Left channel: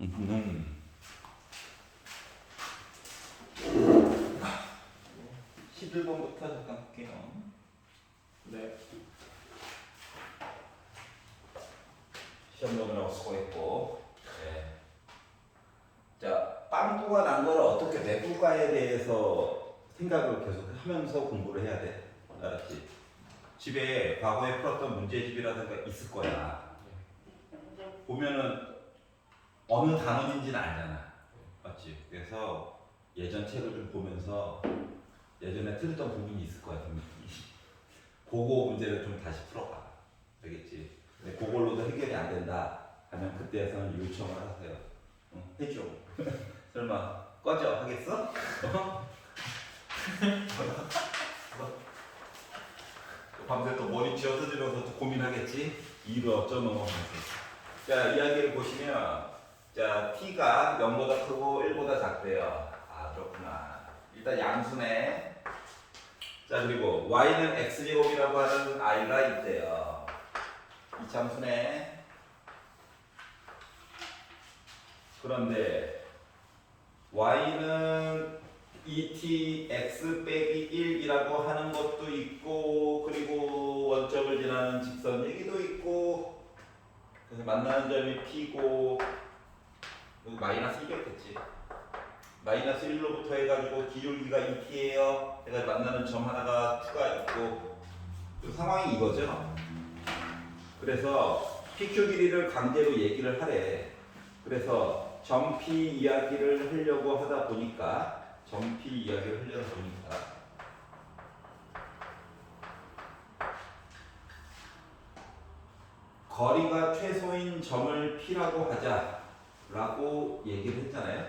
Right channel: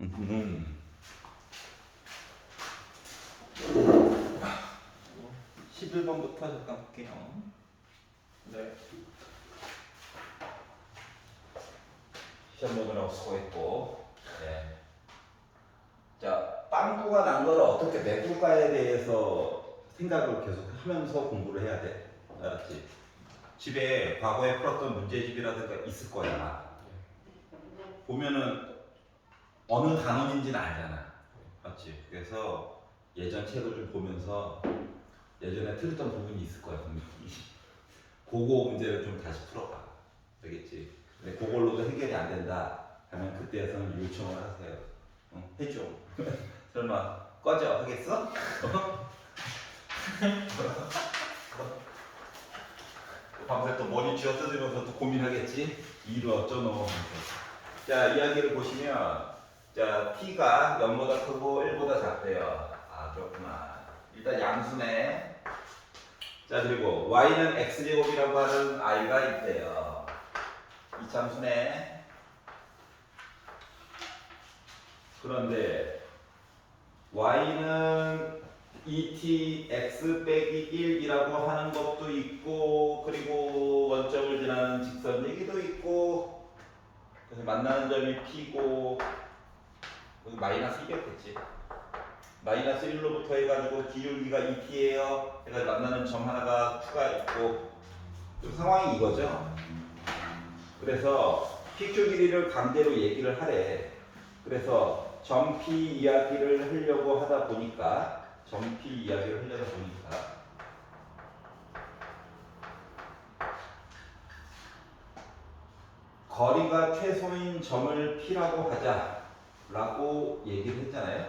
음. 11번부터 잠깐 볼게요. 네. 시험 보느라고 수고했고. 네. 자, 빵꾸가 난 거를 어떻게 내볼까에 대해서 생각을 계속 하면서 공부를 해야 돼. 알았지? 집에 과거에 풀었던 문제집이라든가 있을 거야. 보면은 어느 단원인지는 알잖아. 맞지? 그래서 예전 책을 좀 보면서 예전에 틀렸던 부분이 있을 거야. 그거 문제를 좀 다시 풀어봐. 알겠지? 근데 그걸로도 해결이 안 된다 하면 그때서는 요청을 하세요. 해줘. 설마 꺼져 하겠어? 밤새 또 머리 쥐어 뜯으면서 또 고민하겠지? 이를 어쩌노. 자, 이야기를 보시면 자, t가 0보다 크고 1보다 작대요. 아, 그렇구나. 일단 양수네. 자, 그리고 y는 x제곱이라고 하는 i가 있대요. 이 참수네. 그런데 y는 2t x 빼기 1이라고 하는 것도 있고, 그리고 원점을 지나는 직선 얘기도 있고, 그래서 만나는 점이 p고, 마이너스 1이었겠지. 마이너스 1로부터 해가지고 기울기가 2t예요. 해가지고 만나는 점 하나가 2가 있고, 그 상황이 이거죠. 그래서 PQ 길이를 강제로 얘기를 하래. 그래서 점 P 이야기를 하려고 하다 보니까 거리가 최소인 점을 P라고 하자라고 얘기를 했잖아요.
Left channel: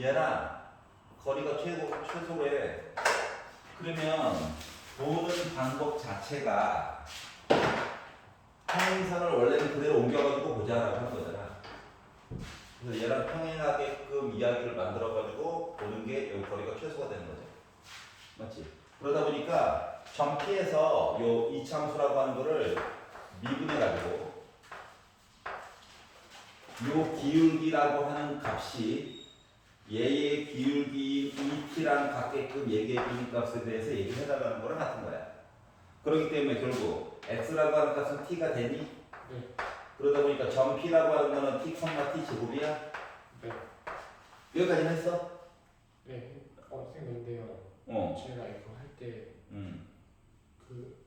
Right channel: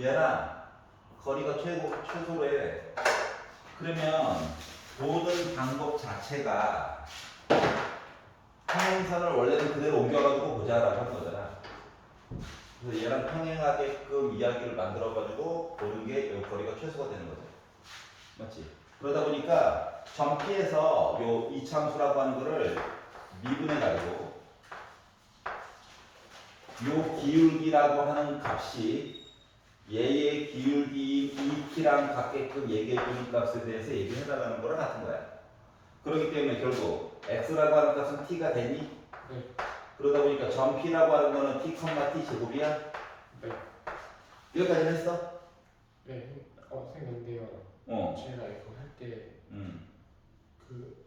얘랑 거리가 최소래. 그러면 모든 방법 자체가 평행선을 원래는 그대로 옮겨가지고 보자라고 한 거잖아. 그래서 얘랑 평행하게끔 이야기를 만들어가지고 보는 게 이 거리가 최소가 되는 거죠. 맞지? 그러다 보니까 점 P에서 요 이참수라고 하는 거를 미분해가지고 요 기울기라고 하는 값이 얘의 기울기 2t랑 같게끔 얘기해주는 값에 대해서 얘기를 해달라는 거랑 같은 거야. 그렇기 때문에 결국 x라고 하는 값은 t가 되니? 네. 그러다 보니까 점 p라고 하는 거는 t, t 제곱이야? 네. 여기까지는 했어? 네. 선생님 근데요. 제가 이거 할 때 그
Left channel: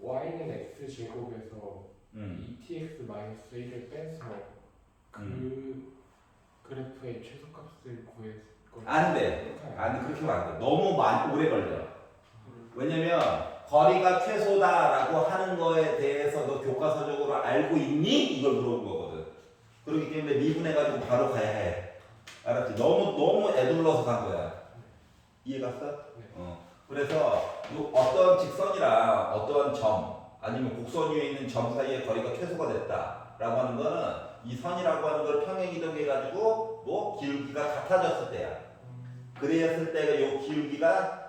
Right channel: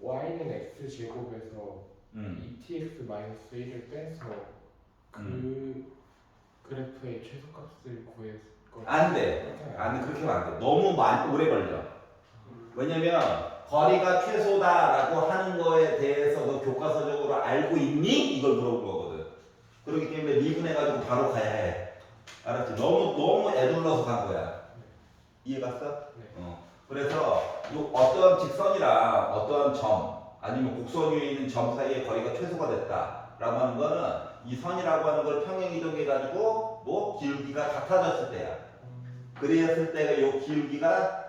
y는 x 제곱에서 2tx 1을 빼서 그 그래프의 최소값을 구해서 안 돼. 그렇게 하면 안 돼. 너무 오래 걸려. 왜냐면 거리가 최소다라고 하는 거에 대해서 너 교과서적으로 알고 있니? 이걸 물어본 거거든. 그렇기 때문에 미분해가지고 바로 가야 해. 알았지? 너무 애둘러서 간 거야. 이해 갔어? 네. 그래서 어떠한 직선이랑 어떠한 점 아니면 곡선 위에 있는 점 사이의 거리가 최소가 됐다라고 하는 거는 이 선이라고 하는 걸 평행 이동해가지고 뭐 기울기가 같아졌을 때야. 그랬을 때가 요 기울기가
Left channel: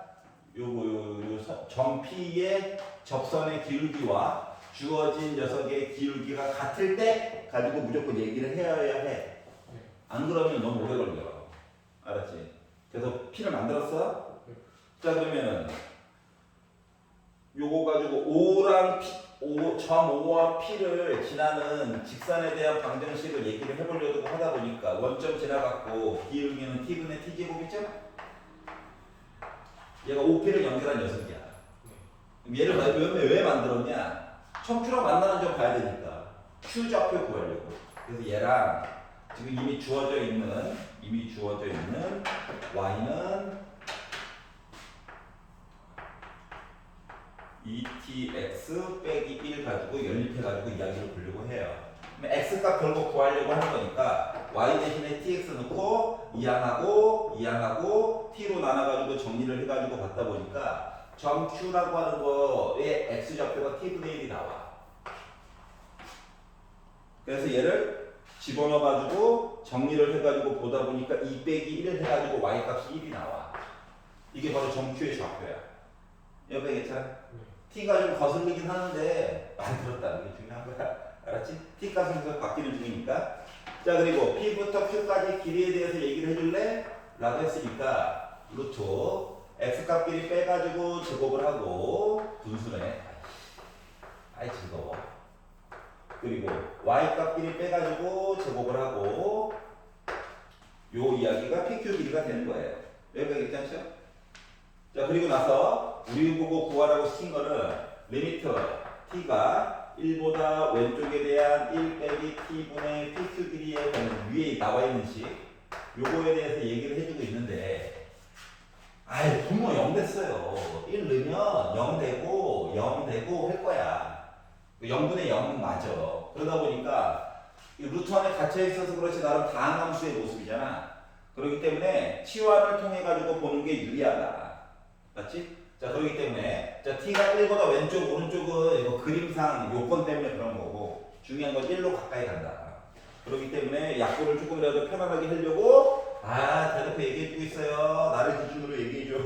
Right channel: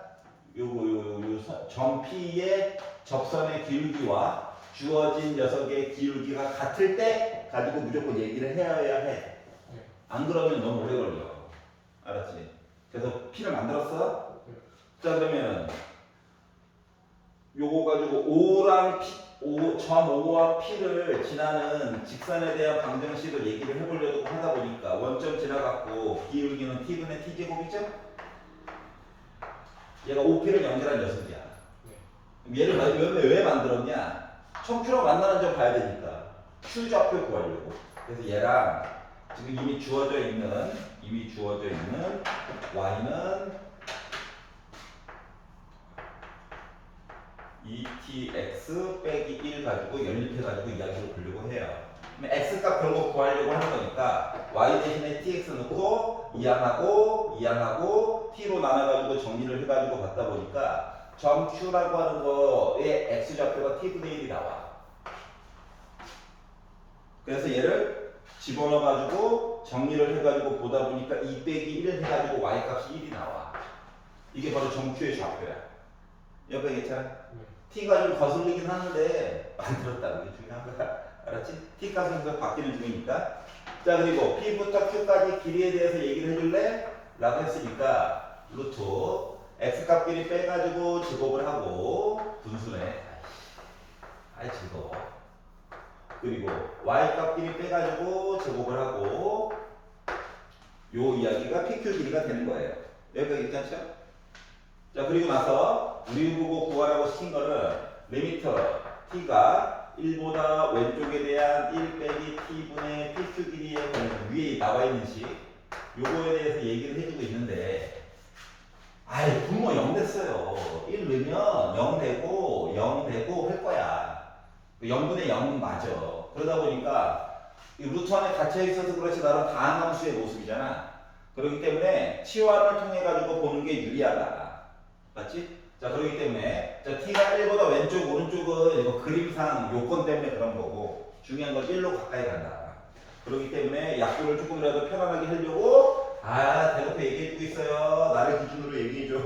점 P의 접선의 기울기와 주어진 녀석의 기울기가 같을 때 가지고 무조건 얘기를 해야 해. 안 그러면 너무 오래 걸려. 알았지? 그래서 P를 만들었어? 자, 그러면 요거 가지고 O랑 점 O와 P를 지나는 직선에 대한 방정식을 얘기를 해보려고 하다 보니까 원점 지나갔고 기울기는 T분의 T제곱이죠? 얘가 OP를 연결한 녀석이야. 얘를 왜 만들었냐? 첨추랑 만나는 점 봐야 되니까 Q좌표 구하려고. 그래서 얘랑 지금 이미 주어져 있는 Y는 2tx 빼기 1 가지고 연립해가지고 이야기를 보려고 해요. 그럼 x값 결국 구하려고 하는 거니까 y 대신에 tx 넣고 이항하고 t로 나눠가지고 정리를 해가지고 받다 보니까 점 q라고 하는 거의 x좌표가 t분의 1이 나와. 그래서 얘를 집어넣어가지고 정리를 해가지고 보다 보니까 2 빼기 1 해가지고 y값이 1이 나와. 이게 바로 점 q의 좌표야. 옆에 괜찮아? t가 좀 거슬리긴 하는데 만들었다는 게 중요한 거야. 알았지? t 값은 계속 바뀌는 중이니까. 자 그리고 P부터 Q까지 길이에 대해서 얘기를 해줄래? 라고 했으니까 루트 X값끼리 빼가지고 제곱을 하고 분수네. 아이 즐거워. 그리고 Y값끼리 빼가지고 제곱을 하고 요 이야기가 PQ 길이가 되는 거예요. 여기까지 괜찮죠? 자 그리고 나서 우리 보고 구하라고 시킨 거는 리미터 T가 1보다 왼쪽에 대한 1 빼기 T분의 PQ 길이에 관련 위에 나와 있는 식 요거에 대해서 얘기를 해주고 있는데 아이 분모 0 됐어요. 1 넣으면 0 되고 0 되고 할 거야. 0분의 0은 맞아. 그러다 보니까 이 루트 안에 갇혀 있어서 그렇지 나름 다항함수의 모습이잖아. 그렇기 때문에 치환을 통해 가지고 보는 게 유리하다. 맞지? 자 그렇기 때문에 자 t가 1보다 왼쪽 오른쪽은 이거 그림상 요건 때문에 그런 거고 중요한 건 1로 가까이 간다. 그렇기 때문에 약분을 조금이라도 편안하게 하려고 대놓고 얘기해주고 있어요. 나를 기준으로 얘기해줘.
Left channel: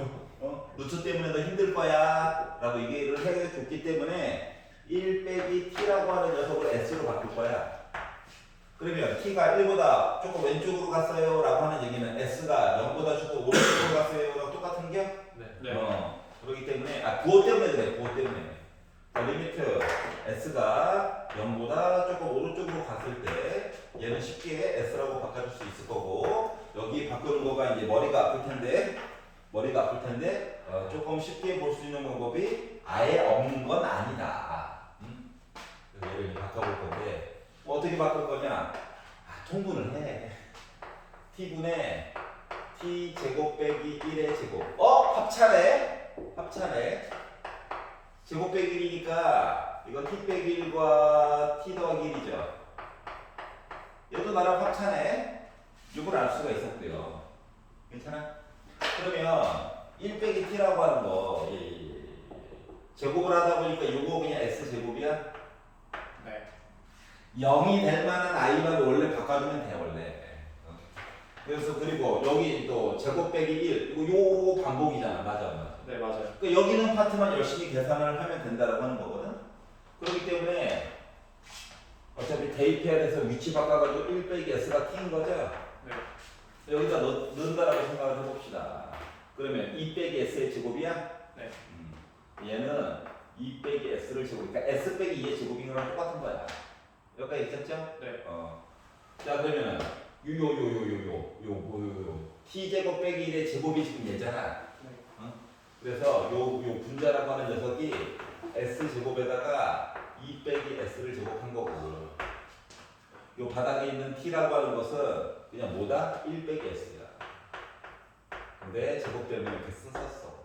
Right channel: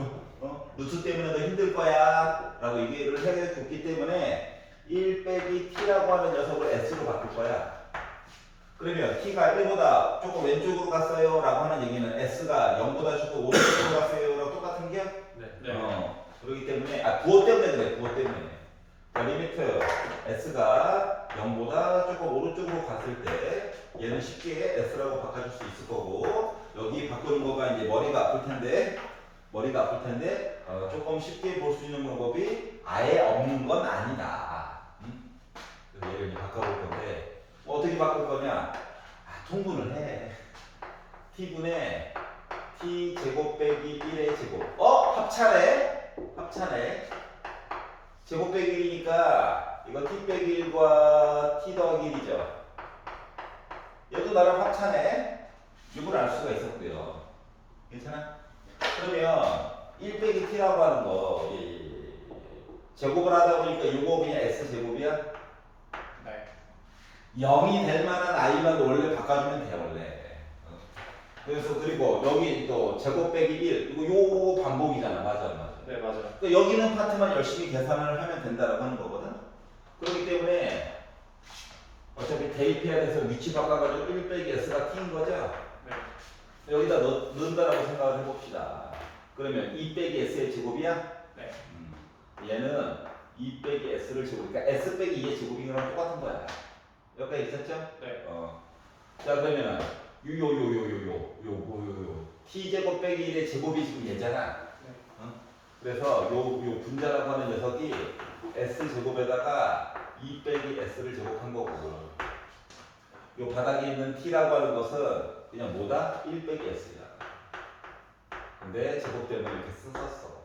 루트 때문에 너 힘들 거야 라고 얘기를 해줬기 때문에 1 빼기 t라고 하는 녀석을 s로 바꿀 거야. 그러면 t가 1보다 조금 왼쪽으로 갔어요 라고 하는 얘기는 s가 0보다 조금 오른쪽으로 갔어요 라고 똑같은 게? 네. 그렇기 때문에 부호 때문에 그래. 부호 때문에 리미트 s가 0보다 조금 오른쪽으로 갔을 때 얘는 쉽게 s라고 바꿔줄 수 있을 거고 여기 바꾸는 거가 이제 머리가 아플 텐데 조금 쉽게 볼 수 있는 방법이 아예 없는 건 아니다. 그래서 얘를 이제 바꿔볼 건데 어떻게 바꿀 거냐? 통분을 해. t분의 t 제곱 빼기 1의 제곱. 합차네. 제곱 빼기 1이니까 이건 t 빼기 1과 t 더하기 1이죠. 얘도 나랑 합차네. 이걸 알 수가 있었고요. 괜찮아? 그러면 1 빼기 t라고 하는 거 제곱을 하다 보니까 이거 그냥 s 제곱이야? 네. 0이 될 만한 i만 원래 바꿔주면 돼 원래. 그래서 그리고 여기 또 제곱 빼기 1 이거 요 반복이잖아. 맞아. 네, 맞아요. 그러니까 여기 있는 파트만 열심히 계산을 하면 된다라고 하는 거거든. 그렇기 때문에 어차피 대입해야 돼서 위치 바꿔가지고 1 빼기 s가 t인 거죠. 네. 여기다 넣는다라고 생각을 해봅시다. 그러면 2 빼기 s의 제곱이야? 네. 얘는 2 빼기 s를 제곱, 그러니까 s 빼기 2의 제곱인 거랑 똑같은 거야. 여기까지 있었죠? 네. 자 그러면은 t 제곱 빼기 1의 제곱이 지금 얘잖아. 네. 그래서 요 분자라고 하는 녀석이 s 제곱에다가 2 빼기 s를 제곱한 거고 요 바닥에 있는 t라고 하는 것은 그냥 뭐다? 1 빼기 s야. 근데 제곱 때문에 이렇게 썼어.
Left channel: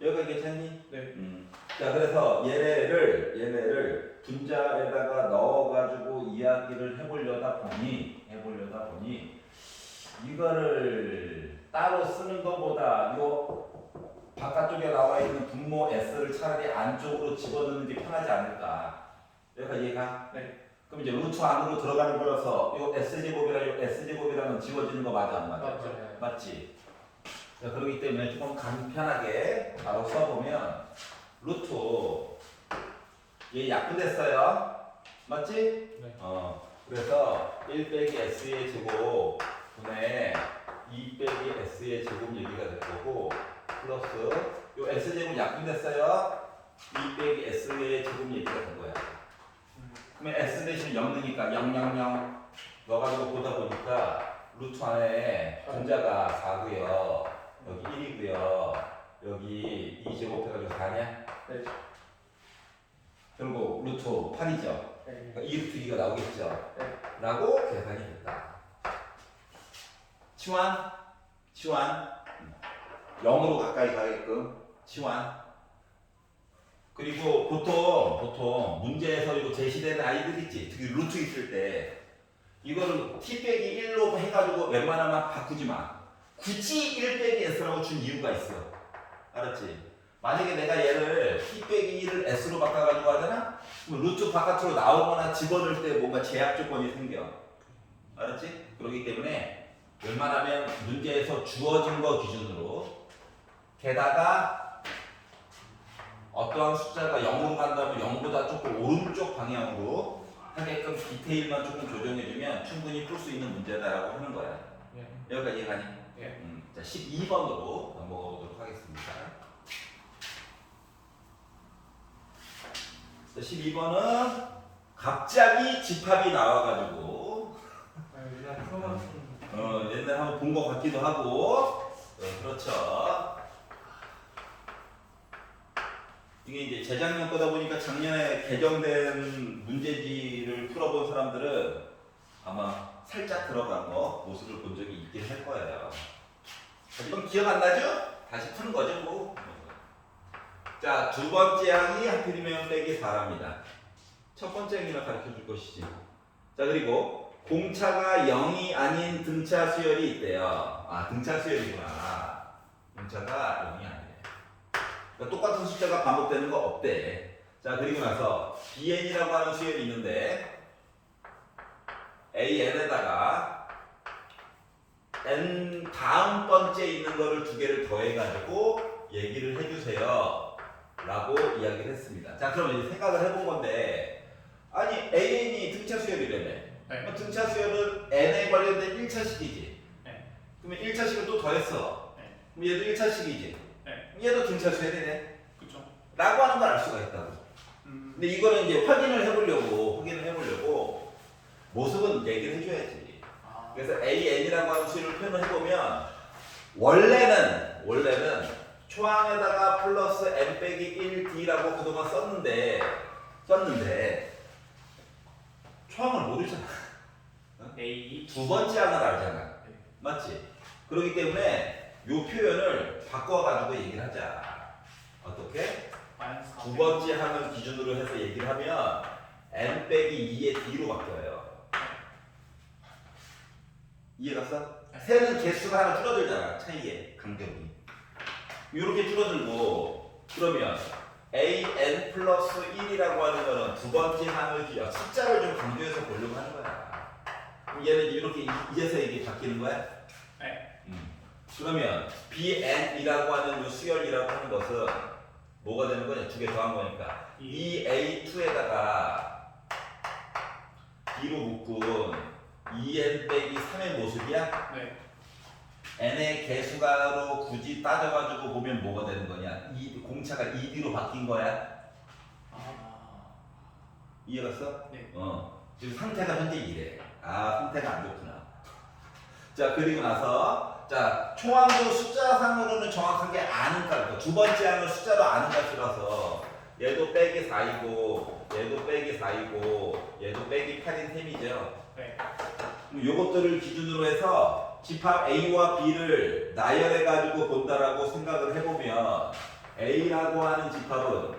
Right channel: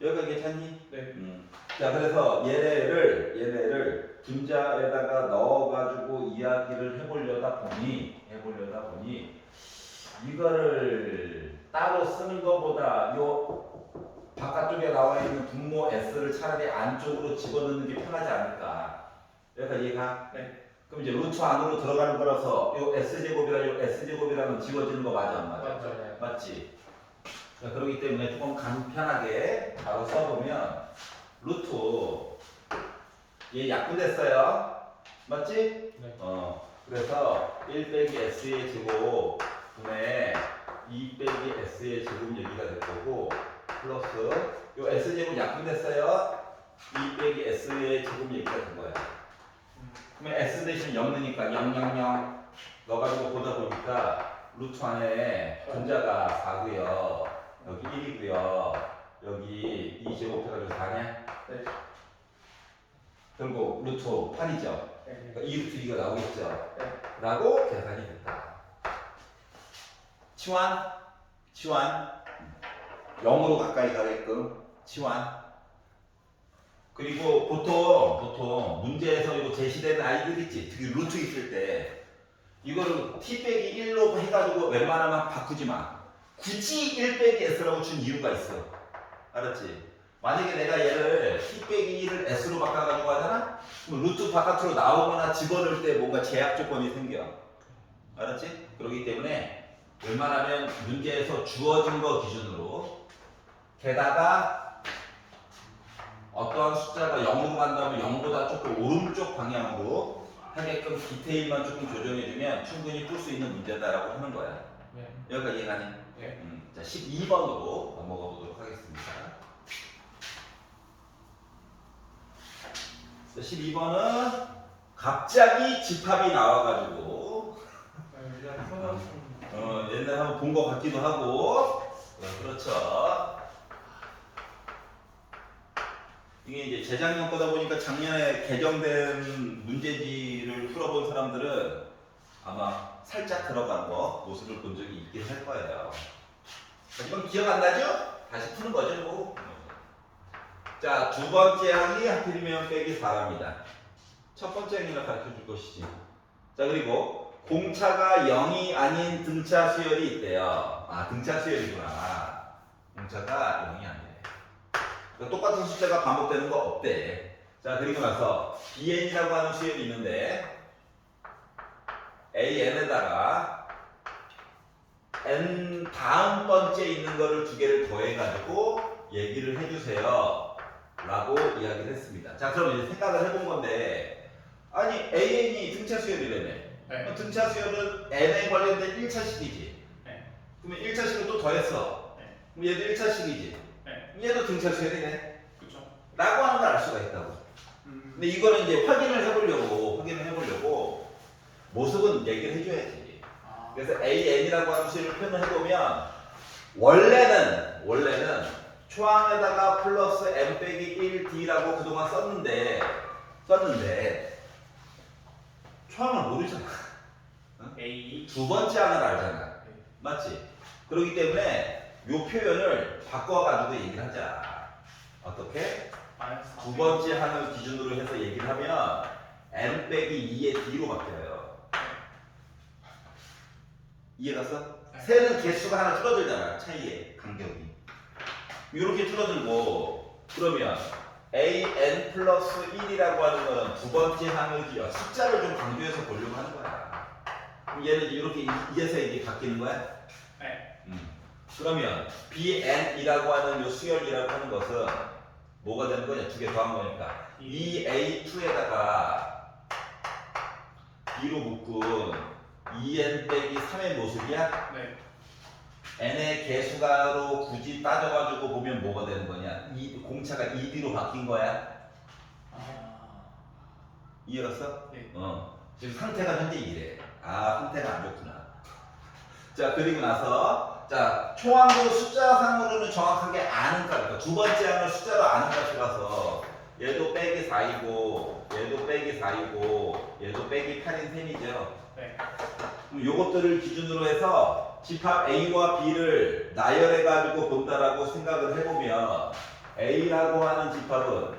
여기가 괜찮니? 네. 자 그래서 얘네를 분자에다가 넣어가지고 이야기를 해보려다 보니 이거를 따로 쓰는 것보다 요 바깥쪽에 나와 있는 분모 s를 차라리 안쪽으로 집어넣는 게 편하지 않을까. 여기가 이해가? 네. 그럼 이제 루트 안으로 들어가는 거라서 요 s제곱이랑 요 s제곱이랑은 지워지는 거 맞아 안 맞아? 맞아요. 맞지? 자, 그렇기 때문에 조금 간편하게 바로 써보면 루트 얘 약분됐어요. 맞지? 네. 그래서 1 빼기 s의 제곱 분의 2 빼기 s의 제곱 얘기가 될 거고 플러스 요 s제곱 약분됐어요. 2 빼기 s의 제곱 얘기가 된 거야. 그러면 s 대신 0 넣으니까 0 넣어가지고 보다 보니까 루트 안에 분자가 4고요. 여기 1이고요. 여기 2제곱해가지고 4냐? 네. 결국 루트 8이죠. 네. 그러니까 2루트 2가 나오겠죠. 네. 라고 계산이 됐다. 치환 0으로 가까이 가게끔 치환. 그리고 보통 문제에서 이거 제시되는 아이들 있지. 특히 루트 있을 때 이거를 t 빼기 1로 해가지고 웬만하면 바꾸지 마. 굳이 1 빼기 s라고 준 이유가 있어. 알았지? 만약에 내가 얘를 t 빼기 1을 s로 바꿔가지고 하잖아? 그럼 루트 바깥으로 나오거나 집어넣을 때 뭔가 제약 조건이 생겨. 알았지? 그렇기 때문에 웬만하면 문제에서 주어진 거 기준으로 게다가 어떠한 숫자가 0으로 간다면 0보다 조금 오른쪽 방향으로 하게끔 디테일만 조금 조정해주면 충분히 풀 수 있는 문제다라고 하는 거야. 네. 여기까지 이해가니? 네. 자, 12번으로 넘어가 보도록 하겠습니다. 12번은 갑자기 집합이 나와가지고 일단 풀어봤습니다. 옛날에 한번 본 것 같기도 하고 그렇죠. 이게 이제 재작년 거다 보니까 작년에 개정된 문제지를 풀어본 사람들은 아마 살짝 들어간 거 모습을 본 적이 있긴 할 거예요. 자, 이건 기억 안 나죠? 다시 푸는 거죠 뭐. 자, 두 번째 항이 하필이면 빼기 4랍니다. 첫 번째 항이나 가르쳐 줄 것이지. 자, 그리고 공차가 0이 아닌 등차 수열이 있대요. 아, 등차 수열이구나. 공차가 0이 아니래. 그러니까 똑같은 숫자가 반복되는 거 없대. 자, 그리고 나서 bn이라고 하는 수열이 있는데 an에다가 n 다음 번째 있는 거를 두 개를 더해가지고 얘기를 해주세요. 라고 이야기를 했습니다. 자, 그럼 이제 생각을 해본 건데, 아니, AN이 등차 수열이라며. 네. 등차 수열은 n에 관련된 1차식이지. 네. 그러면 1차식을 또 더했어. 네. 그럼 얘도 1차식이지. 네. 얘도 등차 수열이네. 그렇죠. 라고 하는 걸 알 수가 있다고. 근데 이거는 이제 확인을 해보려고 모습은 얘기를 해줘야지. 아. 그래서 AN이라고 하는 수를 표현을 해보면 원래는 초항에다가 플러스 n 빼기 1d라고 그동안 썼는데 초항을 모르잖아. A 두 번째 항을 알잖아. 네. 맞지? 그렇기 때문에 이 표현을 바꿔가지고 얘기를 하자. 어떻게? 마이너스 두 번째 항을 기준으로 해서 얘기를 하면 n 빼기 2의 d로 바뀌어요. 이해갔어? 네. 새는 개수가 하나 줄어들잖아. 차이의 간격이. 이렇게 줄어들고 그러면 an 플러스 1이라고 하는 거는 두 번째 항을 숫자를 좀 강조해서 보려고 하는 거야. 그럼 얘는 이렇게 2에서 이게 바뀌는 거야? 네. 그러면 bn이라고 하는 요 수열이라고 하는 것은 뭐가 되는 거냐? 두 개 더한 거니까 2a2에다가 b로 묶은 2n 빼기 3의 모습이야? 네. n의 개수가로 굳이 따져가지고 보면 뭐가 되는 거냐? 공차가 2d로 바뀐 거야. 아. 이해갔어? 네. 지금 상태가 현재 이래. 아, 상태가 안 좋구나. 자, 그리고 나서 자, 총항도 숫자상으로는 정확하게 아는 값. 그러니까 두 번째 항은 숫자로 아는 값이라서 얘도 빼기 4이고 얘도 빼기 4이고 얘도 빼기 8인 셈이죠. 네. 그럼 요것들을 기준으로 해서 집합 A와 B를 나열해가지고 본다라고 생각을 해보면 A라고 하는 집합은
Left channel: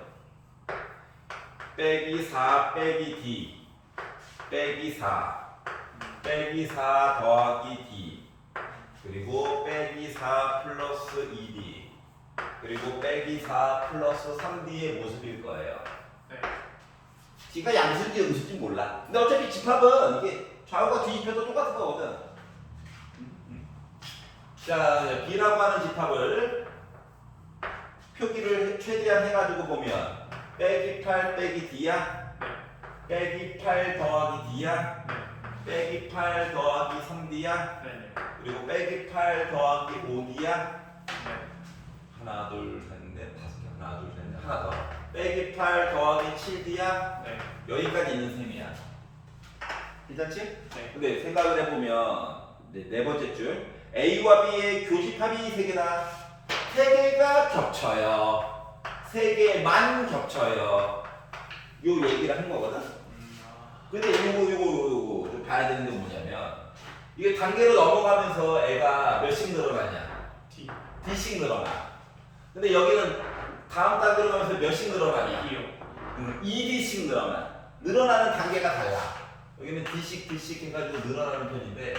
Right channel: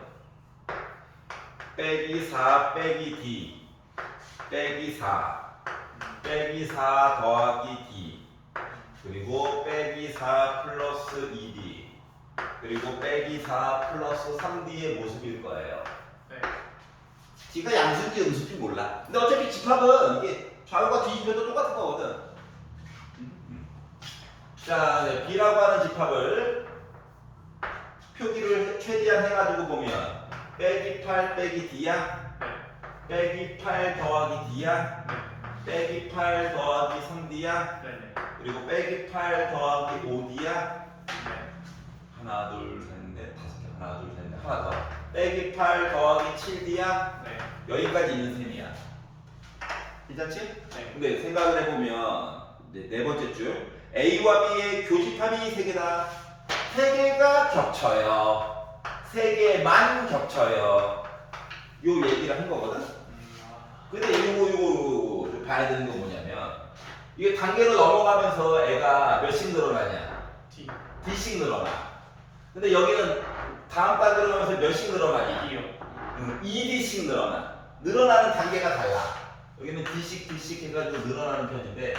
빼기 4 빼기 D 빼기 4 빼기 4 더하기 D 그리고 빼기 4 플러스 2D 그리고 빼기 4 플러스 3D의 모습일 거예요. 네. D가 양수인지 음수인지 몰라. 근데 어차피 집합은 이게 좌우가 뒤집혀도 똑같은 거거든. 자, B라고 하는 집합을 표기를 최대한 해가지고 보면 빼기 8 빼기 D야? 빼기 8 더하기 D야? 빼기 8 더하기 3D야? 네. 그리고 빼기 8 더하기 5D야? 네. 하나 둘 셋 넷 다섯 개 하나 둘 셋 넷 하나 더 빼기 8 더하기 7D야? 네. 여기까지 있는 셈이야. 괜찮지? 네. 근데 생각을 해보면 이제 네 번째 줄 A와 B의 교집합이 세 개다. 세 개가 겹쳐요. 세 개만 겹쳐요. 요 얘기를 한 거거든. 근데 요거 좀 봐야 되는 건 뭐냐면 이게 단계로 넘어가면서 애가 몇씩 늘어나냐? D. D씩 늘어나. 근데 여기는 다음 단계로 가면서 몇씩 늘어나냐? D요. 2D씩 늘어나. 늘어나는 단계가 달라. 여기는 D씩 해가지고 늘어나는 편인데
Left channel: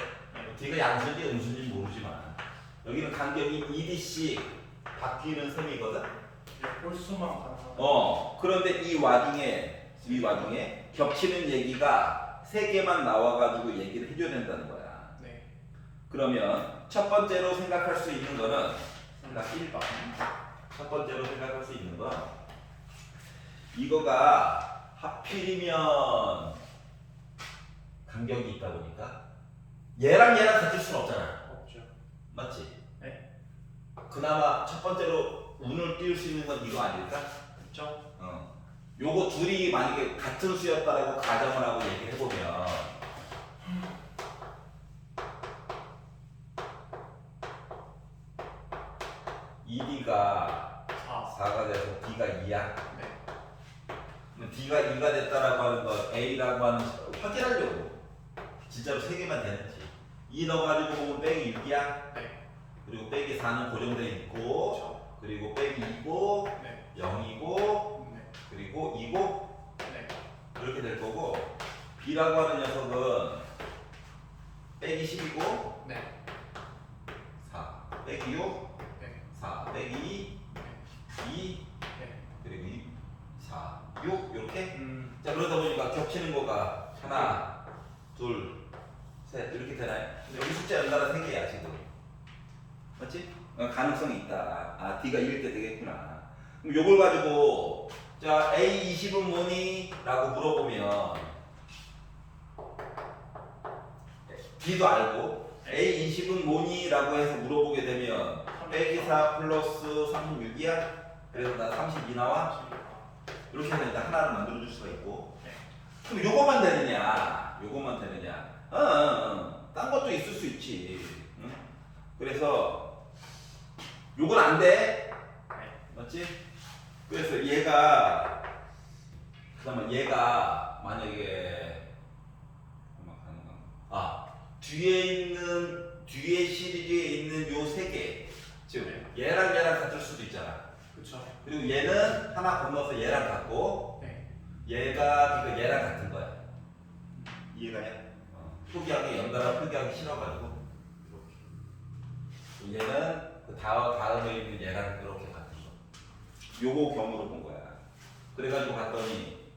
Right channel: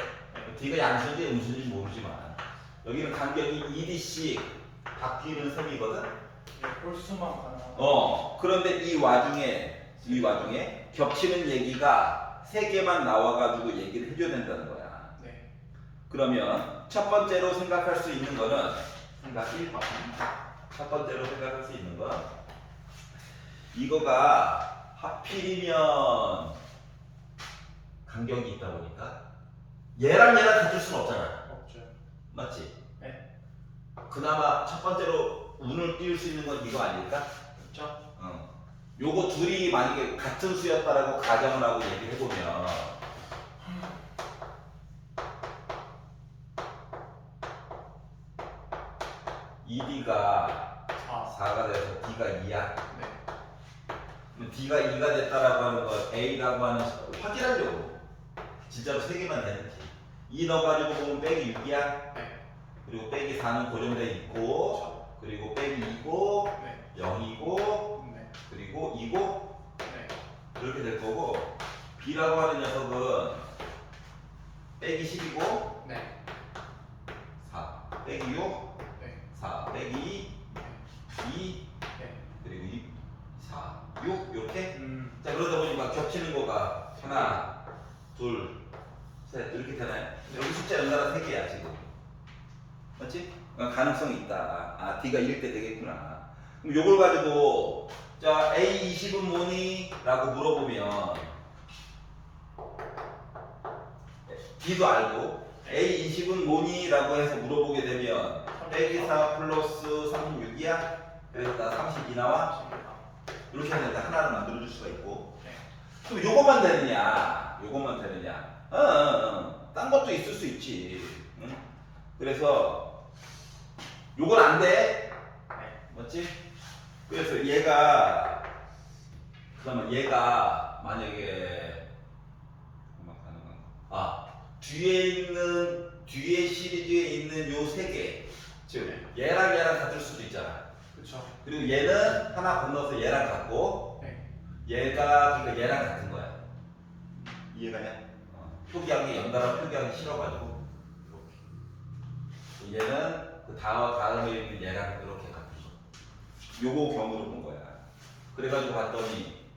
D가 양수인지 음수인지 모르지만 여기는 간격이 2D씩 바뀌는 셈이거든. 홀수만 가능하고. 그런데 이 와중에 겹치는 얘기가 세 개만 나와가지고 얘기를 해줘야 된다는 거야. 네. 그러면 첫 번째로 생각할 수 있는 거는 생각 1번. 첫 번째로 생각할 수 있는 건 이거가 하필이면 간격이 있다 보니까 얘랑 같을 수는 없잖아. 없죠. 맞지? 네. 그나마 첫 번째로 운을 띄울 수 있는 건 이거 아닐까? 그렇죠. 요거 둘이 만약에 같은 수였다라고 가정을 하고 얘기를 해보면 ED가 4. 4가 돼서 D가 2야. 네. 그럼 D가 2가 됐다라고 하는 거 A라고 하는 확인하려고 진짜로 3개만 되는지 2 넣어가지고 보면 빼기 6이야. 네. 그리고 빼기 4는 고정돼 있고 그렇죠. 그리고 빼기 2고 네. 0이고 네. 그리고 2고 네. 이렇게 될 거고 B라고 하는 녀석은 빼기 10이고 네. 4 빼기 6 네. 4 빼기 2 네. 그리고 2 4 6 이렇게 네. 자 그러다 보니까 겹치는 거가 하나 둘 셋 이렇게 되나요? 여기 숫자 연달아 3개야 지금 맞지? 가능성이 있다. 아 D가 2일 때 되겠구나. 그럼 요걸 가지고 자 A20은 뭐니? 라고 물어보면 D도 알고 A20은 뭐니? 라고 해서 물어보게 되면 빼기 4 플러스 36이야? 그래서 나 32 나와? 이렇게 하니까 하나를 만들어줄 수가 있고 네. 그럼 요것만 되느냐? 요것만 되느냐? 딴 것도 있을 수 있지. 응? 그래서 요건 안 돼. 네. 맞지? 그래서 얘가 그다음에 얘가 만약에 뒤에 시리즈에 있는 요 세 개, 즉 얘랑 같을 수도 있잖아. 그렇죠. 그리고 얘는 하나 건너서 얘랑 같고 네. 얘가 그러니까 얘랑 같은 거야. 이해가냐? 표기하기 연달아 표기하기 싫어가지고 이렇게. 얘는 그 다음에 있는 얘랑 이렇게 같은 거. 요거 경우로 본 거야. 그래가지고 봤더니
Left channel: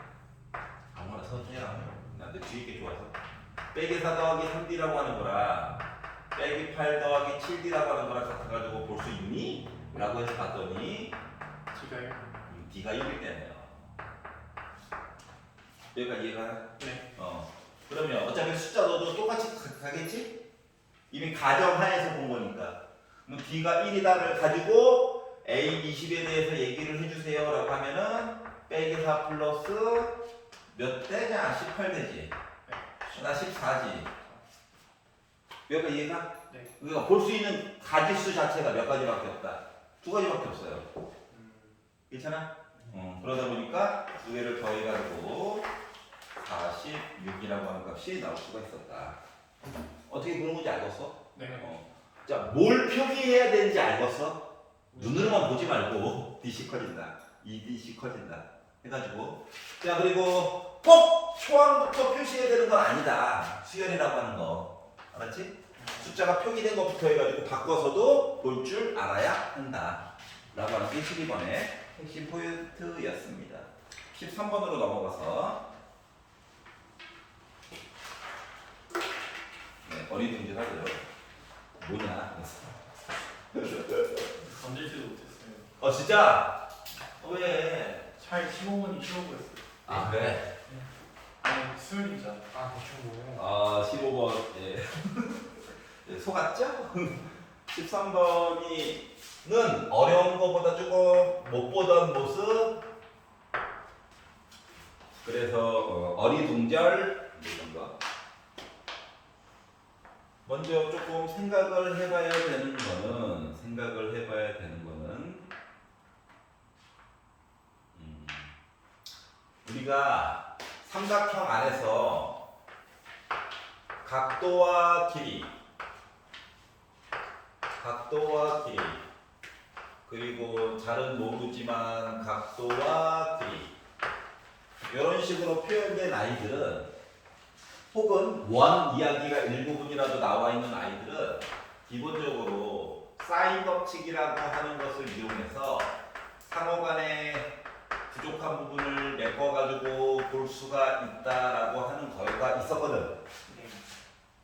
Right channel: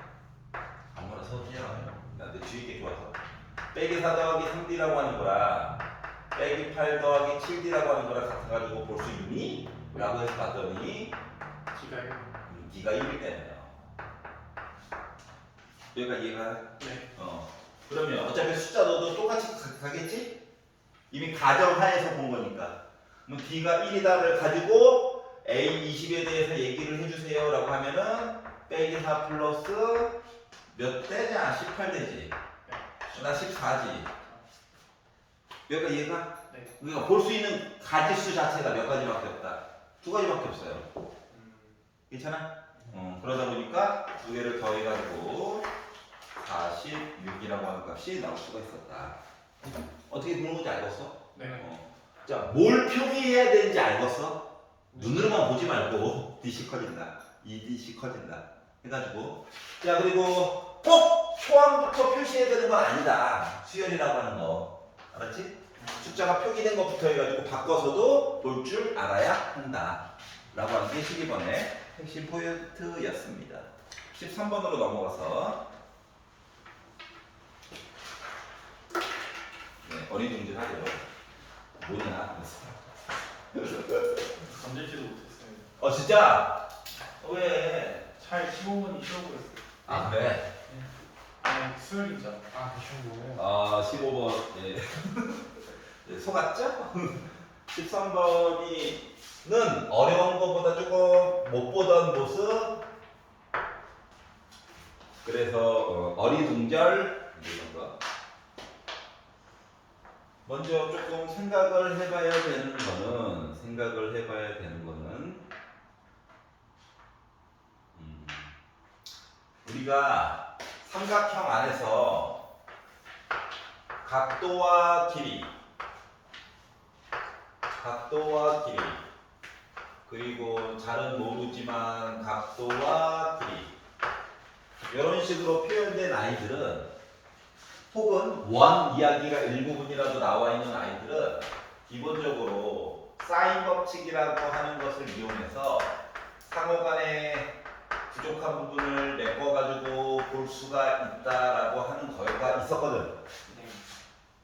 아무나 서지야. 나내 뒤에 게 좋아서. 빼기 4 더하기 3D라고 하는 거랑 빼기 8 더하기 7D라고 하는 거랑 같아가지고 볼 수 있니? 라고 해서 봤더니 D가요? D가 1일 때네요. 여기가 이해가? 네. 그러면 어차피 숫자 넣어도 똑같이 가겠지? 이미 가정하에서 본 거니까. 그럼 D가 1이다를 가지고 A20에 대해서 얘기를 해주세요 라고 하면은 빼기 4 플러스 몇 대냐? 18대지. 나 14지. 여기가 이해가? 네. 그러니까 볼 수 있는 가지수 자체가 몇 가지밖에 없다. 2가지밖에 없어요. 괜찮아? 그러다 보니까 두 개를 더해가지고 46이라고 하는 값이 나올 수가 있었다. 어떻게 보는 건지 알겠어? 네. 자, 뭘 표기해야 되는지 알겠어? 눈으로만 보지 말고 DC 커진다, EDC 커진다 해가지고 자 그리고 꼭 표항부터 표시해야 되는 건 아니다. 수열이라고 하는 거 알았지? 숫자가 표기된 것부터 해가지고 바꿔서도 볼 줄 알아야 한다 라고 하는 게 12번의 핵심 포인트였습니다. 13번으로 넘어가서 네, 어리둥절하죠. 뭐냐? 던질지도 못했어요. 진짜? 왜? 차라리 15분이 쉬워 보였어요. 아 그래? 아니 수요일이잖아. 아, 그런 거예요? 15번 예. 예, 속았죠? 13번이는 어려운 것보다 조금 못 보던 모습 그래서 어리둥절 이런 거 먼저 조금 생각을 해봐야 되는 거는 우리가 삼각형 안에서 각도와 길이 그리고 잘은 모르지만 각도와 길이 이런 식으로 표현된 아이들은 혹은 원 이야기가 일부분이라도 나와 있는 아이들은 기본적으로 사인 법칙이라고 하는 것을 이용해서 상호간의 부족한 부분을 메꿔가지고 볼 수가 있다라고 하는 거가 있었거든. 네.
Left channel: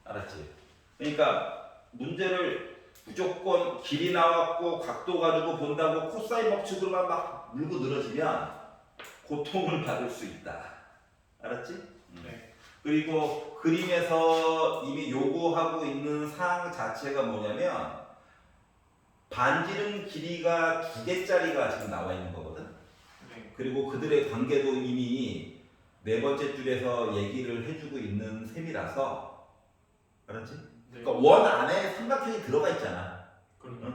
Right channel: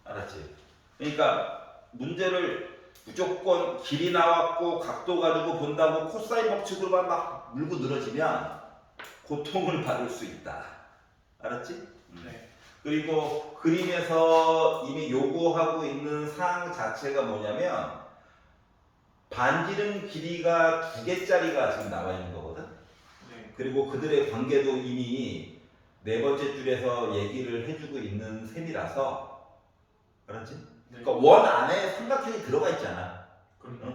알았지? 그러니까 문제를 무조건 길이 나왔고 각도 가지고 본다고 코사인 법칙으로만 막 물고 늘어지면 고통을 받을 수 있다. 알았지? 네. 그리고 그림에서 이미 요구하고 있는 사항 자체가 뭐냐면 반지름 길이가 2개짜리가 지금 나와 있는 거거든. 네. 그리고 그들의 관계도 이미 네 번째 줄에서 얘기를 해주고 있는 셈이라서, 알았지? 네. 그러니까 원 안에 삼각형이 들어가 있잖아. 그럼요.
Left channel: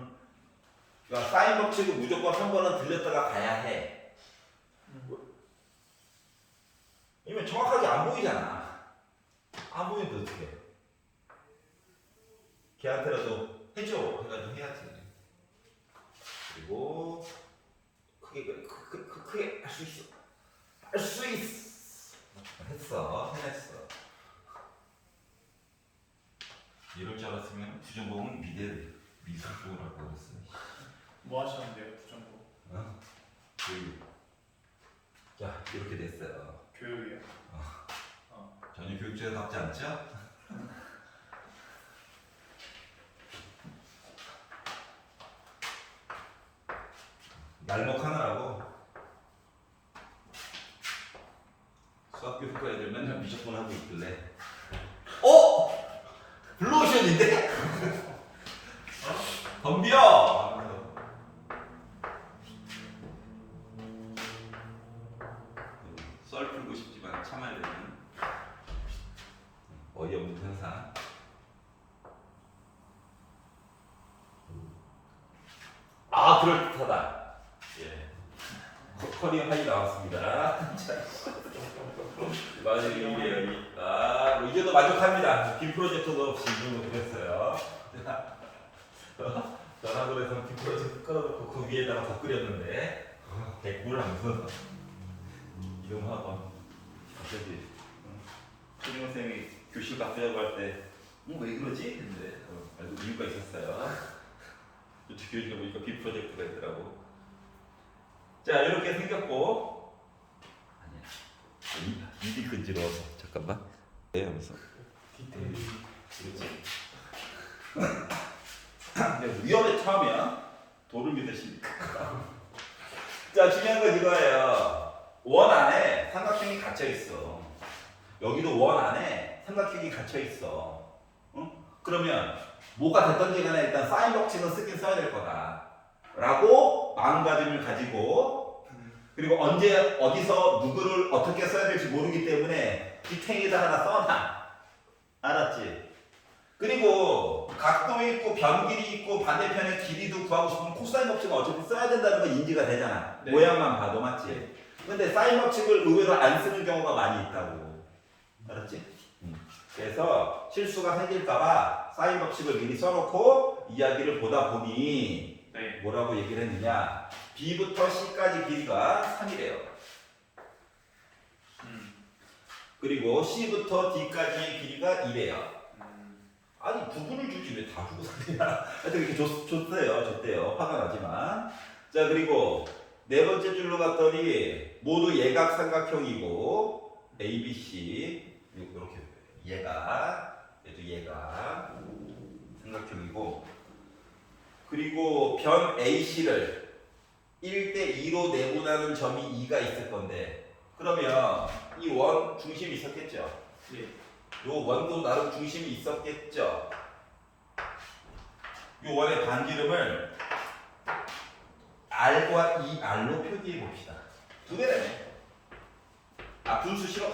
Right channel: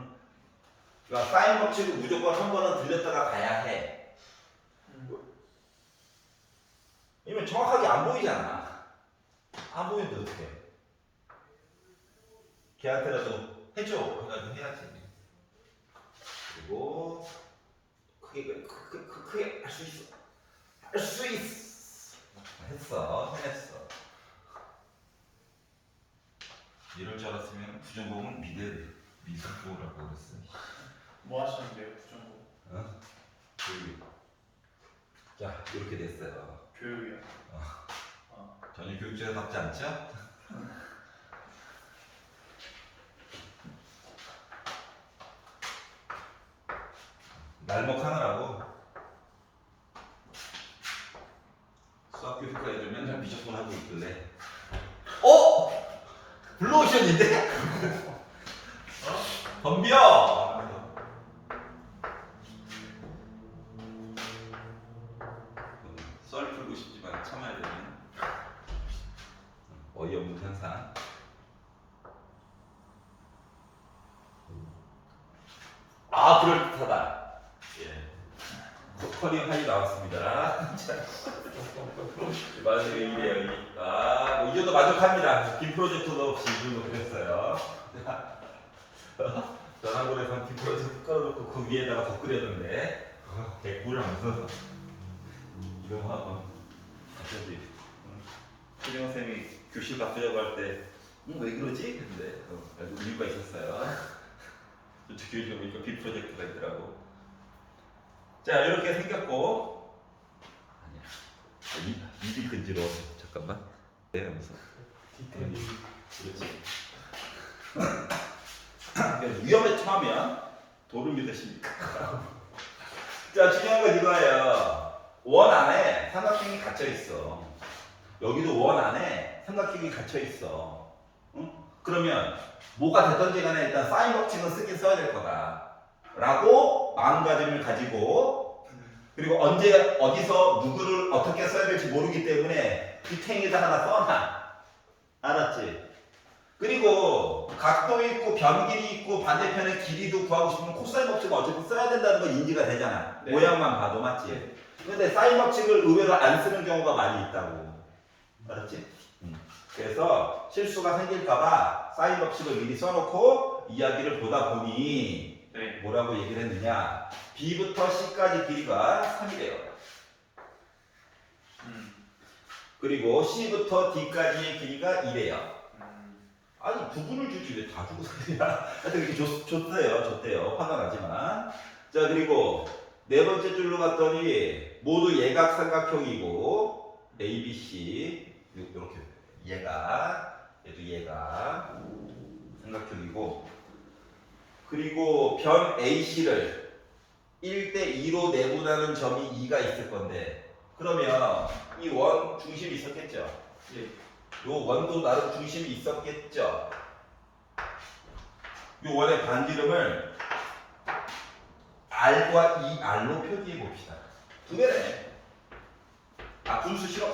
그러니까 사인 법칙을 무조건 한 번은 들렸다가 가야 해. 왜냐면 정확하게 안 보이잖아. 안 보이는데 어떡해. 걔한테라도 해줘 해가지고 해야지. 그리고 크게 할 수 있어. 할 수 있어. 해냈어. 이럴 줄 알았으면 부전공은 미술 쪽이라고 그랬어. 뭐 하셨는데요, 부정보? 자, 이렇게 됐어요. 교육이요. 전혀 교육적답지 않죠? 날먹하느라고 수학 교육과 애들 맨날 미적분 하고 있길래 블루오션인데? 덤벼! 썰 풀고 싶지만 참아야 되는 어이없는 현상. 그럴듯하다. 예. 커리어 하이 나왔습니다. 맞아요, 이게 여기. 뭐 이제도 만족합니다. 빔 프로젝터도 없이 이 정도 그렸어요. 전화골에서 빔 프로젝터 깔아놓고 그 위에다가 더 끓였는데 개꿀 하면서 이름하고 갑자기 수정 선생님이 교실 바꾸려고 할 때 왜 그러지? 근데 알고 이유가 있었어요. 교실에 보니까 빔 프로젝터가 있더라고. 자, 이렇게 생겼고 아니야. 입이 근지러워. 잠깐만. 네, 하면서. 디테일이. 그렇지. 위험에 처하면 돌을 믿으십니까? 자, 중요한 건 이거예요. 원 안에 삼각형이 갇혀 있어. 여기도 원 안에 삼각형이 갇혀 있어. 응? 그러면 뭐가 됐든지 간에 일단 사인 법칙은 쓰긴 써야 될 거다. 라고 마음가짐을 가지고 그리고 언제 어디서 누구를 어떻게 써야 될지 모르기 때문에 뒷행에다 하나 써놔. 알았지? 그리고 각도 있고 변길이 있고 반대편의 길이도 구하고 싶으면 코사인 법칙은 어차피 써야 된다는 건 인지가 되잖아. 네. 모양만 봐도 맞지? 근데 사인 법칙을 의외로 안 쓰는 경우가 많이 있다고. 알았지? 그래서 실수가 생길까봐 사인 법칙을 미리 써놓고 이야기를 보다 보니 네. 뭐라고 얘기를 했느냐? B부터 C까지 길이가 3이래요. 그리고 C부터 D까지의 길이가 2래요. 아니 부분을 주지 왜 다 주고 사냐? 하여튼 이렇게 줬대요. 화가 나지만. 자, 그리고 네 번째 줄로 갔더니 모두 예각 삼각형이고 A, B, C 이렇게 얘도 예각 삼각형이고 그리고 변 AC를 1대2로 내분하는 점이 2가 있을 건데 그러면 이 원 중심이 있었겠죠? 예. 요 원도 나름 중심이 있었겠죠? 요 원의 반지름을 R과 2R로 표기해 봅시다. 두 개네. 분수 싫어.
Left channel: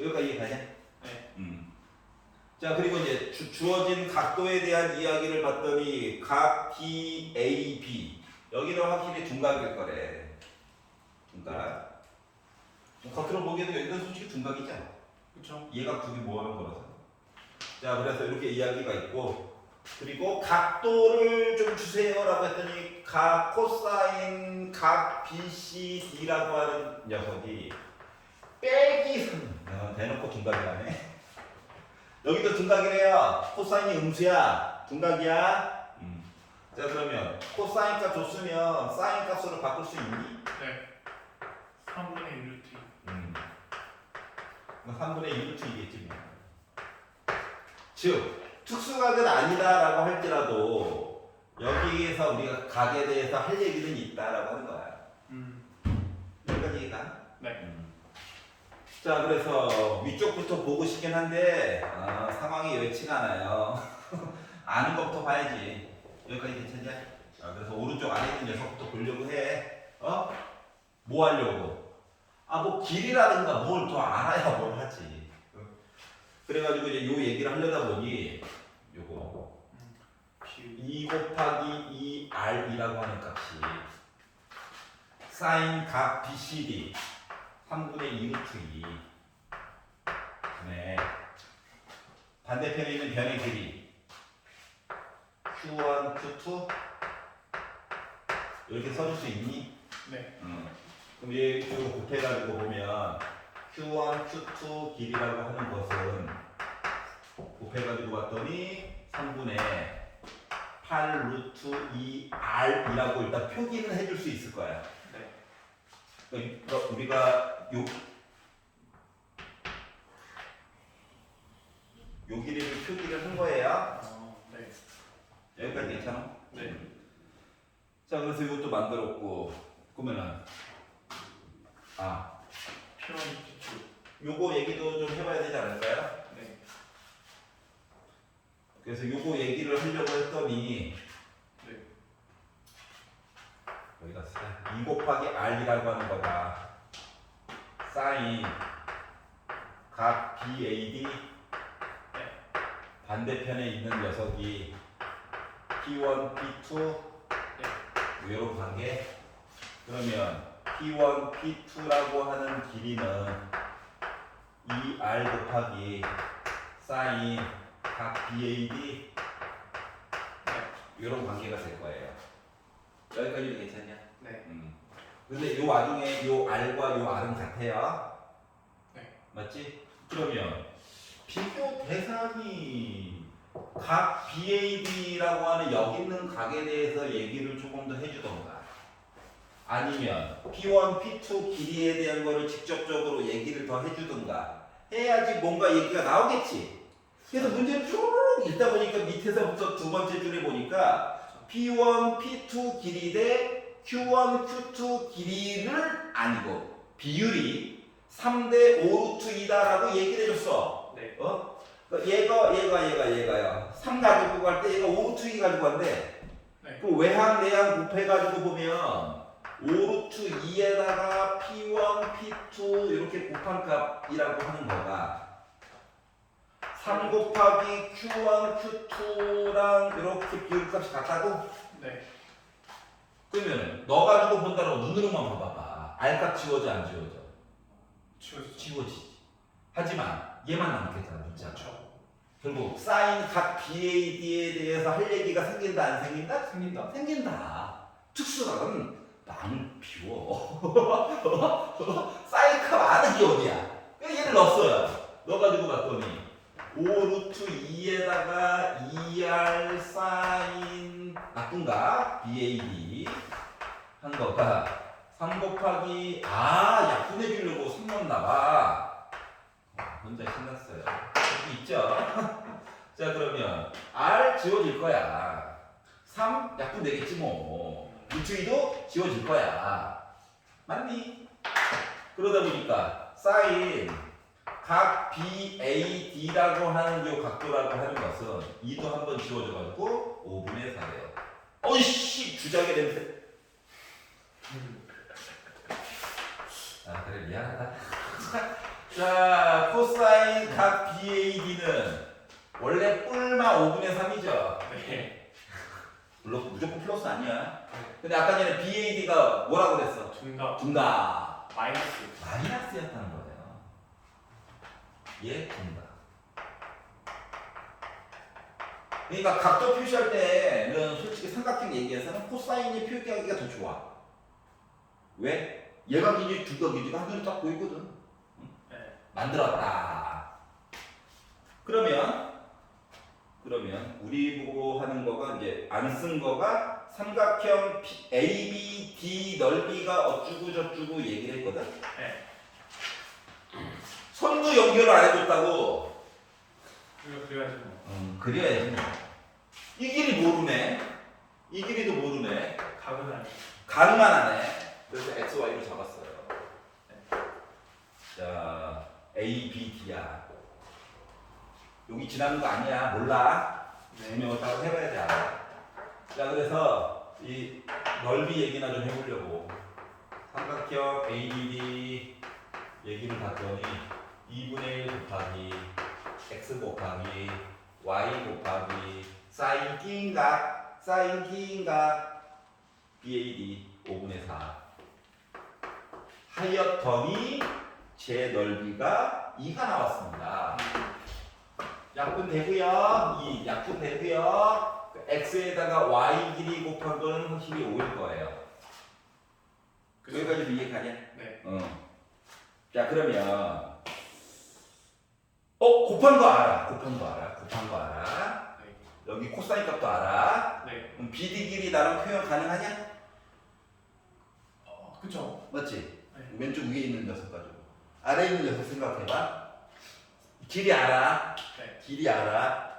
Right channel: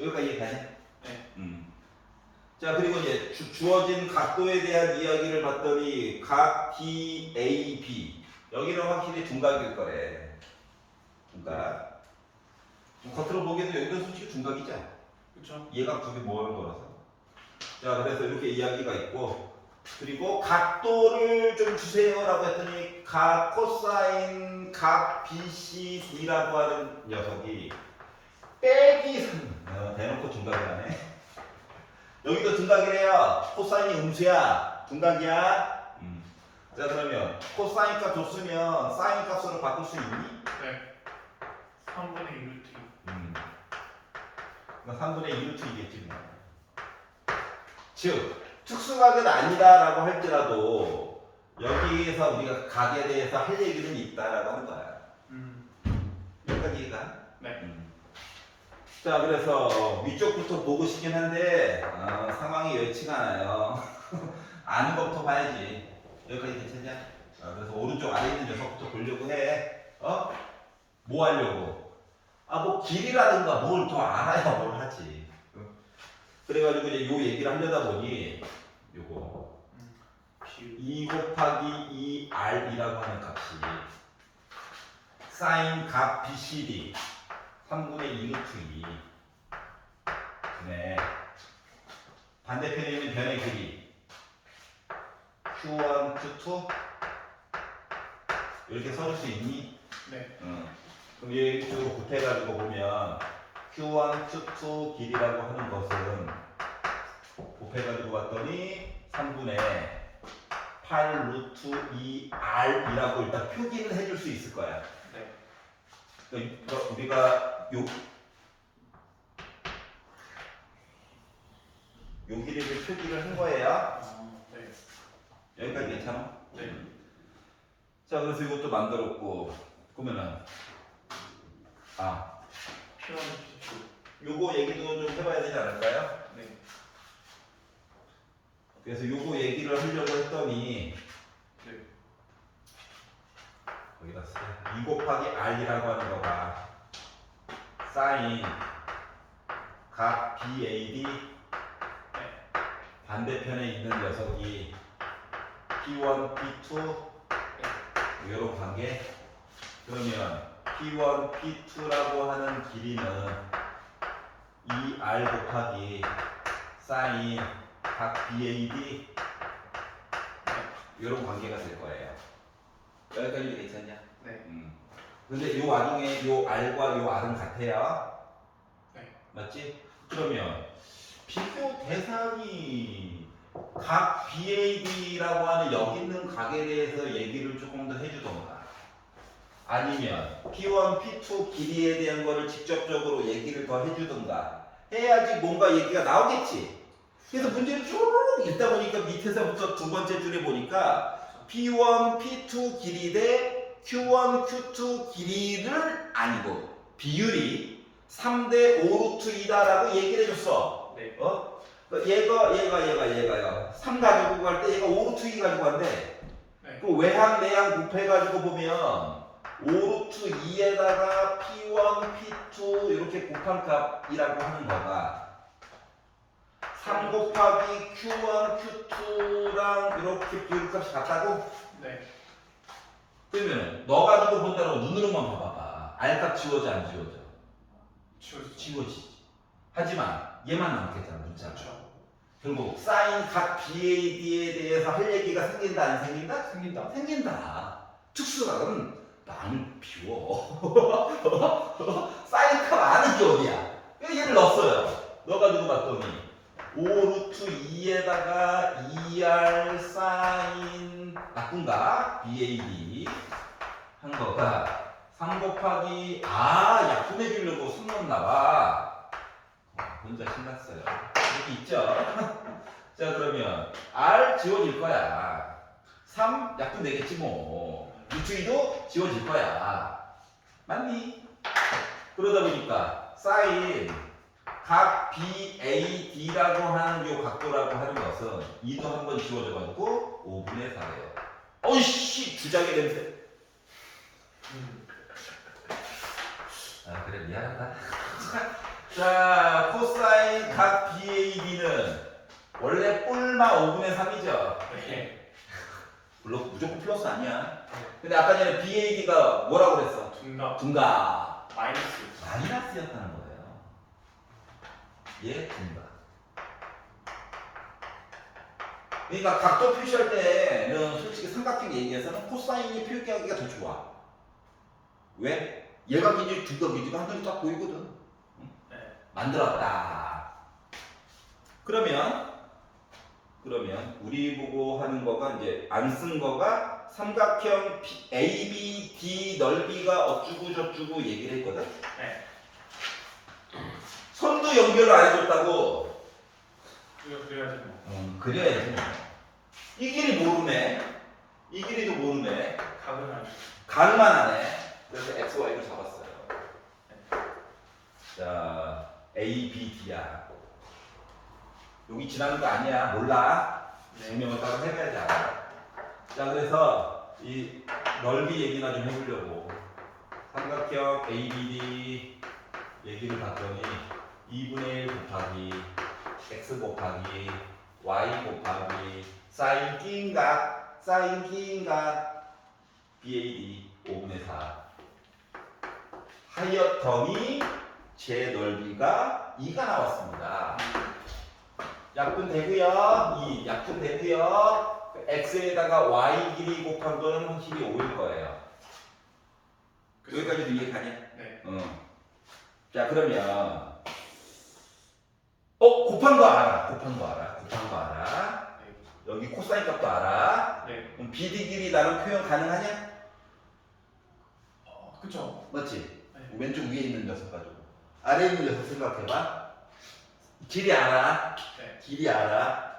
여기까지 이해가냐? 네. 자, 그리고 이제 주어진 각도에 대한 이야기를 봤더니 각 DAB 여기는 확실히 둔각일 거래. 둔각. 겉으로 보기에도 여기는 솔직히 둔각이죠. 그렇죠. 얘가 두 개 모아놓은 거라서. 자, 그래서 이렇게 이야기가 있고 그리고 각도를 좀 주세요라고 했더니 각 코사인 각 BCD라고 하는 녀석이 빼기 3 대놓고 둔각이라네. 여기도 둔각이래요. 코사인이 음수야. 둔각이야. 자, 그러면 코사인 값 줬으면 사인 값으로 바꿀 수 있니? 네. 3분의 1루트. 3분의 1루트이겠지. 즉 특수각은 아니다라고 할지라도 여기에서 우리가 각에 대해서 할 얘기는 있다라고 하는 거야. 여기까지 이해가? 네. 자, 그래서 위쪽부터 보고 싶긴 한데 상황이 여의치가 않아요. 아는 것부터 봐야지. 여기까지 괜찮냐? 그래서 오른쪽 아래 있는 녀석부터 보려고 해. 뭐 하려고? 뭐 길이라든가 뭘 더 알아야 뭘 하지. 그래가지고 이제 요 얘기를 하려다 보니 요거 비율 2 곱하기 2r이라고 하는 값이 사인 값 BCD 3분의 2 루트 2 네. 반대편에 있는 변의 길이 Q1, Q2 이렇게 써줄 수 있니? 네. 그럼 얘 이쪽으로 곱해가지고 보면 Q1, Q2 길이라고 하는 것은 곱해가지고 봤더니 3분의 8 루트 2r이라고 일단 표기는 해줄 수 있을 거야. 네. 그러니까 우리가 요 길이를 표기를 한 거예요. 네. 여기까지 괜찮아? 네. 자, 그래서 이것도 만들었고, 그러면은 필요한 기출. 요거 얘기도 좀 해봐야 되지 않을까요? 네. 그래서 요거 얘기를 하려고 했더니 네. 여기다 쓰자. 2 곱하기 r이라고 하는 거가 사인 각 BAD 반대편에 있는 녀석이 P1, P2 이런 관계. 그러면 P1, P2라고 하는 길이는 2r 곱하기 사인 각 BAD 이런 관계가 될 거예요. 여기까지 괜찮냐? 네. 근데 요 와중에 요 r과 요 r은 같아요. 네. 맞지? 그러면 비교 대상이 각 BAD라고 하는 여기 있는 각에 대해서 얘기를 조금 더 해주던가, 아니면 P1, P2 길이에 대한 거를 직접적으로 얘기를 더 해주던가 해야지 뭔가 얘기가 나오겠지. 그래서 문제를 쭉 읽다 보니까 밑에서부터 두 번째 줄에 보니까 P1, P2 길이 대 Q1, Q2 길이를 아니고 비율이 3대 5 루트 2다라고 얘기를 해줬어. 네. 얘가요. 3 가지고 갈 때 얘가 5 루트 2 가지고 간대. 네. 그 외항 내항 곱해가지고 보면 5 루트 2에다가 P1, P2 이렇게 곱한 값이라고 하는 거가 3 곱하기 Q1, Q2랑 이렇게 비율값이 같다고? 네. 그러면 너 가지고 본다고 눈으로만 봐봐봐. R값 지워져 안 지워져? 지워지지. 하지만 얘만 남겠잖아, 문자가. 그렇죠. 결국 사인 각 BAD에 대해서 할 얘기가 생긴다 안 생긴다? 생긴다. 생긴다. 특수각은 마음을 비워. 사인 값 아는 게 어디야? 얘를 넣었어요. 넣어가지고 봤더니 5 루트 2에다가 2R 사인 나쁜가? BAD 한 거가 3 곱하기 약분해 주려고 3 넣었나봐. 혼자 신났어요. 여기 있죠? 자, 그러면 R 지워질 거야. 3 약분 되겠지 뭐. 루트 2도 지워질 거야. 맞니? 그러다 보니까 사인 각 BAD라고 하는 요 각도라고 하는 것은 2도 한번 지워져가지고 5분의 4예요. 어이씨! 주작의 냄새. 그래, 미안하다. 자, 코사인 각 BAD는 원래 뿔마 5분의 3이죠. 네. 물론 무조건 플러스 아니야. 근데 아까 전에 BAD가 뭐라고 그랬어? 둔갑. 둔갑. 마이너스. 마이너스였다는 거예요. 얘 둔갑. 그러니까 각도 표시할 때는 솔직히 삼각형 얘기해서는 코사인이 표기하기가 더 좋아. 왜? 얘가 기지 둔갑 기지가 하늘이 딱 보이거든. 네. 만들었다. 그러면 우리 보고 하는 거가 이제 안 쓴 거가 삼각형 ABD 넓이가 어쩌고 저쩌고 얘기를 했거든. 네. 선도 연결을 안 해줬다고. 이거 그래야지 뭐. 그래야지. 이 길이 모르네. 이 길이도 모르네. 각은 아니고. 가능만 하네. 그래서 XY를 잡았어요. 네. 자. A, B, D야. 여기 지나는 거 아니야. 몰라. 증명을 따로 해봐야지 알아. 자, 그래서 이 넓이 얘기나 좀 해보려고. 삼각형 ABD 얘기를 봤더니 2분의 1 곱하기 x 곱하기 y 곱하기 사인 끼인각 BAD 5분의 4 하였더니 제 넓이가 2가 나왔습니다. 약분 되고요. 이 약분 되고요. x에다가 y 길이 곱한 거는 확실히 5일 거예요. 여기까지도 이해가냐? 네. 자, 그러면 곱한 거 알아. 네. 여기 코사인 값도 알아. 네. 그럼 BD 길이 나름 표현 가능하냐? 그쵸. 맞지? 네. 왼쪽 위에 있는 녀석 가지고 아래에 있는 녀석 생각해봐. 길이 알아. 네. 길이 알아.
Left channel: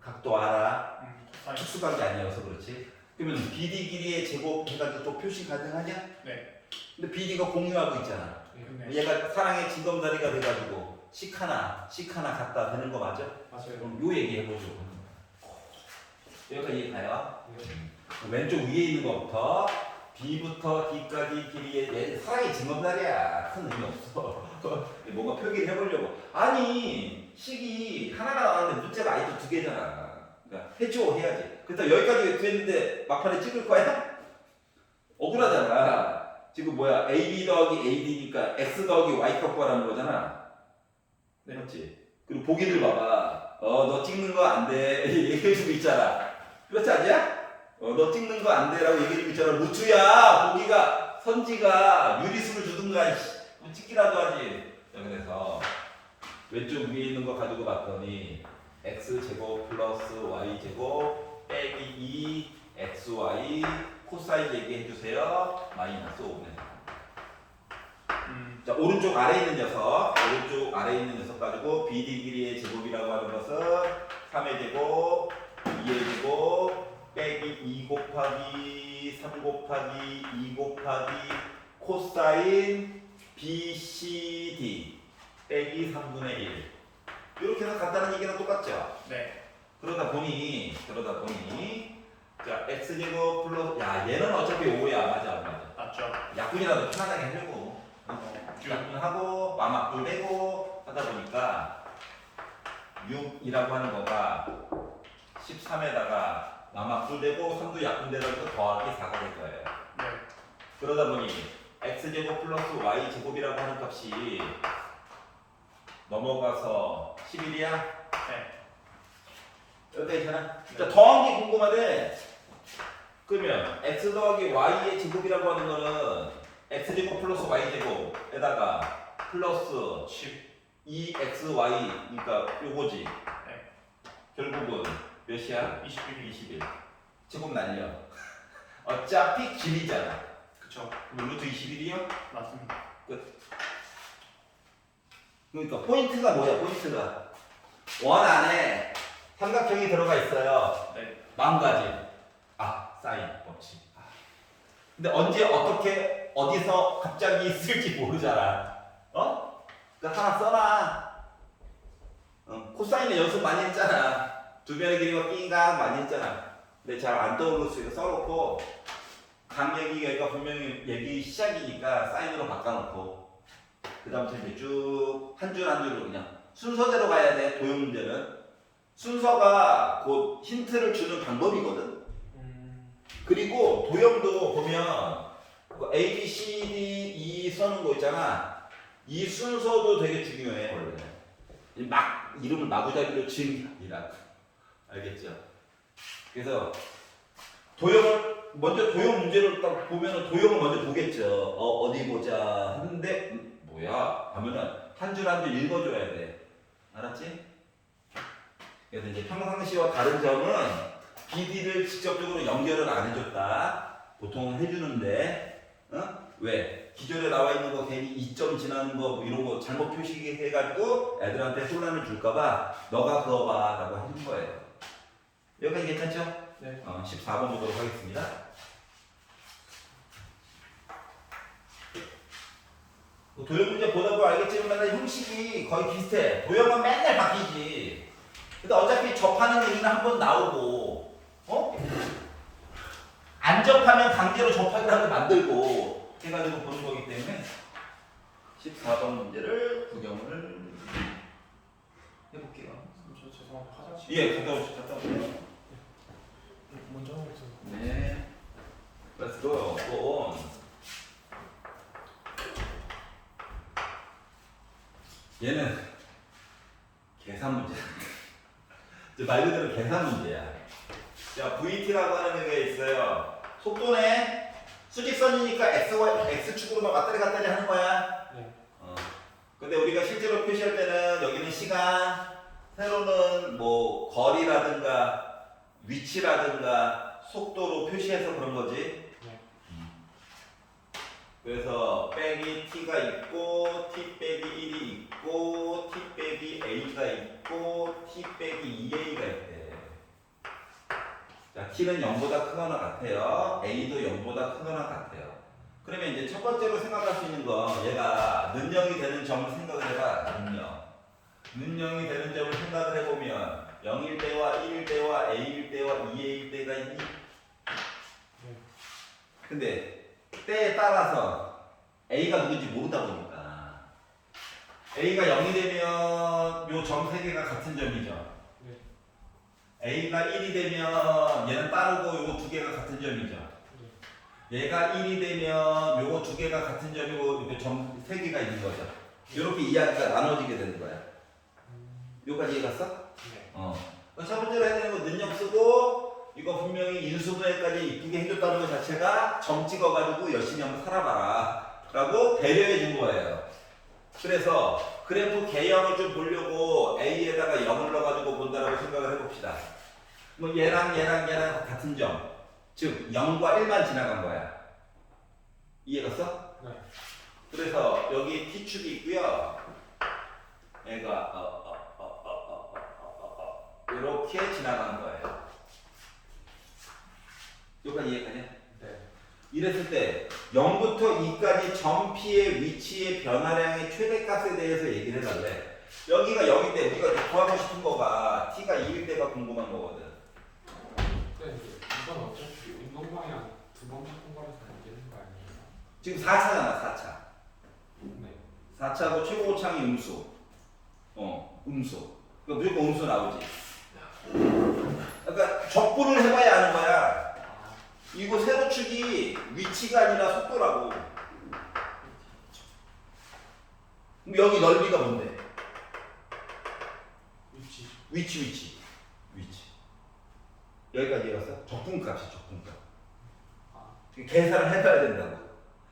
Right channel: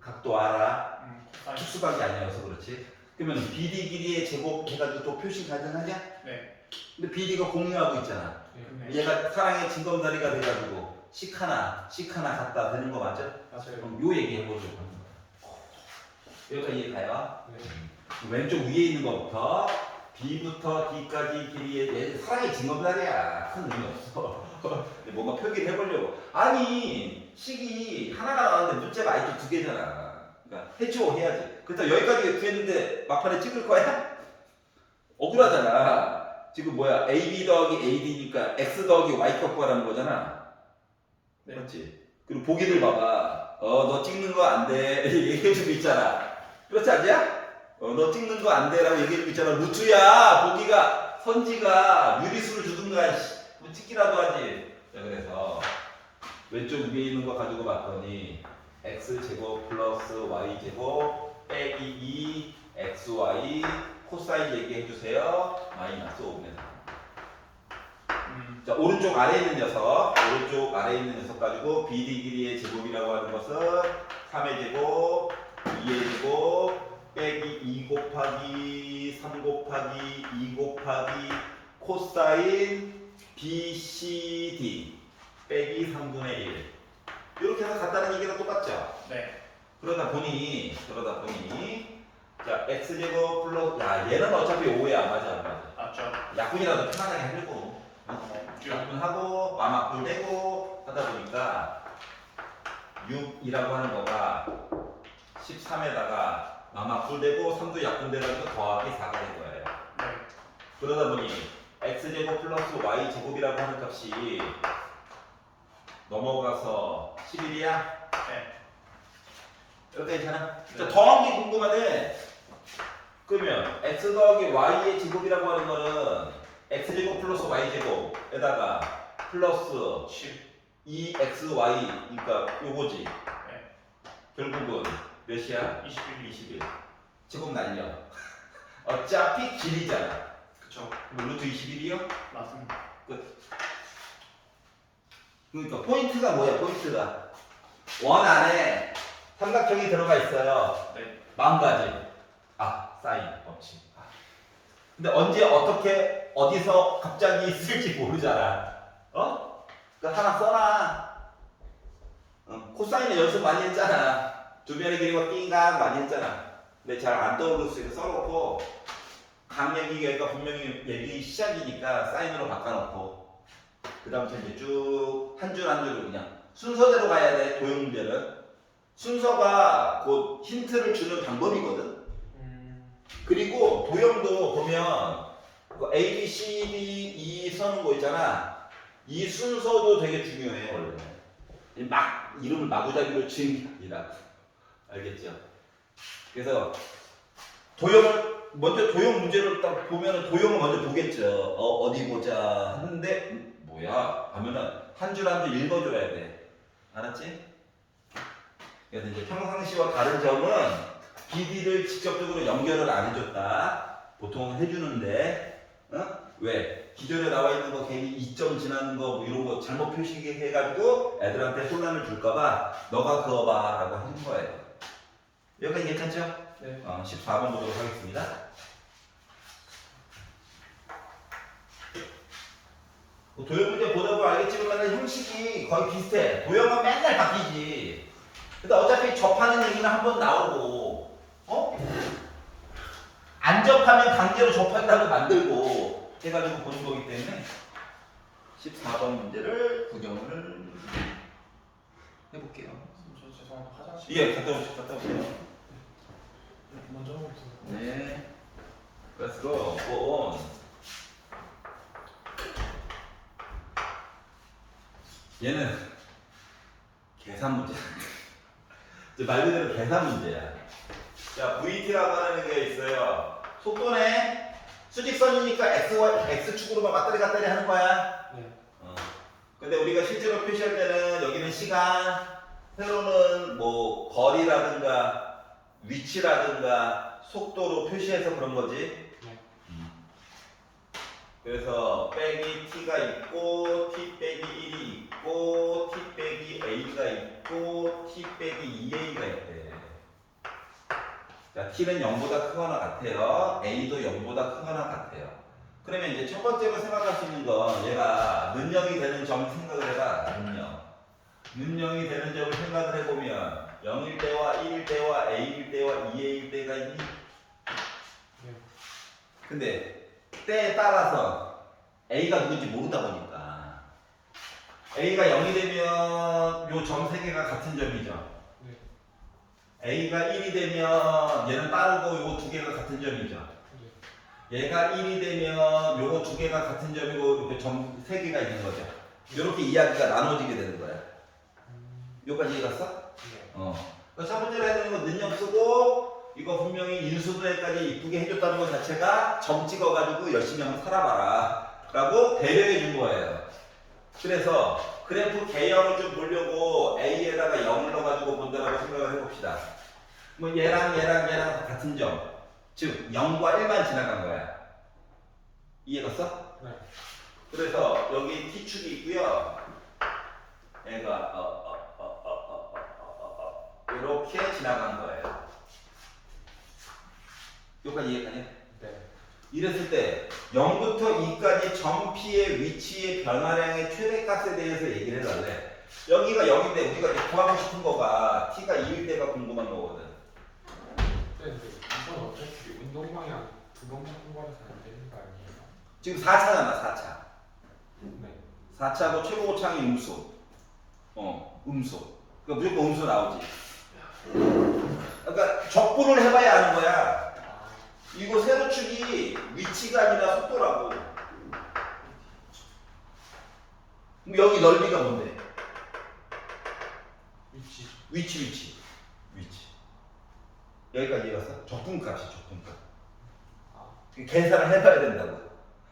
각도 알아. 코사인. 특수각이 아니어서 그렇지. 그러면 BD 길이의 제곱 해가지고 또 표시 가능하냐? 네. 근데 BD가 공유하고 있잖아. 네. 얘가 사랑의 징검다리가 돼가지고 식 하나 갖다 되는 거 맞아? 맞아요. 그럼 요 얘기 해보죠. 여기까지 이해가요? 네. 왼쪽 위에 있는 것부터 B부터 D까지 길이에 얘 사랑의 징검다리야. 큰 의미 없어. 뭔가 표기를 해보려고. 아니 식이 하나가 나왔는데 문제가 아직도 2개잖아. 그러니까 해야지. 그래서 여기까지 됐는데 막판에 찍을 거야? 억울하잖아. 지금 뭐야 AB 더하기 AD니까 X 더하기 Y 값구하라는 거잖아. 네. 그렇지. 그리고 보기를 봐봐. 너 찍는 거 안 돼. 얘기해주고 있잖아. 그렇지 않냐? 너 찍는 거 안 돼라고 얘기해주고 있잖아. 루트야. 보기가 선지가 유리수를 주든가 뭐 찍기라도 하지. 자, 그래서 왼쪽 위에 있는 거 가지고 봤더니 X제곱 플러스 Y제곱 빼기 2XY 코사인 얘기해주세요. 마이너스 5분의 4. 자, 오른쪽 아래에 있는 녀석 가지고 BD 길이의 제곱이라고 하는 것은 3의 제곱, 2의 제곱, 빼기 2 곱하기 3 곱하기 2 곱하기 코사인 BCD 빼기 3분의 1 이렇게 해서 간단한 얘기랑 똑같죠? 네. 그러다 보니 자 x제곱 플러스 얘는 어차피 5야. 맞아. 맞죠. 약분이라도 편하게 해주고 약분하고 마막분 되고 하다 보니까 6이라고 하는 거가 13에다가 마막분 되고 3도 약분 돼가지고 더하기 4가 될 거예요. 네. 그러다 보니 x제곱 플러스 y제곱이라고 하는 값이 넘어가서 11이야? 네. 여기 괜찮아? 네. 자, 더한 게 궁금한데 그러면 x 더하기 y의 제곱이라고 하는 거는 x제곱 플러스 y제곱에다가 플러스 2xy 그러니까 요거지. 네. 결국은 몇이야? 21. 제곱 날려. 어차피 길이잖아. 그쵸. 그럼 루트 21이요? 맞습니다. 그러니까 포인트가 뭐야? 포인트가 원 안에 삼각형이 들어가 있어요. 네. 마음가짐. 사인 없지. 근데 언제 어떻게 어디서 갑자기 있을지 모르잖아. 그러니까 하나 써놔. 코사인의 연습 많이 했잖아. 주변의 길이가 삥각 많이 했잖아. 근데 잘 안 떠오르니까 써놓고 각 얘기가 분명히 얘기 시작이니까 사인으로 바꿔놓고 그 다음부터 이제 쭉 한 줄 한 줄로 그냥 순서대로 가야 돼. 도형 문제는 순서가 곧 힌트를 주는 방법이거든. 그리고 도형도 보면 A, B, C, D, E 서는 거 있잖아. 이 순서도 되게 중요해. 원래 막 이름을 마구잡이로 지은 게 아니라. 알겠죠? 그래서 도형을 먼저 도형 문제를 딱 보면은 도형을 먼저 보겠죠. 어디 보자 하는데 뭐야 하면은 한 줄 한 줄 읽어줘야 돼. 알았지? 그래서 이제 평상시와 다른 점은 BD를 직접적으로 연결을 안 해줬다. 보통은 해주는데, 왜? 기존에 나와 있는 거 괜히 2점 지나는 거 이런 거 잘못 표시해가지고 애들한테 혼란을 줄까봐 너가 그어봐라고 해준 거예요. 여기까지 괜찮죠? 네. 14번 보도록 하겠습니다. 도형 문제 보다 보면 알겠지만 형식이 거의 비슷해. 도형은 맨날 바뀌지. 근데 어차피 접하는 얘기는 한 번 나오고, 안 접하면 강제로 접하기라도 만들고 해가지고 보는 거기 때문에 14번 문제를 구경을 해볼게요. 저 죄송한데 화장실. 예, 갔다 오세요. 먼저 하고 있어요. 네. Let's go. Go on. 얘는 계산 문제야. 말 그대로 계산 문제야. 자, VT라고 하는 게 있어요. 속도네. 수직선이니까 X축으로만 왔다리 갔다리 하는 거야. 네. 근데 우리가 실제로 표시할 때는 여기는 시간, 세로는 뭐 거리라든가 위치라든가 속도로 표시해서 그런 거지. 네. 그래서 빼기 t가 있고 t 빼기 1이 있고 t 빼기 a가 있고 t 빼기 2a가 있대. 자, t는 0보다 크거나 같아요. a도 0보다 크거나 같아요. 그러면 이제 첫 번째로 생각할 수 있는 건 얘가 는영이 되는 점 생각을 해봐. 는영이 되는 점을 생각을 해보면 0일 때와 1일 때와 a일 때와 2a일 때가 있니? 네. 근데 때에 따라서 a가 누군지 모르다 보니까 a가 0이 되면 요 점 세 개가 같은 점이죠. 네. a가 1이 되면 얘는 따르고 요 두 개가 같은 점이죠. 얘가 1이 되면 요거 두 개가 같은 점이고 이렇게 점 세 개가 있는 거죠. 이렇게 이야기가 나눠지게 되는 거야. 여기까지 이해 갔어? 네. 첫 번째로 해야 되는 건 능력 쓰고 이거 분명히 인수분해까지 이쁘게 해줬다는 것 자체가 점 찍어가지고 열심히 한번 살아봐라 라고 배려해 준 거예요. 그래서 그래프 개형을 좀 보려고 A에다가 0을 넣어가지고 본다라고 생각을 해봅시다. 뭐 얘랑 같은 점, 즉 0과 1만 지나간 거야. 이해갔어? 네. 그래서 여기 T축이 있고요. 얘가 이렇게 지나간 거예요. 여기까지 이해가냐? 네. 이랬을 때 0부터 2까지 점 P의 위치의 변화량의 최대값에 대해서 얘기를 해달래. 여기가 0인데 우리가 이제 구하고 싶은 거가 T가 2일 때가 궁금한 거거든. 네, 근데 이건 어차피 운동 방향 두 번 바꾼 거라서 안 되는 거 아니에요? 지금 4차잖아, 4차. 네. 4차고 최고 고창이 음수. 음수. 그러니까 무조건 음수 나오지. 그러니까 적분을 해봐야 아는 거야. 이거 세로축이 위치가 아니라 속도라고. 그럼 여기 넓이가 뭔데? 위치. 위치. 여기까지 이해갔어? 적분값이 적분값. 아. 계산을 해봐야 된다고.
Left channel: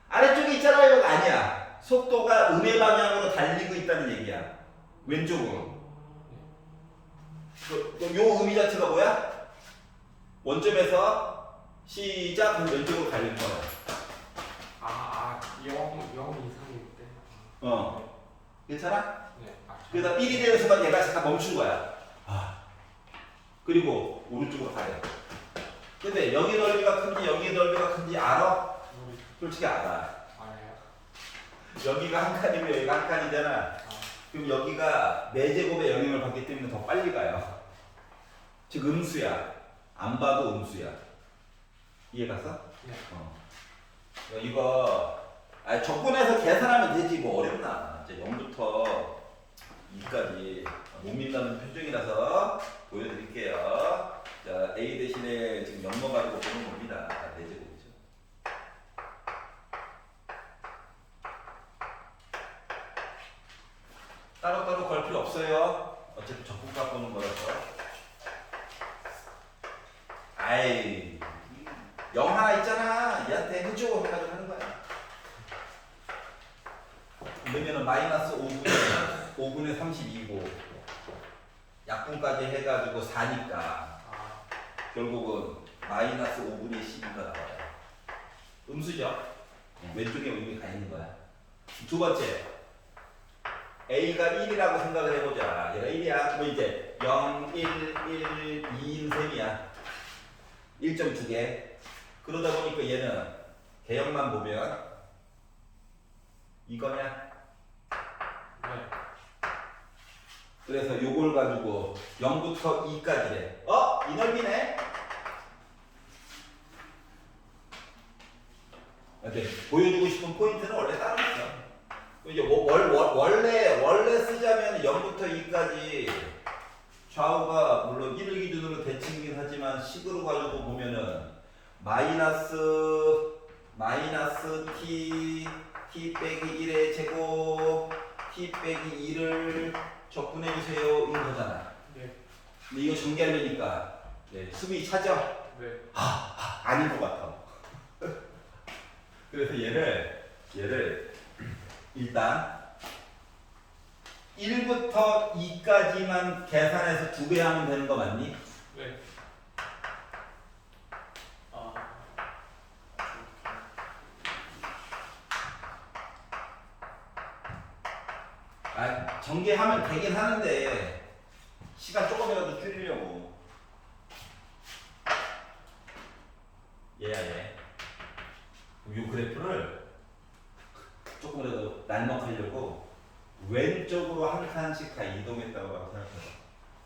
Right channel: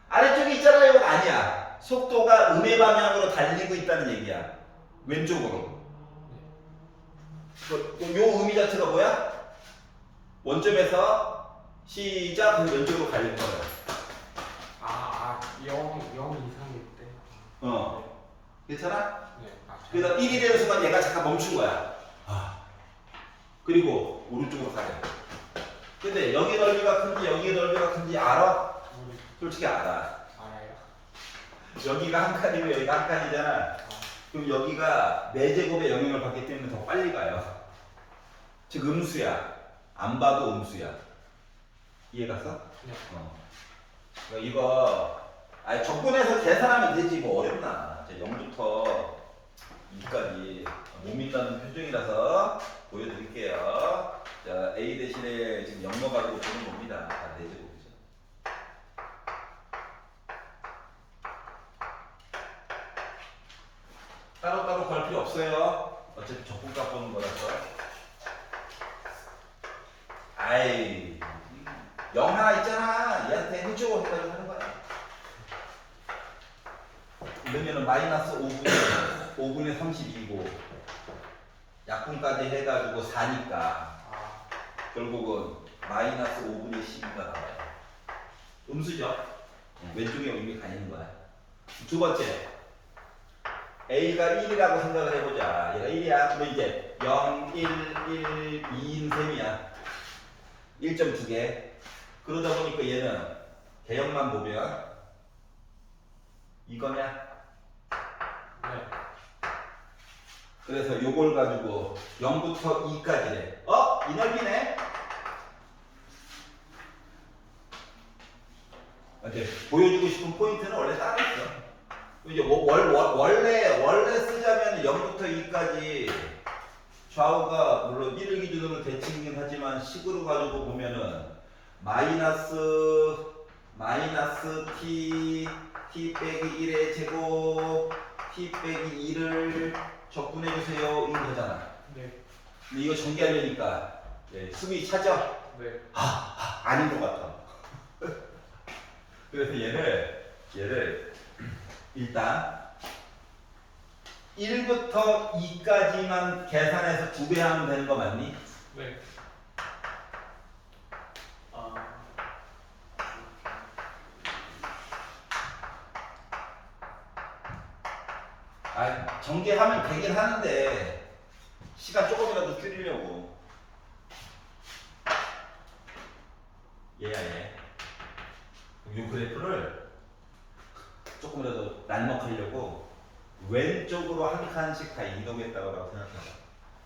아래쪽에 있잖아, 이거 아니야. 속도가 음의 방향으로 달리고 있다는 얘기야. 왼쪽으로. 요 의미 자체가 뭐야? 원점에서 시작, 그럼 왼쪽으로 갈릴 거야. 0 이상일 때. 괜찮아? 네. 그래서 1이 되는 순간 얘가 잠깐 멈춘 거야. 그리고 오른쪽으로 가야 돼. 근데 여기 넓이가 큰지 여기 넓이가 큰지 알아? 솔직히 알아. 알아요. 여기가 한 칸이고 여기가 한 칸이잖아. 그럼 여기가 4제곱의 영향을 받기 때문에 더 빨리 가요. 즉 음수야. 안 봐도 음수야. 이해 갔어? 네. 그러니까 이거 적분해서 계산하면 되지 뭐 어렵나. 이제 0부터 2까지 못 믿는 표정이라서 보여드릴게요. 자, A 대신에 지금 0 넣어가지고 보는 겁니다. 4제곱이죠. 따로따로 걸 필요 없어요. 어차피 적분값 보는 거라서. 아이, 0 하나 있잖아. 얘한테 해줘 해가지고 하는 거야. 그러면은 마이너스 5분의 32고 약분까지 해가지고 4니까 결국은 마이너스 5분의 12가 나와요. 음수죠? 왼쪽에 의미 가 있는 거야. 두 번째, A가 1이라고 생각을 해보자. 얘가 1이야. 그러면 이제 0, 1, 1, 2인 셈이야. 1.2개. 그러다 보니까 얘는 개형만 보면 이거냐? 그래서 요걸 가지고 0부터 2까지래. 이 넓이네. 이제 보여주고 싶은 포인트는 원래 따로 있어. 이제 원래 쓰자면 0부터 2까지 좌우가 물론 1을 기준으로 대칭이긴 하지만 식으로 가지고 보면은 마이너스 t 빼기 1의 제곱 t 빼기 2를 적분해주세요 이런 거잖아. 네. 근데 이거 전개하려니까 수비 찾아? 네. 아닌 것 같아. 그래서 얘를 일단 1부터 2까지만 계산해서 2배 하면 되는 거 맞니? 네. 아. 전개하면 되긴 하는데 시간 조금이라도 줄이려고. 얘야 얘. 그럼 이 그래프를 조금이라도 날먹하려고 왼쪽으로 한 칸씩 다 이동했다고 생각해봐.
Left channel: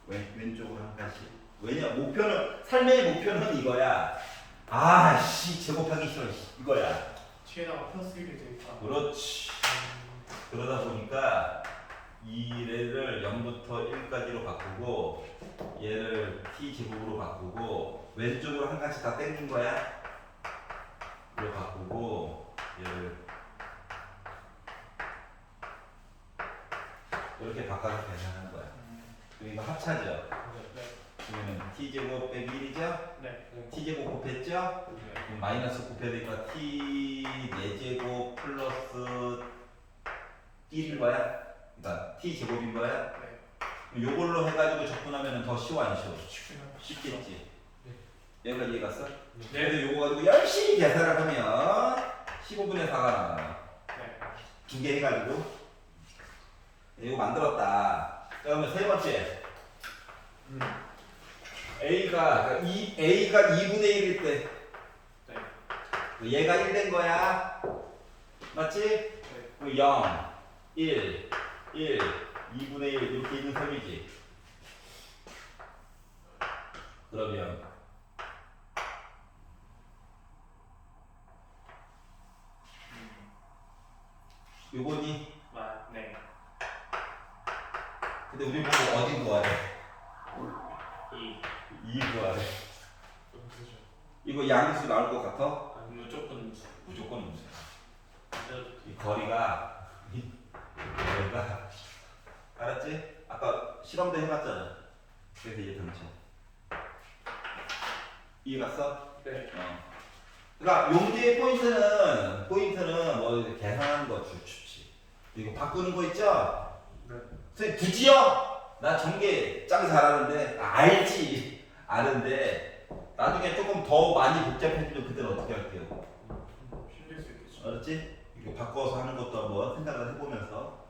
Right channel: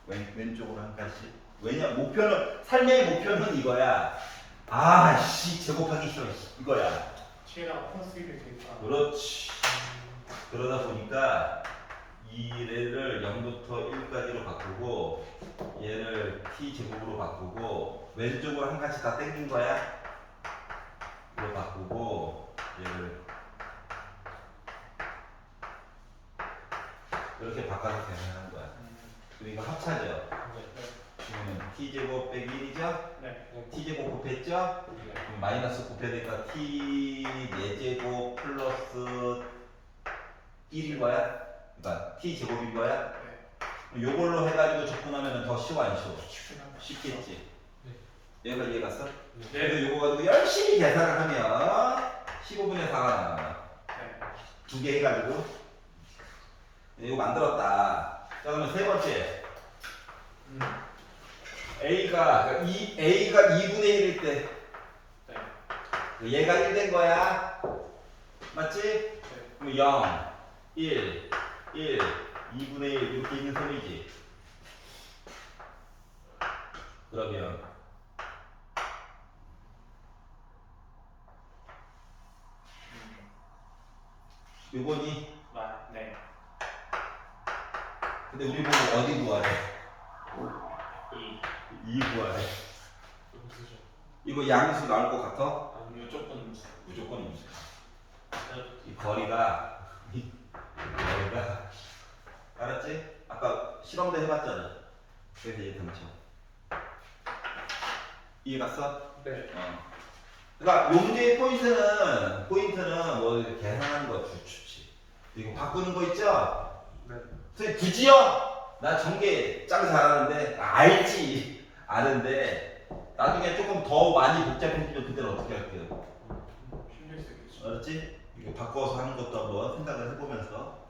왼쪽으로 한 칸씩. 왜냐 삶의 목표는 이거야. 제곱하기 싫어 이거야. 뒤에다가 플러스 1이 되니까. 그렇지. 그러다 보니까 얘를 0부터 1까지로 바꾸고 얘를 t 제곱으로 바꾸고 왼쪽으로 한 칸씩 다 땡긴 거야. 이로 바꾸고 얘를 이렇게 바꿔서 계산하는 거야. 그럼 이거 합차죠. 네. 그러면 t 제곱 빼기 1이죠. 네. t 제곱 곱했죠. 네. 그럼 마이너스 곱해야 되니까 t 4제곱 플러스 1인 거야. 그러니까 t 제곱인 거야. 네. 요걸로 해가지고 접근하면 더 쉬워 안 쉬워? 쉽구나. 쉽겠지. 네. 얘가 이해 갔어? 네. 그래도 요거 가지고 열심히 계산을 하면 15분의 4가 나와. 네. 2개 해가지고 이거 만들었다. 자, 그러면 세 번째 A가 2분의 1일 때 네. 얘가 1 된 거야. 맞지? 네. 그럼 0, 1, 2분의 1 이렇게 있는 셈이지. 그러면 요거니? 네. 근데 우리 보고 어디 구하래? 2 구하래. 음수죠. 이거 양수 나올 것 같아? 아니 무조건 음수. 무조건 음수. 이 거리가 알았지? 아까 실험도 해봤잖아. 그래서 얘 덩치. 이해 갔어? 네. 그러니까 용제의 포인트는 뭐 이렇게 계산하는 거 좋지. 이거 바꾸는 거 있죠? 네. 선생님 굳이요? 나 전개 짱 잘하는데 알지 아는데 나중에 조금 더 많이 복잡해지면 그때는 어떻게 할게요? 힘들 수 있겠죠. 알았지? 이거 바꿔서 하는 것도 한번 생각을 해보면서.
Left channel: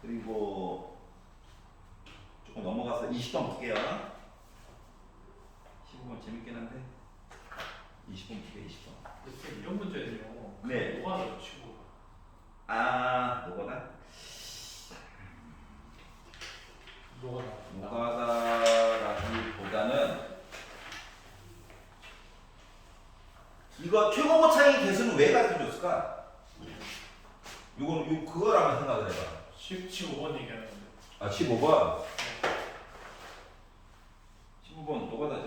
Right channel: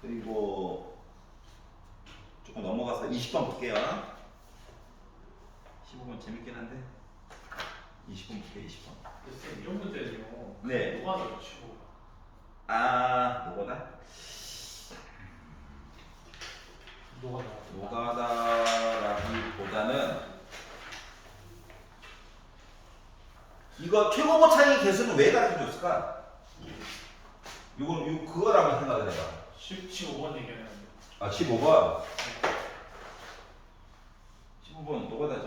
그리고 조금 넘어가서 20번 볼게요. 15번 재밌긴 한데 20번 볼게요. 20번. 선생님 이런 문제는요. 네. 뭐가 더 치고. 뭐거나? 노가다라기보다는 이거 최고고 차이 개수는 왜 가르쳐줬을까? 그걸 한번 생각을 해봐. 15번 얘기하는데. 15번. 15번 노가다죠.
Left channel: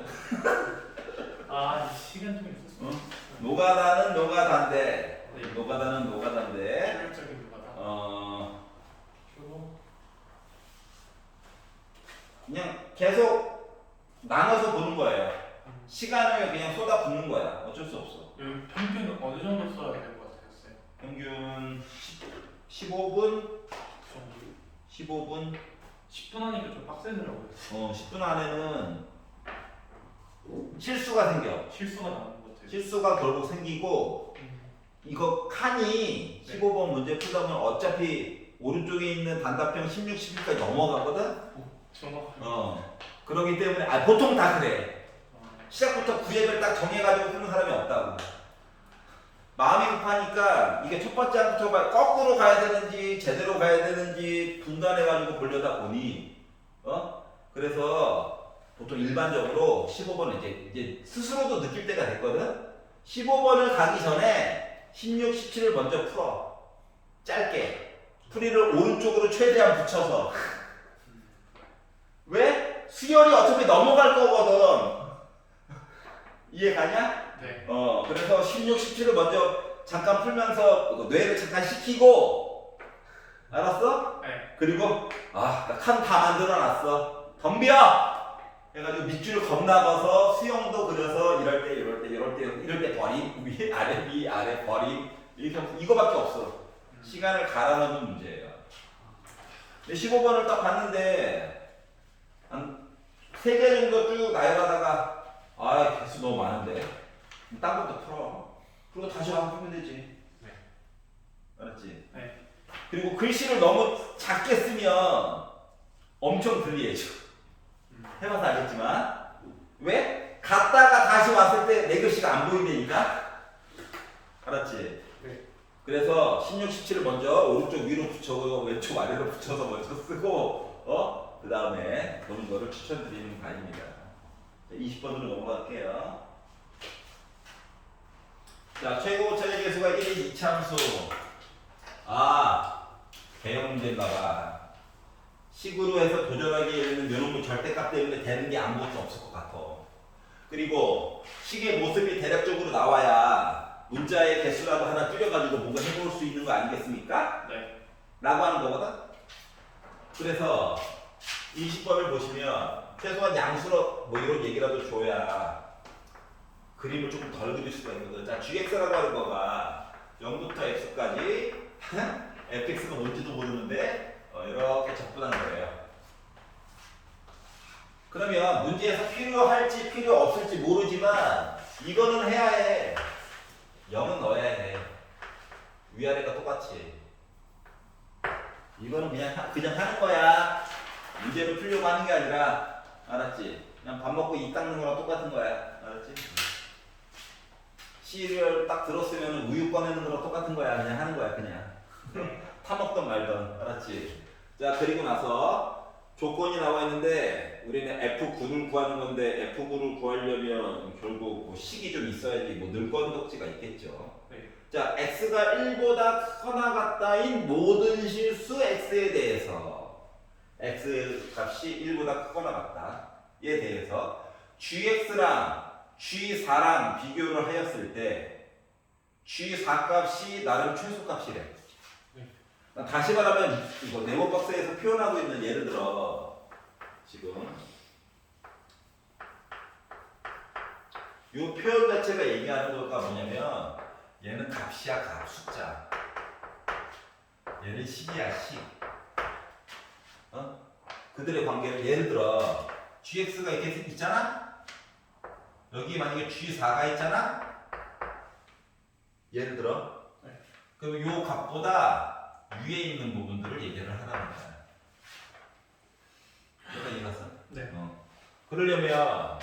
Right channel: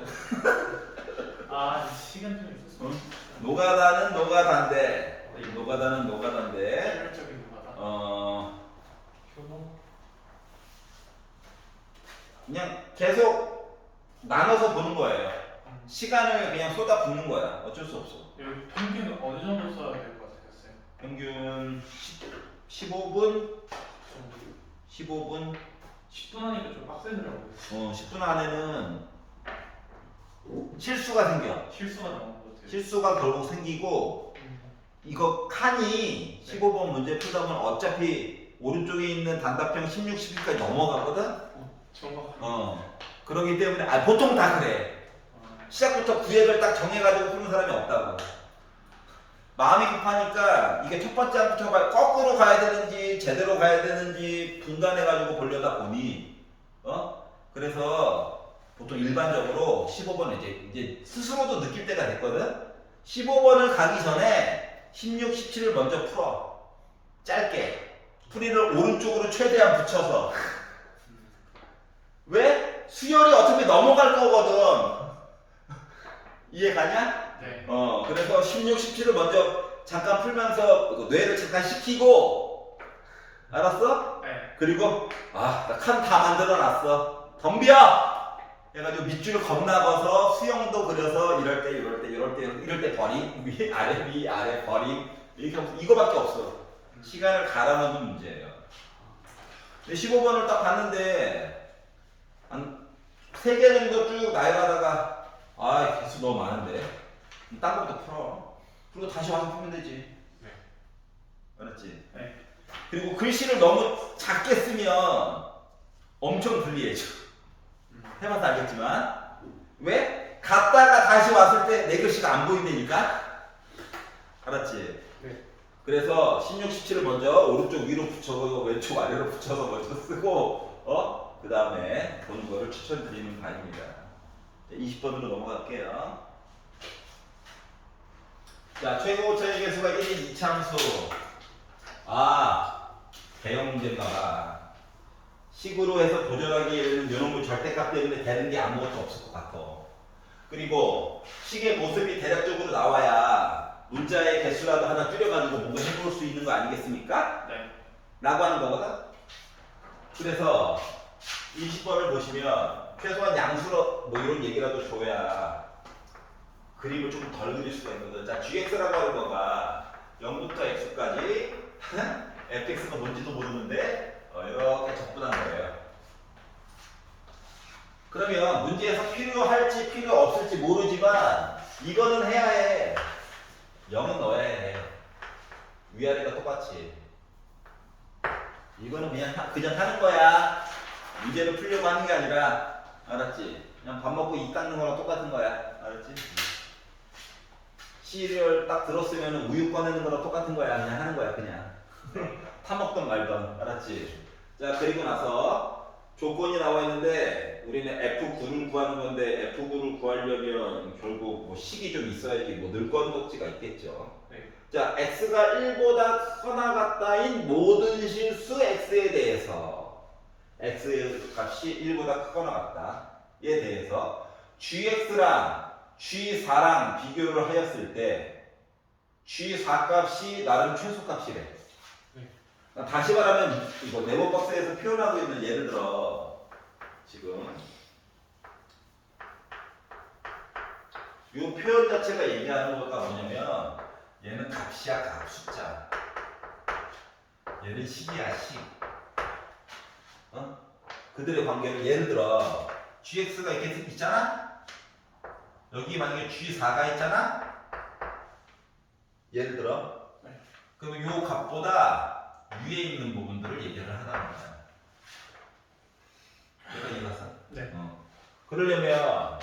시간 통에 있었어. 노가다는 노가다인데 효율적인 거다. 효능. 그냥 계속 나눠서 보는 거예요. 시간을 그냥 쏟아붓는 거야. 어쩔 수 없어. 여기 평균 어느 정도 써야 될 것 같으셨어요? 평균 15분? 정도. 15분? 10분 하니까 좀 빡세더라고요. 10분 안에는 실수가 생겨. 실수가 나오는 것 같아요. 실수가 결국 생기고 이거 칸이 15번 문제 풀다 보면 어차피 오른쪽에 있는 단답형 16, 17까지 넘어가거든? 정확하게. 그러기 때문에 보통 다 그래. 시작부터 구획을 딱 정해가지고 푸는 사람이 없다고. 마음이 급하니까 이게 첫 번째 항부터 거꾸로 가야 되는지 제대로 가야 되는지 분간해가지고 보려다 보니 그래서 보통 일반적으로 15번을 이제 스스로도 느낄 때가 됐거든. 15번을 가기 전에 16, 17을 먼저 풀어. 짧게. 풀이를 오른쪽으로 최대한 붙여서. 왜? 수열이 어차피 넘어갈 거거든. 이해 가냐? 네. 그래서 16, 17을 먼저 잠깐 풀면서 뇌를 잠깐 식히고, 알았어? 네. 그리고 나 칸 다 만들어 놨어. 덤벼! 해가지고 밑줄을 겁나가서 수영도 그려서 이럴 때 버림, 위 아래 버림, 이렇게 이거밖에 없어. 시간을 갈아 넣는 문제예요. 근데 15번을 딱 봤는데 한 3개 정도 쭉 나열하다가 개수 너무 많은데 딴 것도 풀어. 그리고 다시 와서 풀면 되지. 네. 알았지? 네. 그리고 글씨를 너무 작게 쓰면 엄청 불리해져. 해봐서 알겠지만 왜? 갔다가 다시 왔을 때 내 글씨가 안 보인다니까? 알았지? 네. 그래서 16, 17을 먼저 오른쪽 위로 붙여서 왼쪽 아래로 붙여서 먼저 쓰고 그 다음에 보는 거를 추천드리는 바입니다. 20번으로 넘어갈게요. 자, 최고 차이 계수가 1인 2차함수. 대형 문제인가봐. 식으로 해서 도전하기에는 요놈의 절대값 때문에 되는 게 아무것도 없을 것 같아. 그리고 식의 모습이 대략적으로 나와야 문자의 개수라도 하나 줄여가지고 뭔가 해볼 수 있는 거 아니겠습니까? 네. 라고 하는 거거든. 그래서 20번을 보시면 최소한 양수로 뭐 이런 얘기라도 줘야 그림을 조금 덜 그릴 수가 있거든. 자, gx라고 하는 거가 0부터 x까지 fx가 뭔지도 모르는데 이렇게 접근한 거예요. 그러면 문제에서 필요할지 필요 없을지 모르지만 이거는 해야 해. 0은 넣어야 해. 위아래가 똑같이. 이거는 그냥 하는 거야. 문제를 풀려고 하는 게 아니라, 알았지? 그냥 밥 먹고 입 닦는 거랑 똑같은 거야. 알았지? 시리얼 딱 들었으면 우유 꺼내는 거랑 똑같은 거야. 그냥 하는 거야, 그냥. 타먹던 말던. 알았지? 자, 그리고 나서 조건이 나와 있는데 우리는 F9를 구하는 건데 F9를 구하려면 결국 뭐 식이 좀 있어야지 뭐 늘건독지가 있겠죠. 네. 자, x가 1보다 크거나 같다인 모든 실수 x에 대해서 x 값이 1보다 크거나 같다에 대해서 gx랑 g4랑 비교를 하였을 때 g4 값이 나름 최소값이래. 네. 다시 말하면 이거 네모박스에서 표현하고 있는 예를 들어 지금 이 표현 자체가 얘기하는 거가 뭐냐면 얘는 값이야 값 숫자 얘는 식이야 식 그들의 관계를 예를 들어 gx가 이렇게 있잖아 여기 만약에 g4가 있잖아 예를 들어 그럼 요 값보다 위에 있는 부분들을 얘기를 하라는 거야. 내가 이해갔어? 네. 그러려면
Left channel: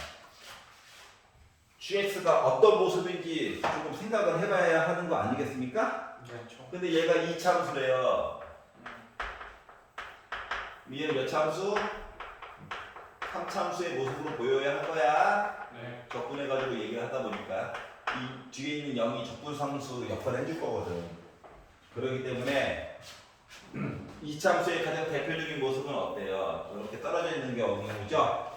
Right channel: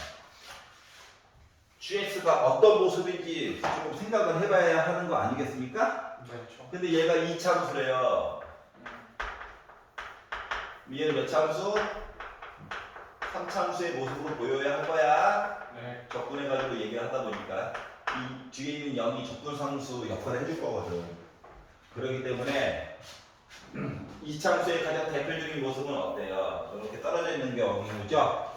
gx가 어떤 모습인지 조금 생각을 해봐야 하는 거 아니겠습니까? 그렇죠. 근데 얘가 2차함수래요. 얘는 몇 차함수? 3차함수의 모습으로 보여야 할 거야. 네. 접근해가지고 얘기를 하다 보니까 이 뒤에 있는 0이 접근상수 역할을 해줄 거거든. 그렇기 때문에 2차함수의 가장 대표적인 모습은 어때요? 이렇게 떨어져 있는 경우죠?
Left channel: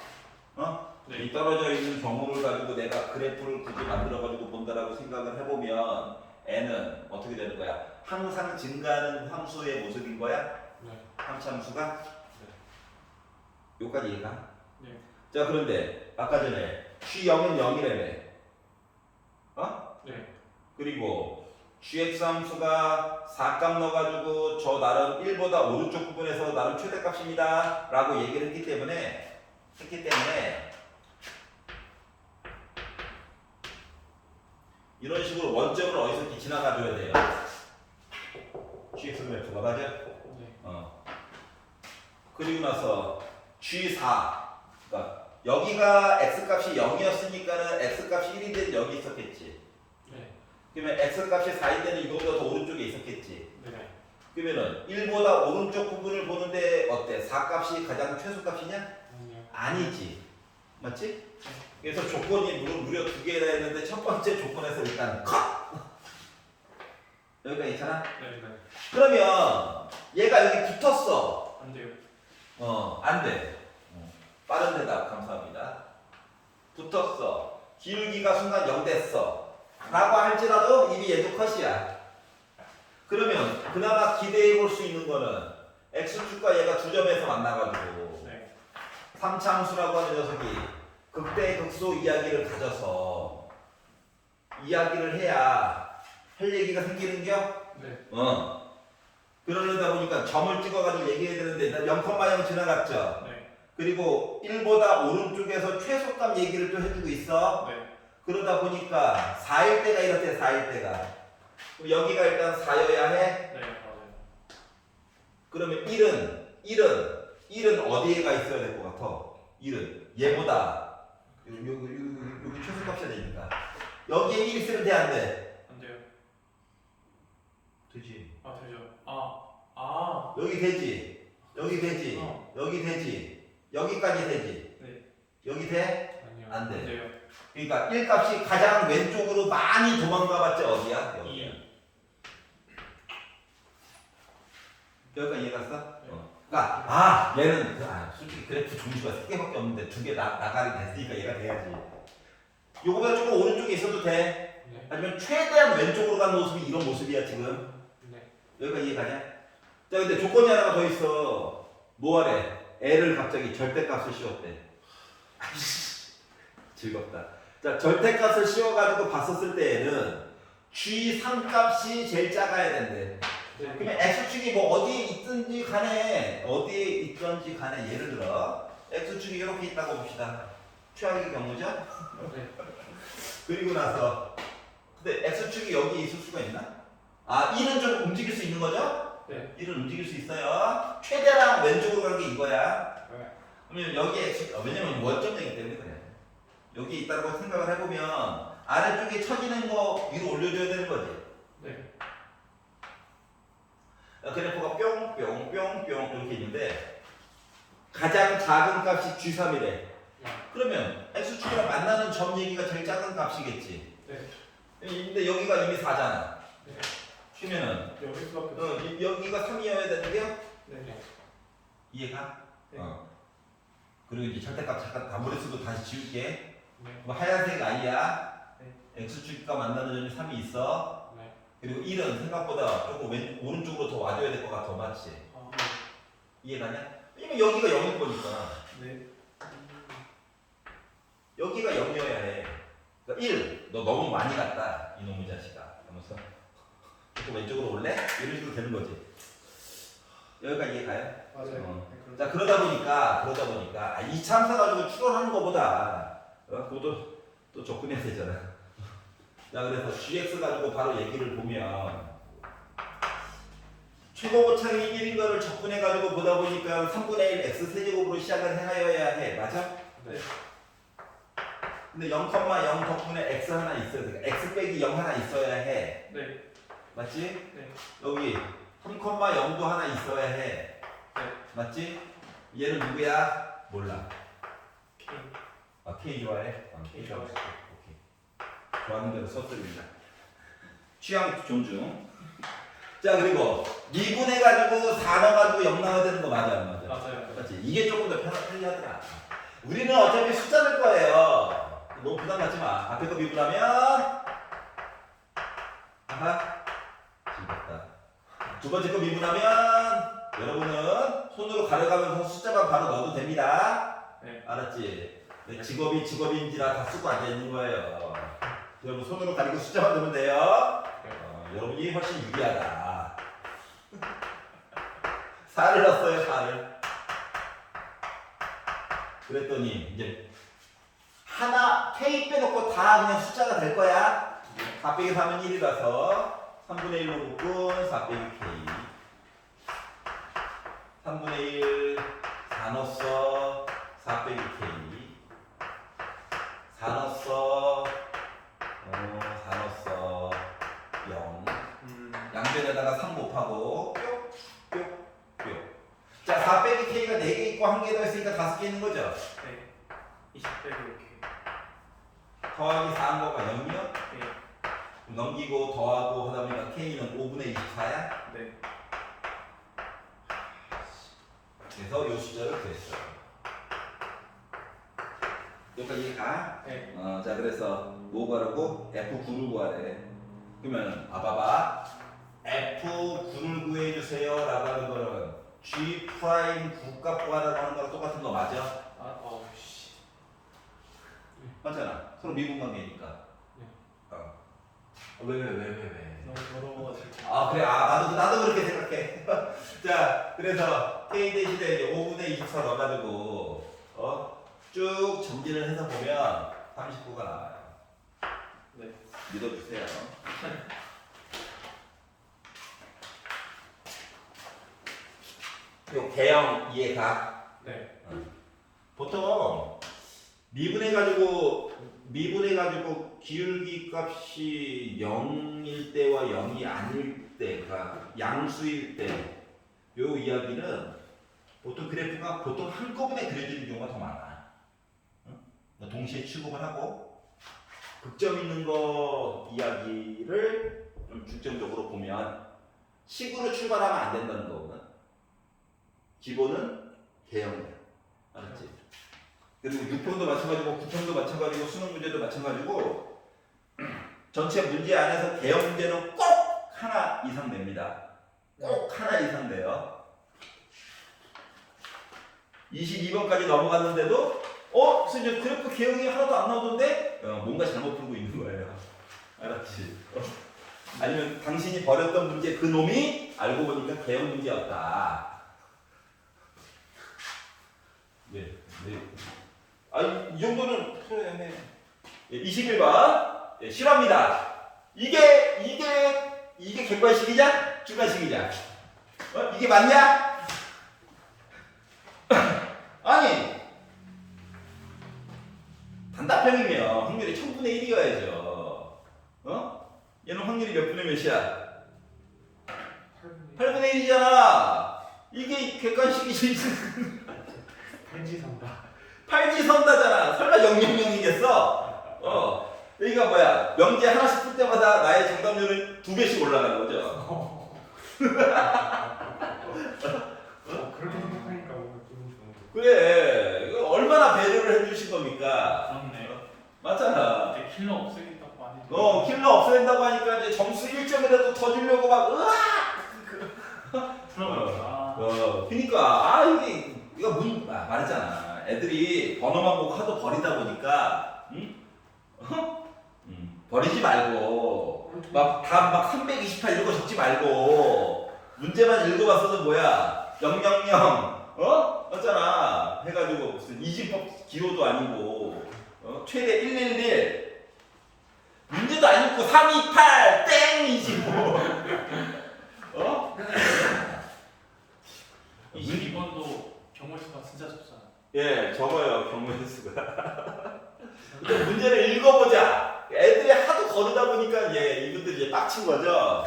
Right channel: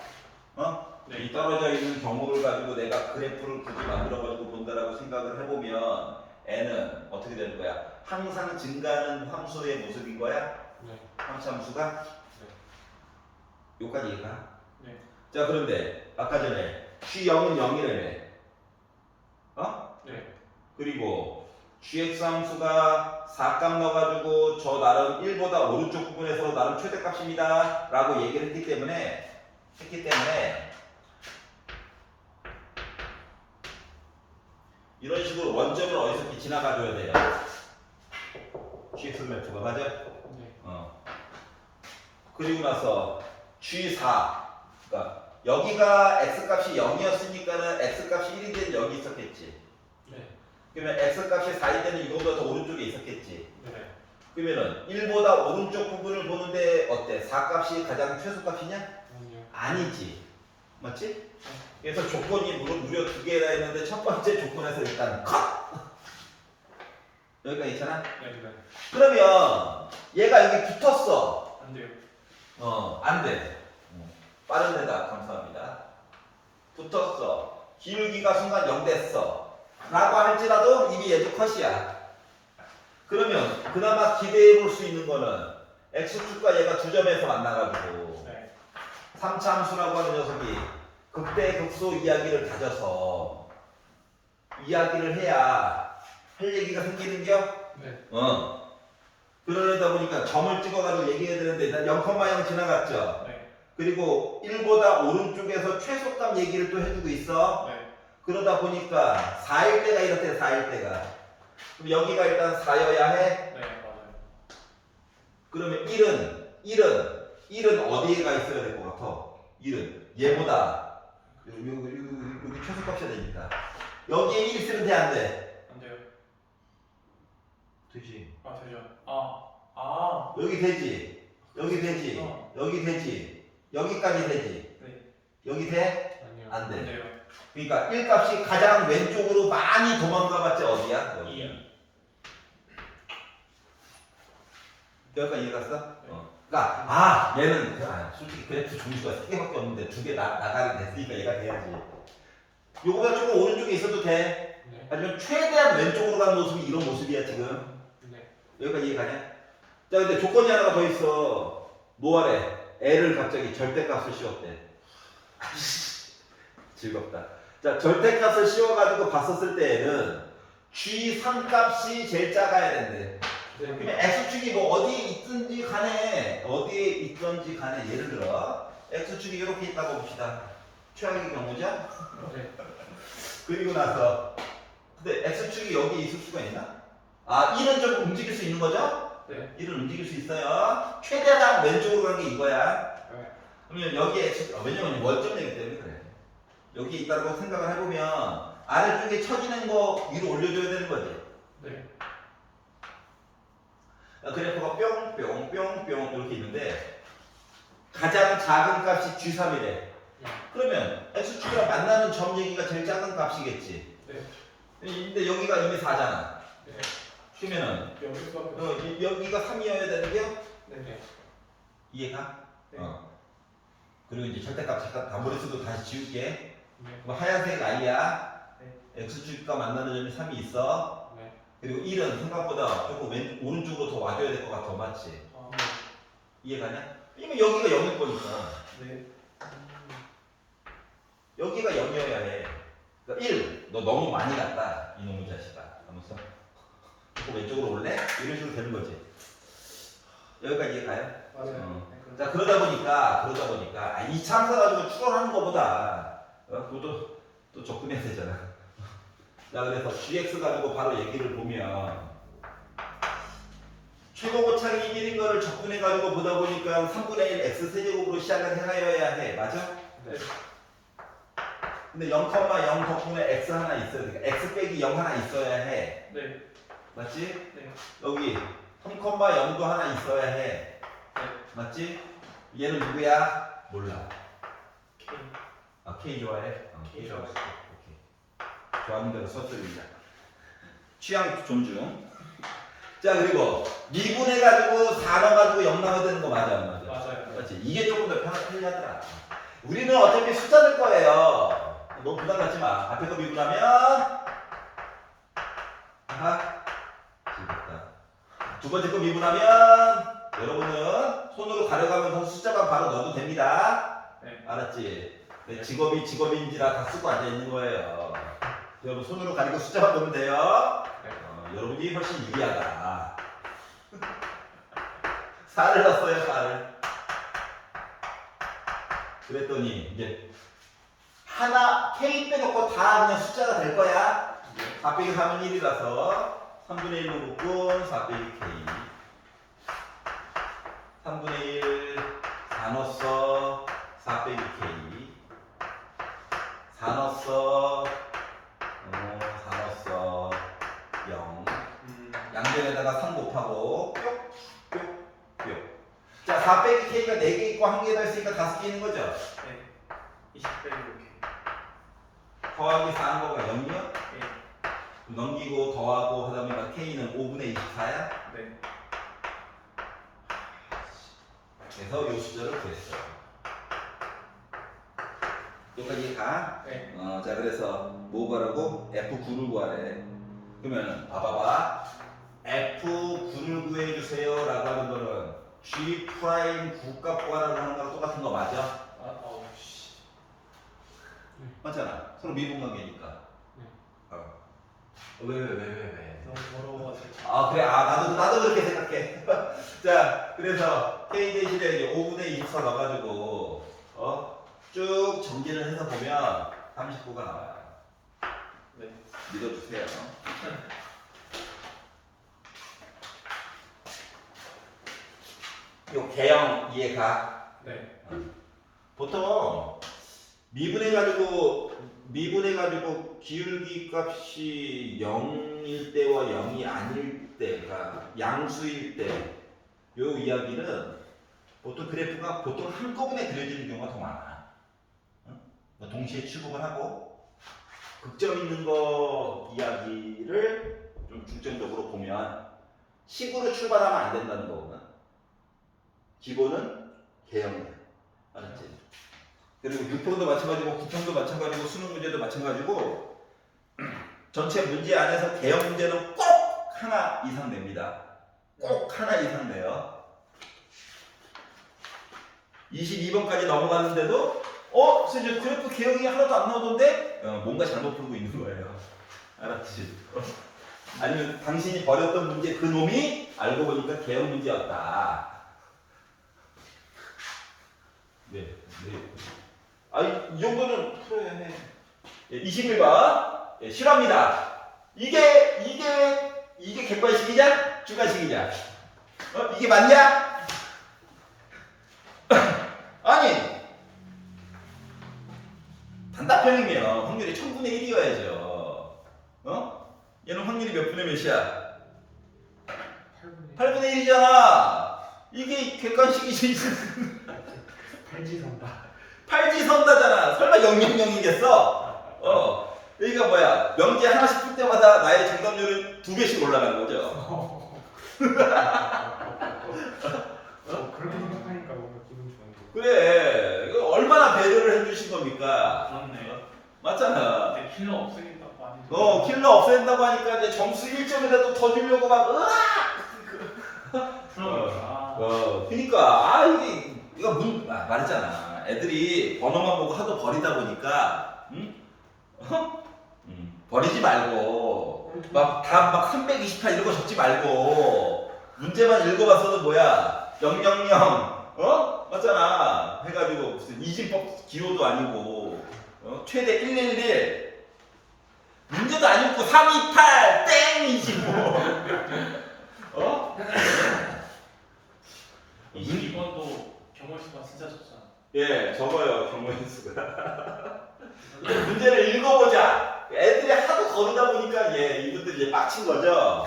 네. 이 떨어져 있는 경우를 가지고 내가 그래프를 굳이 만들어가지고 본다라고 생각을 해보면 n은 어떻게 되는 거야? 항상 증가하는 함수의 모습인 거야? 네. 3차함수가? 여기까지 이해가? 네. 자, 그런데 아까 전에 g0은 0이라며. 네. 그리고 gx 함수가 4값 넣어가지고 저 나름 1보다 오른쪽 부분에서 나름 최대값입니다 라고 얘기를 했기 때문에 이런 식으로 원점을 어디서 지나가줘야 돼요? gx 그래프가 맞아? 네. 그리고 나서 g4 그러니까 여기가 x값이 0이었으니까는 x값이 1이 되는 여기 있었겠지. 네. 그러면 x 값이 4일 때는 이거보다 더 오른쪽에 있었겠지. 네. 그러면은 1보다 오른쪽 부분을 보는데 어때? 4값이 가장 최소값이냐? 아니요. 아니지. 맞지? 그래서 조건이 무려 두 개라 했는데 첫 번째 조건에서 일단 컷! 여기까지 있잖아? 네. 네. 그러면 얘가 여기 붙었어. 안 돼요. 안 돼. 빠른 대답 감사합니다. 붙었어. 기울기가 순간 0 됐어. 라고 할지라도 이미 얘도 컷이야. 그러면 그나마 기대해 볼 수 있는 거는 x축과 얘가 두 점에서 만나가지고 네. 3차함수라고 하는 녀석이 극대극소 이야기를 가져서 이야기를 해야 할 얘기가 생기는겨? 네. 그러려다 보니까 점을 찍어가지고 얘기해야 되는데 일단 0,0 지나갔죠? 네. 그리고 1보다 오른쪽에서 최소값 얘기를 또 해주고 있어. 네. 그러다 보니까 4일 때가 이렇대. 4일 때가. 그럼 여기가 일단 4여야 해. 네. 맞아요. 그러면 1은 어디에 가 있어야 될 것 같아? 1은 얘보다 여기 최소값이야 되니까 여기에 1 있으면 돼 안 돼? 안 돼요. 되지. 아 되죠. 아. 여기 되지. 여기 되지. 여기 되지. 여기까지 되지. 네. 여기 돼? 아니요. 안 돼. 안 돼요. 그러니까 1 값이 가장 왼쪽으로 많이 도망가봤자 어디야? 여기야. 2. 여기까지 이해 갔어? 네. 그러니까 얘는 솔직히 그래프 종류가 3개밖에 없는데 2개 나가리 됐으니까 얘가 돼야지. 요거보다 조금 오른쪽에 있어도 돼. 네. 하지만 최대한 왼쪽으로 가는 모습이 이런 모습이야 지금. 네. 여기까지 이해 가냐? 자 근데 조건이 하나가 더 있어. 뭐하래? 애를 갑자기 절대값을 씌웠대. 즐겁다. 자 절대값을 씌워가지고 봤었을 때에는 G3 값이 제일 작아야 된대. 그러면 x축이 뭐 어디에 있든지 간에 예를 들어 x축이 이렇게 있다고 봅시다. 최악의 경우죠. 네. 그리고 나서 근데 x축이 여기 있을 수가 있나? 1은 좀 움직일 수 있는 거죠? 네. 1은 움직일 수 있어요. 최대한 왼쪽으로 가는 게 이거야. 네. 그러면 여기 x축 왜냐면 원점이기 때문에 그래. 여기 있다고 생각을 해보면 아래쪽에 처지는 거 위로 올려줘야 되는 거지. 네. 그래프가 뿅뿅뿅뿅 이렇게 있는데 가장 작은 값이 G3이래. 그러면 x축이랑 만나는 점 얘기가 제일 작은 값이겠지. 네. 근데 여기가 이미 4잖아. 네. 그러면은 여기서 여기가 3이어야 되는 게 네. 이해가? 네. 그리고 이제 절대값 잠깐 단번에서도 다시 지울게. 네. 그럼 하얀색 i야. 네. x축과 만나는 점이 3이 있어. 네. 그리고 1은 생각보다 조금 오른쪽으로 더 와줘야 될 것 같아. 맞지? 이해가냐? 왜냐면 여기가 0일 거니까. 네. 여기가 0이어야 해. 그러니까 1, 너 너무 많이 갔다. 이놈의 자식아. 하면서 또 왼쪽으로 올래? 이런 식으로 되는 거지. 여기까지 이해가요? 맞아요. 자 그러다 보니까 이 참사 가지고 추론하는 것보다 그것도 또 접근해야 되잖아. 자 그래서 gx 가지고 바로 얘기를 보면 최고 고착이 1인 거를 접근해 가지고 보다 보니까 3분의 1 x 세제곱으로 시작을 해놔야 해. 맞아? 네. 근데 0,0 덕분에 x 하나 있어야 돼. x 빼기 0 하나 있어야 해. 네. 맞지? 네. 여기 3,0도 하나 있어야 해. 네. 맞지? 얘는 누구야? 몰라. K. K 좋아해? K K 좋아해. 오케이. 좋아하는 대로 썼습니다. 취향 존중. 자 그리고 미분해가지고 4 넣어가지고 0 나와야 되는 거 맞아 안 맞아? 맞아요. 맞지? 이게 조금 더 편하더라. 우리는 어차피 숫자 될 거예요. 너무 부담 갖지 마. 앞에 거 미분하면 즐겁다. 두 번째 거 미분하면 여러분은 손으로 가려가면서 숫자만 바로 넣어도 됩니다. 네. 알았지? 내 직업이 직업인지라 다 쓰고 앉아 있는 거예요. 여러분 손으로 가리고 숫자만 넣으면 돼요. 네. 여러분이 훨씬 유리하다. 4를 넣었어요. 4를. 그랬더니 이제 하나 K 빼놓고 다 그냥 숫자가 될 거야. 4 빼기 3은 1이라서 3분의 1로 묶은 4 빼기 K. 3분의 1 4 넣었어. 4 빼기 K. 4 넣었어. 4 넣었어. 여기다가 3 곱하고 뿅뿅뿅. 자, 4 빼기 K가 4개 있고 1개 더 있으니까 5개 있는 거죠? 네. 20 빼기 이렇게. 더하기 4한 거가 0이요? 네. 넘기고 더하고 하다 보니까 K는 5분의 24야? 네. 그래서 요 숫자를 구했어요. 여기까지 가? 네. 자, 그래서 뭐 구하라고? F9를 구하래. 그러면은 봐봐봐. F9를 구해주세요 라고 하는 거는 G 프라임 국값 구하라고 하는 거랑 똑같은 거 맞아? 아, 씨. 맞잖아. 서로 미분관계니까. 네. 왜? 너무 어려워가지고. 아, 그래. 나도 그렇게 생각해. 자, 그래서 K 대신에 이제 5분의 24 넣어가지고 쭉 정리를 해서 보면 39가 나와요. 네. 믿어주세요. 요 개형 이해가? 네. 보통 미분해가지고 기울기 값이 0일 때와 0이 아닐 때, 그러니까 양수일 때, 요 이야기는 보통 그래프가 보통 한꺼번에 그려지는 경우가 더 많아. 뭐 동시에 취급을 하고 극점 있는 거 이야기를 좀 중점적으로 보면 식으로 출발하면 안 된다는 거거든. 기본은 개형이야. 알았지? 그리고 6평도 마찬가지고 9평도 마찬가지고 수능 문제도 마찬가지고 전체 문제 안에서 개형 문제는 꼭 하나 이상 냅니다. 꼭 하나 이상 내요. 22번까지 넘어갔는데도 선생님 그래프 개형이 하나도 안 나오던데 뭔가 잘못 풀고 있는 거예요. 알았지? 아니면 당신이 버렸던 문제 그 놈이 알고 보니까 개형 문제였다. 네. 이 정도는 풀어야 해. 21번. 실화입니다. 이게 객관식이냐? 주관식이냐? 이게 맞냐? 아니. 단답형이면 확률이 1000분의 1이어야죠. 얘는 확률이 몇 분의 몇이야? 8분의 1이잖아. 이게 객관식이지. 팔지선다잖아. 설마 000이겠어? 여기가 뭐야? 명제 하나씩 풀 때마다 나의 정답률은 2배씩 올라가는 거죠. 그렇게 생각하니까 뭔가 기분 좋은데. 그래. 이거 얼마나 배려를 해주신 겁니까? 그렇네. 맞잖아. 이제 킬러 없애겠다고 하니. 킬러 없앤다고 하니까 이제 점수 1점이라도 더 주려고 막, 그니까, 이거 말했잖아. 애들이 번호만 보고 하도 버리다 보니까, 버리지 말고, 막 328 이런 거 적지 말고, 문제만 읽어봤어도 뭐야, 000, 맞잖아. 해가지고, 무슨 이진법 기호도 아니고, 최대 111, 문제도 안 읽고 328, 땡이지 뭐. 22번도 경월수가 진짜 적잖아. 예, 적어요, 경우의 수가. 문제를 읽어보자. 애들이 하도 거르다 보니까 이분들이 이제 빡친 거죠.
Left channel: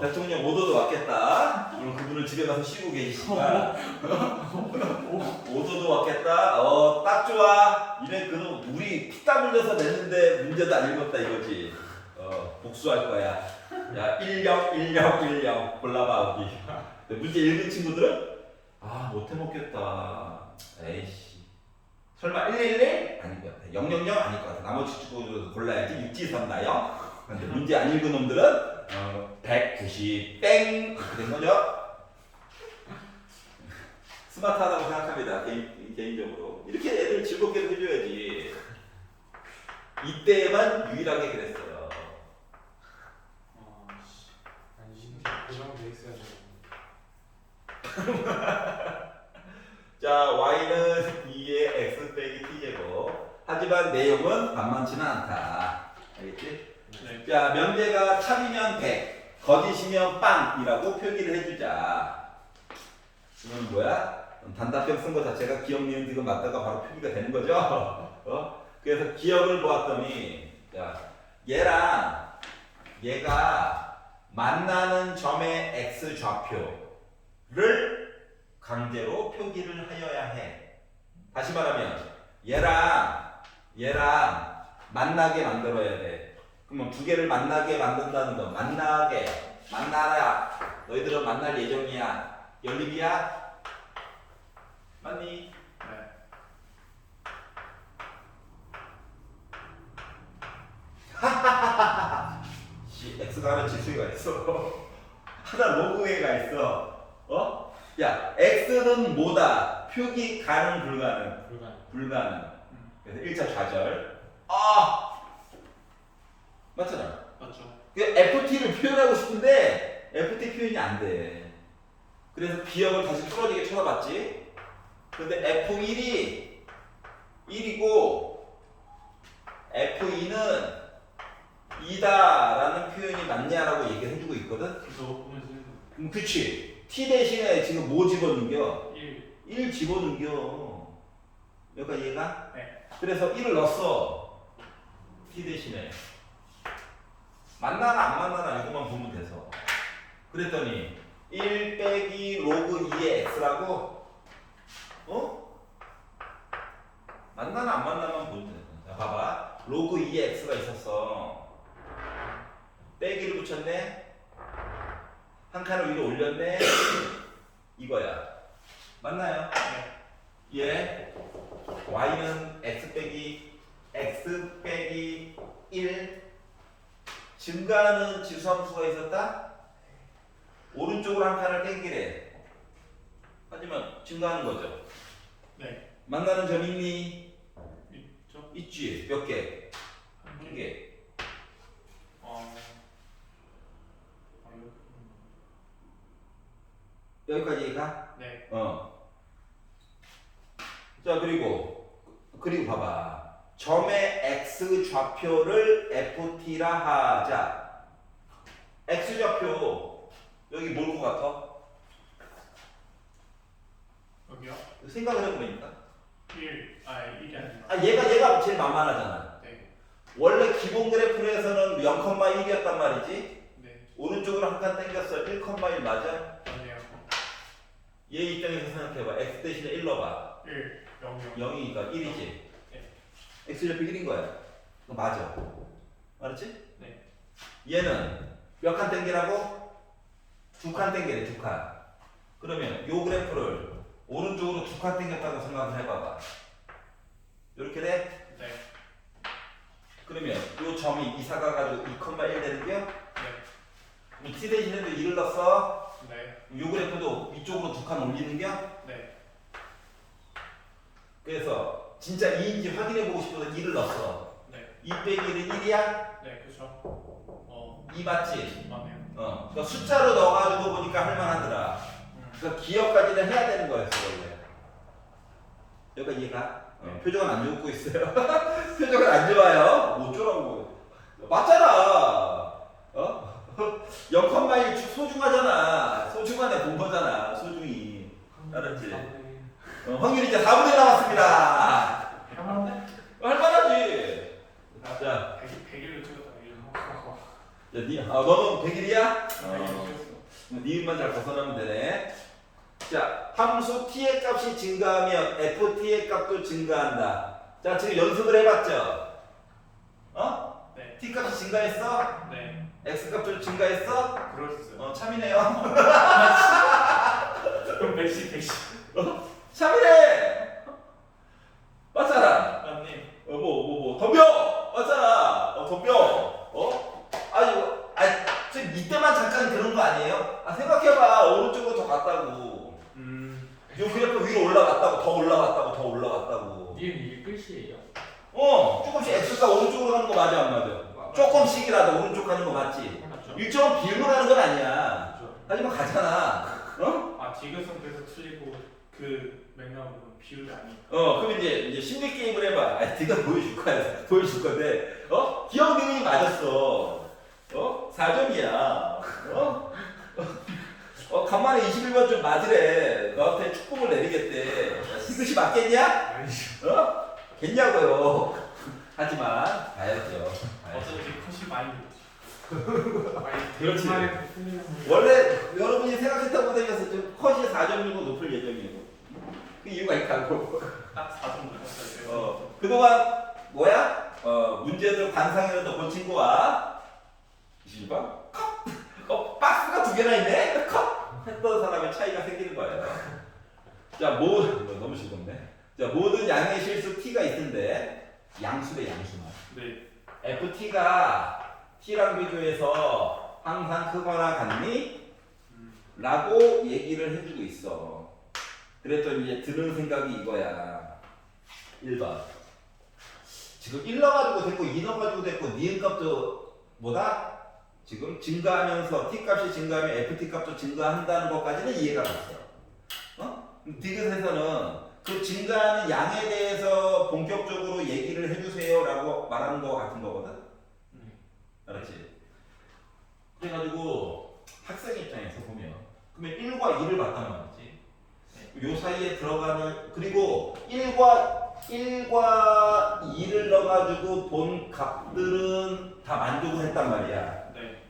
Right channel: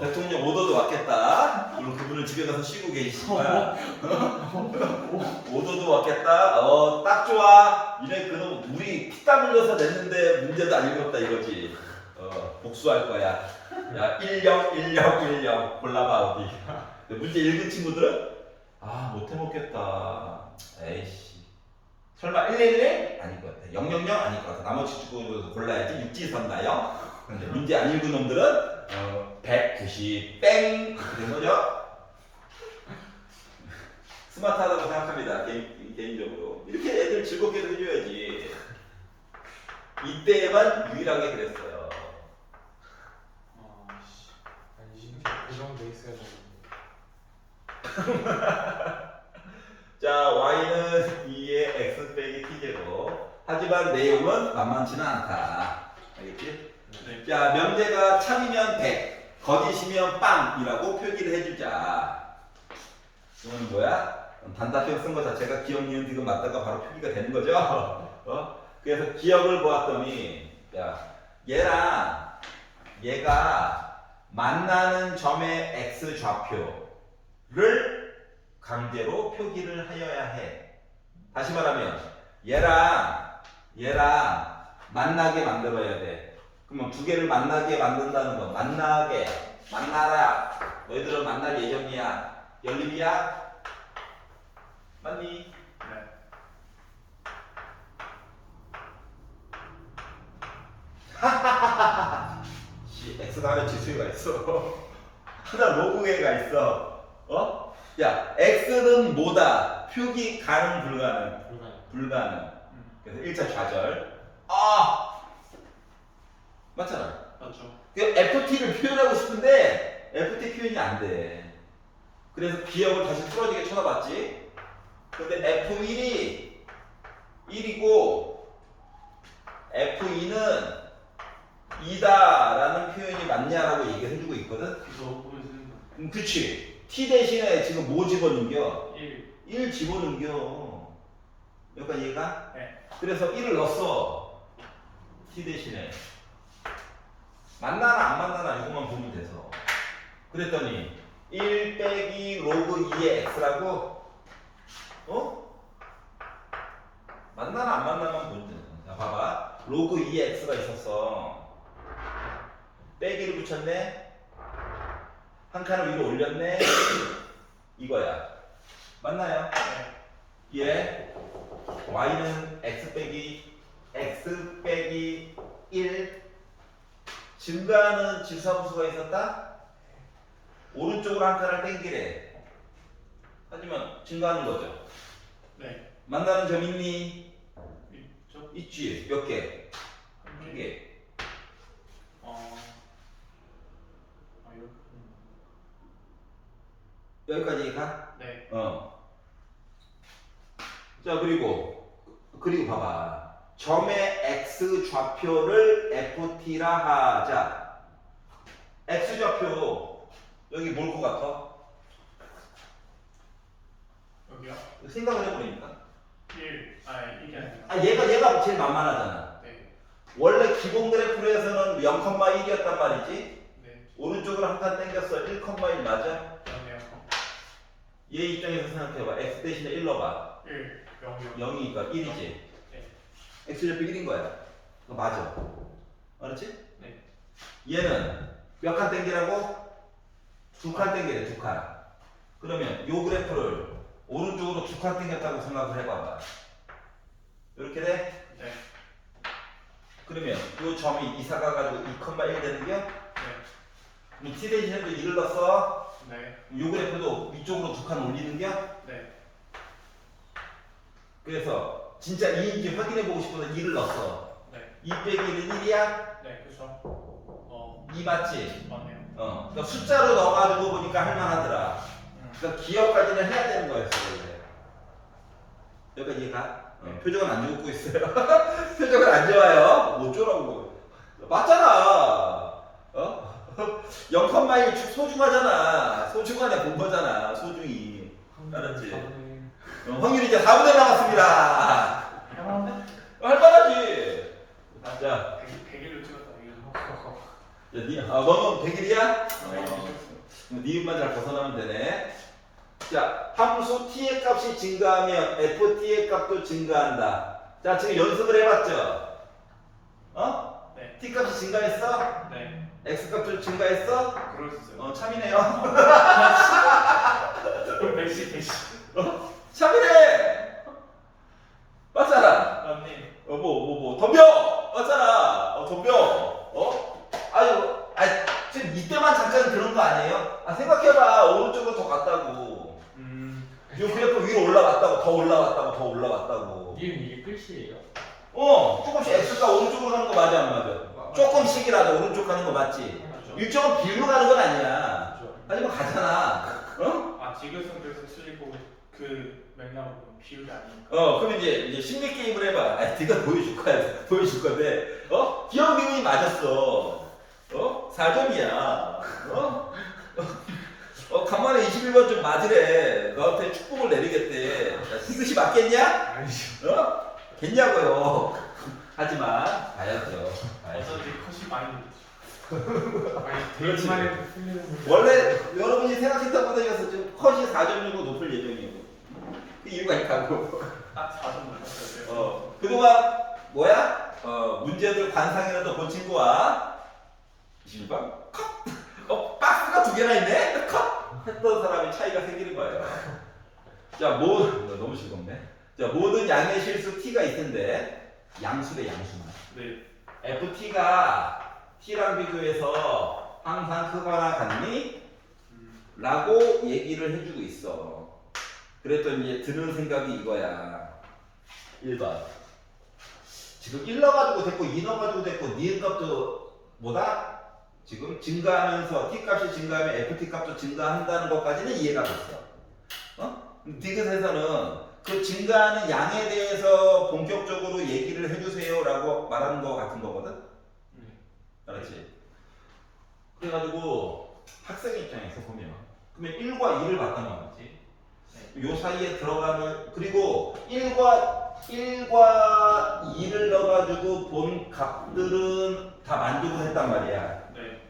대통령 오도도 왔겠다. 그럼 그분은 집에 가서 쉬고 계시니까. 오도도 왔겠다. 딱 좋아. 이래 그럼 우리 피땀 흘려서 냈는데 문제도 안 읽었다 이거지. 복수할 거야. 야, 10 골라봐 어디. 문제 읽은 친구들은 못해 먹겠다. 에이씨. 설마 111? 아닐 것 같아. 000 아닐 것 같아. 나머지 친구들 골라야지. 육지선다요. 근데 문제 안 읽은 놈들은 190 땡 이렇게 된 거죠. 스마트하다고 생각합니다. 개인적으로 이렇게 애들 즐겁게 해줘야지. 이때만 유일하게 그랬어요. 아니, 이게 고정돼 있어야 되는데. 자, y는 2의 x 빼기 t제곱. 하지만 내용은 만만치는 않다. 알겠지? 네. 자, 명제가 참이면 100, 거짓이면 빵이라고 표기를 해주자. 이건 뭐야? 단답형 쓴 거 자체가 기억, 니은, 디귿 맞다가 바로 표기가 되는 거죠. 그래서 기억을 보았더니, 야, 얘랑 얘가 만나는 점의 x 좌표를 강제로 표기를 하여야 해. 다시 말하면 얘랑 만나게 만들어야 돼. 그러면 두 개를 만나게 만든다는 거. 만나라. 너희들은 만날 예정이야. 연립이야? 맞니? 네. x가 하나 지수가 있어. 하나 로그가 있어. 야, x는 뭐다? 표기 가능 불가능? 불가능. 그래서 1차 좌절. 맞잖아. 맞죠. FT를 표현하고 싶은데 FT 표현이 안 돼. 그래서 기억을 다시 풀어지게 쳐다봤지. 근데 F1이 1이고 F2는 2다라는 표현이 맞냐라고 얘기를 해주고 있거든. 그래서 보면 되는 거. 그치. T 대신에 지금 뭐 집어넣겨? 1. 1 집어넣겨. 여기까지 이해가? 네. 그래서 1을 넣었어. T 대신에. 만나나 안 만나나 이것만 보면 돼서. 그랬더니 1 빼기 로그 2의 x라고? 만나나 안 만나면 보면 돼. 자, 봐봐. 로그 2의 x가 있었어. 빼기를 붙였네. 한 칸을 위로 올렸네. 이거야. 맞나요? 네. 얘 y는 x 빼기 1 증가하는 지수함수가 있었다? 오른쪽으로 한 칸을 땡기래. 하지만 증가하는 거죠. 네. 만나는 점 있니? 있죠. 있지. 몇 개? 한 한 개. 개. 이거. 여기까지 가? 네. 자, 그리고 봐봐. 점의 x 좌표를 ft라 하자. x 좌표 여기 뭘 것 같아? 여기요. 생각을 해보니까. 1. 1이 아니라. 얘가 제일 만만하잖아. 네. 원래 기본 그래프에서는 0,1이었단 말이지. 네. 오른쪽으로 한 칸 땡겼어. 1,1 맞아? 아니에요. 얘 입장에서 생각해봐. x 대신에 1 넣어봐. 1. 0이요. 0이니까 1이지. 네. x 좌표 1인 거야. 맞아. 알았지? 네. 얘는 몇 칸 땡기라고? 2칸 땡기래. 2칸. 그러면 요 그래프를 오른쪽으로 2칸 땡겼다고 생각을 해봐봐. 이렇게 돼? 네. 그러면 요 점이 이사가 가지고 2,1 되는겨? 네. 그럼 t 대신에도 1을 넣었어. 네. 요 그래프도 위쪽으로 2칸 올리는겨? 네. 그래서 진짜 2인지 확인해보고 싶어서 2를 넣었어. 네. 2 빼기 1은 1이야? 네. 그렇죠. 2 맞지? 맞네요. 그러니까 숫자로 넣어가지고 보니까 할만하더라. 그러니까 기억까지는 해야 되는 거였어 원래. 여기까지 이해가? 표정은 안 좋고 있어요. 표정은 안 좋아요. 뭐 어쩌라고. 맞잖아. 0,1 소중하잖아. 소중하네 본 거잖아. 소중히. 알았지? 확률이 이제 4분의 남았습니다. 할만한데? 할만하지. 자, 100일로 찍었다. 너는 100일이야? 100일 찍었어. 니은만 잘 벗어나면 되네. 자, 함수 t의 값이 증가하면 ft의 값도 증가한다. 자, 지금 연습을 해봤죠? 네. t 값이 증가했어? 네. x 값도 증가했어? 그럴 수 있어요. 참이네요. 그럼 100씩. 참이네. 맞잖아. 맞네. 덤벼. 맞잖아. 덤벼. 지금 이때만 잠깐 그런 거 아니에요? 생각해봐. 오른쪽으로 더 갔다고. 요 그래프 위로 올라갔다고, 더 올라갔다고, 더 올라갔다고. 니은 이게 끝이에요? 조금씩 x가 오른쪽으로 가는 거 맞아, 안 맞아? 조금씩이라도 오른쪽 가는 거 맞지? 맞죠. 일정은 비로 가는 건 아니야. 그렇죠. 하지만 가잖아. 지교성에서 틀리고 그 맥락으로 비율이 아니니까. 그럼 이제 심리 게임을 해봐. 네가 보여줄 건데, 기억 내용이 맞았어. 4점이야. 간만에 21번 좀 맞으래. 너한테 축복을 내리겠대. 이것이 맞겠냐? 아니죠. 겠냐고요. 하지만 봐야죠. 어차피 컷이 많이 아니 그렇지. 대입만 해도 풀리는 문제. 원래 여러분이 생각했던 보다에서 좀 컷이 4.65 높을 예정이고 그 이유가 있다고. 딱 4점 맞았어요. 그동안 뭐야? 문제들 관상이라도 본 친구와 실방 컷. 박스가 두 개나 있네. 컷 했던 사람의 차이가 생기는 거예요. 자, 너무 즐겁네. 자, 모든 양의 실수 t가 있는데 양수래 양수만. 네. ft가 t랑 비교해서 항상 크거나 같니? 라고 얘기를 해주고 있어. 그랬더니 이제 드는 생각이 이거야. 1번. 지금 1 넣어가지고 됐고 2 넣어가지고 됐고 니은 값도 뭐다? 지금 증가하면서 t 값이 증가하면 ft 값도 증가한다는 것까지는 이해가 됐어. 디귿에서는 그 증가하는 양에 대해서 본격적으로 얘기를 해주세요라고 말하는 거 같은 거거든. 알았지? 그래가지고 학생 입장에서 보면 그러면 1과 2를 봤다는 거지. 요 사이에 들어가는 그리고 1과 2를 넣어가지고 본 값들은 다 만족을 했단 말이야. 네.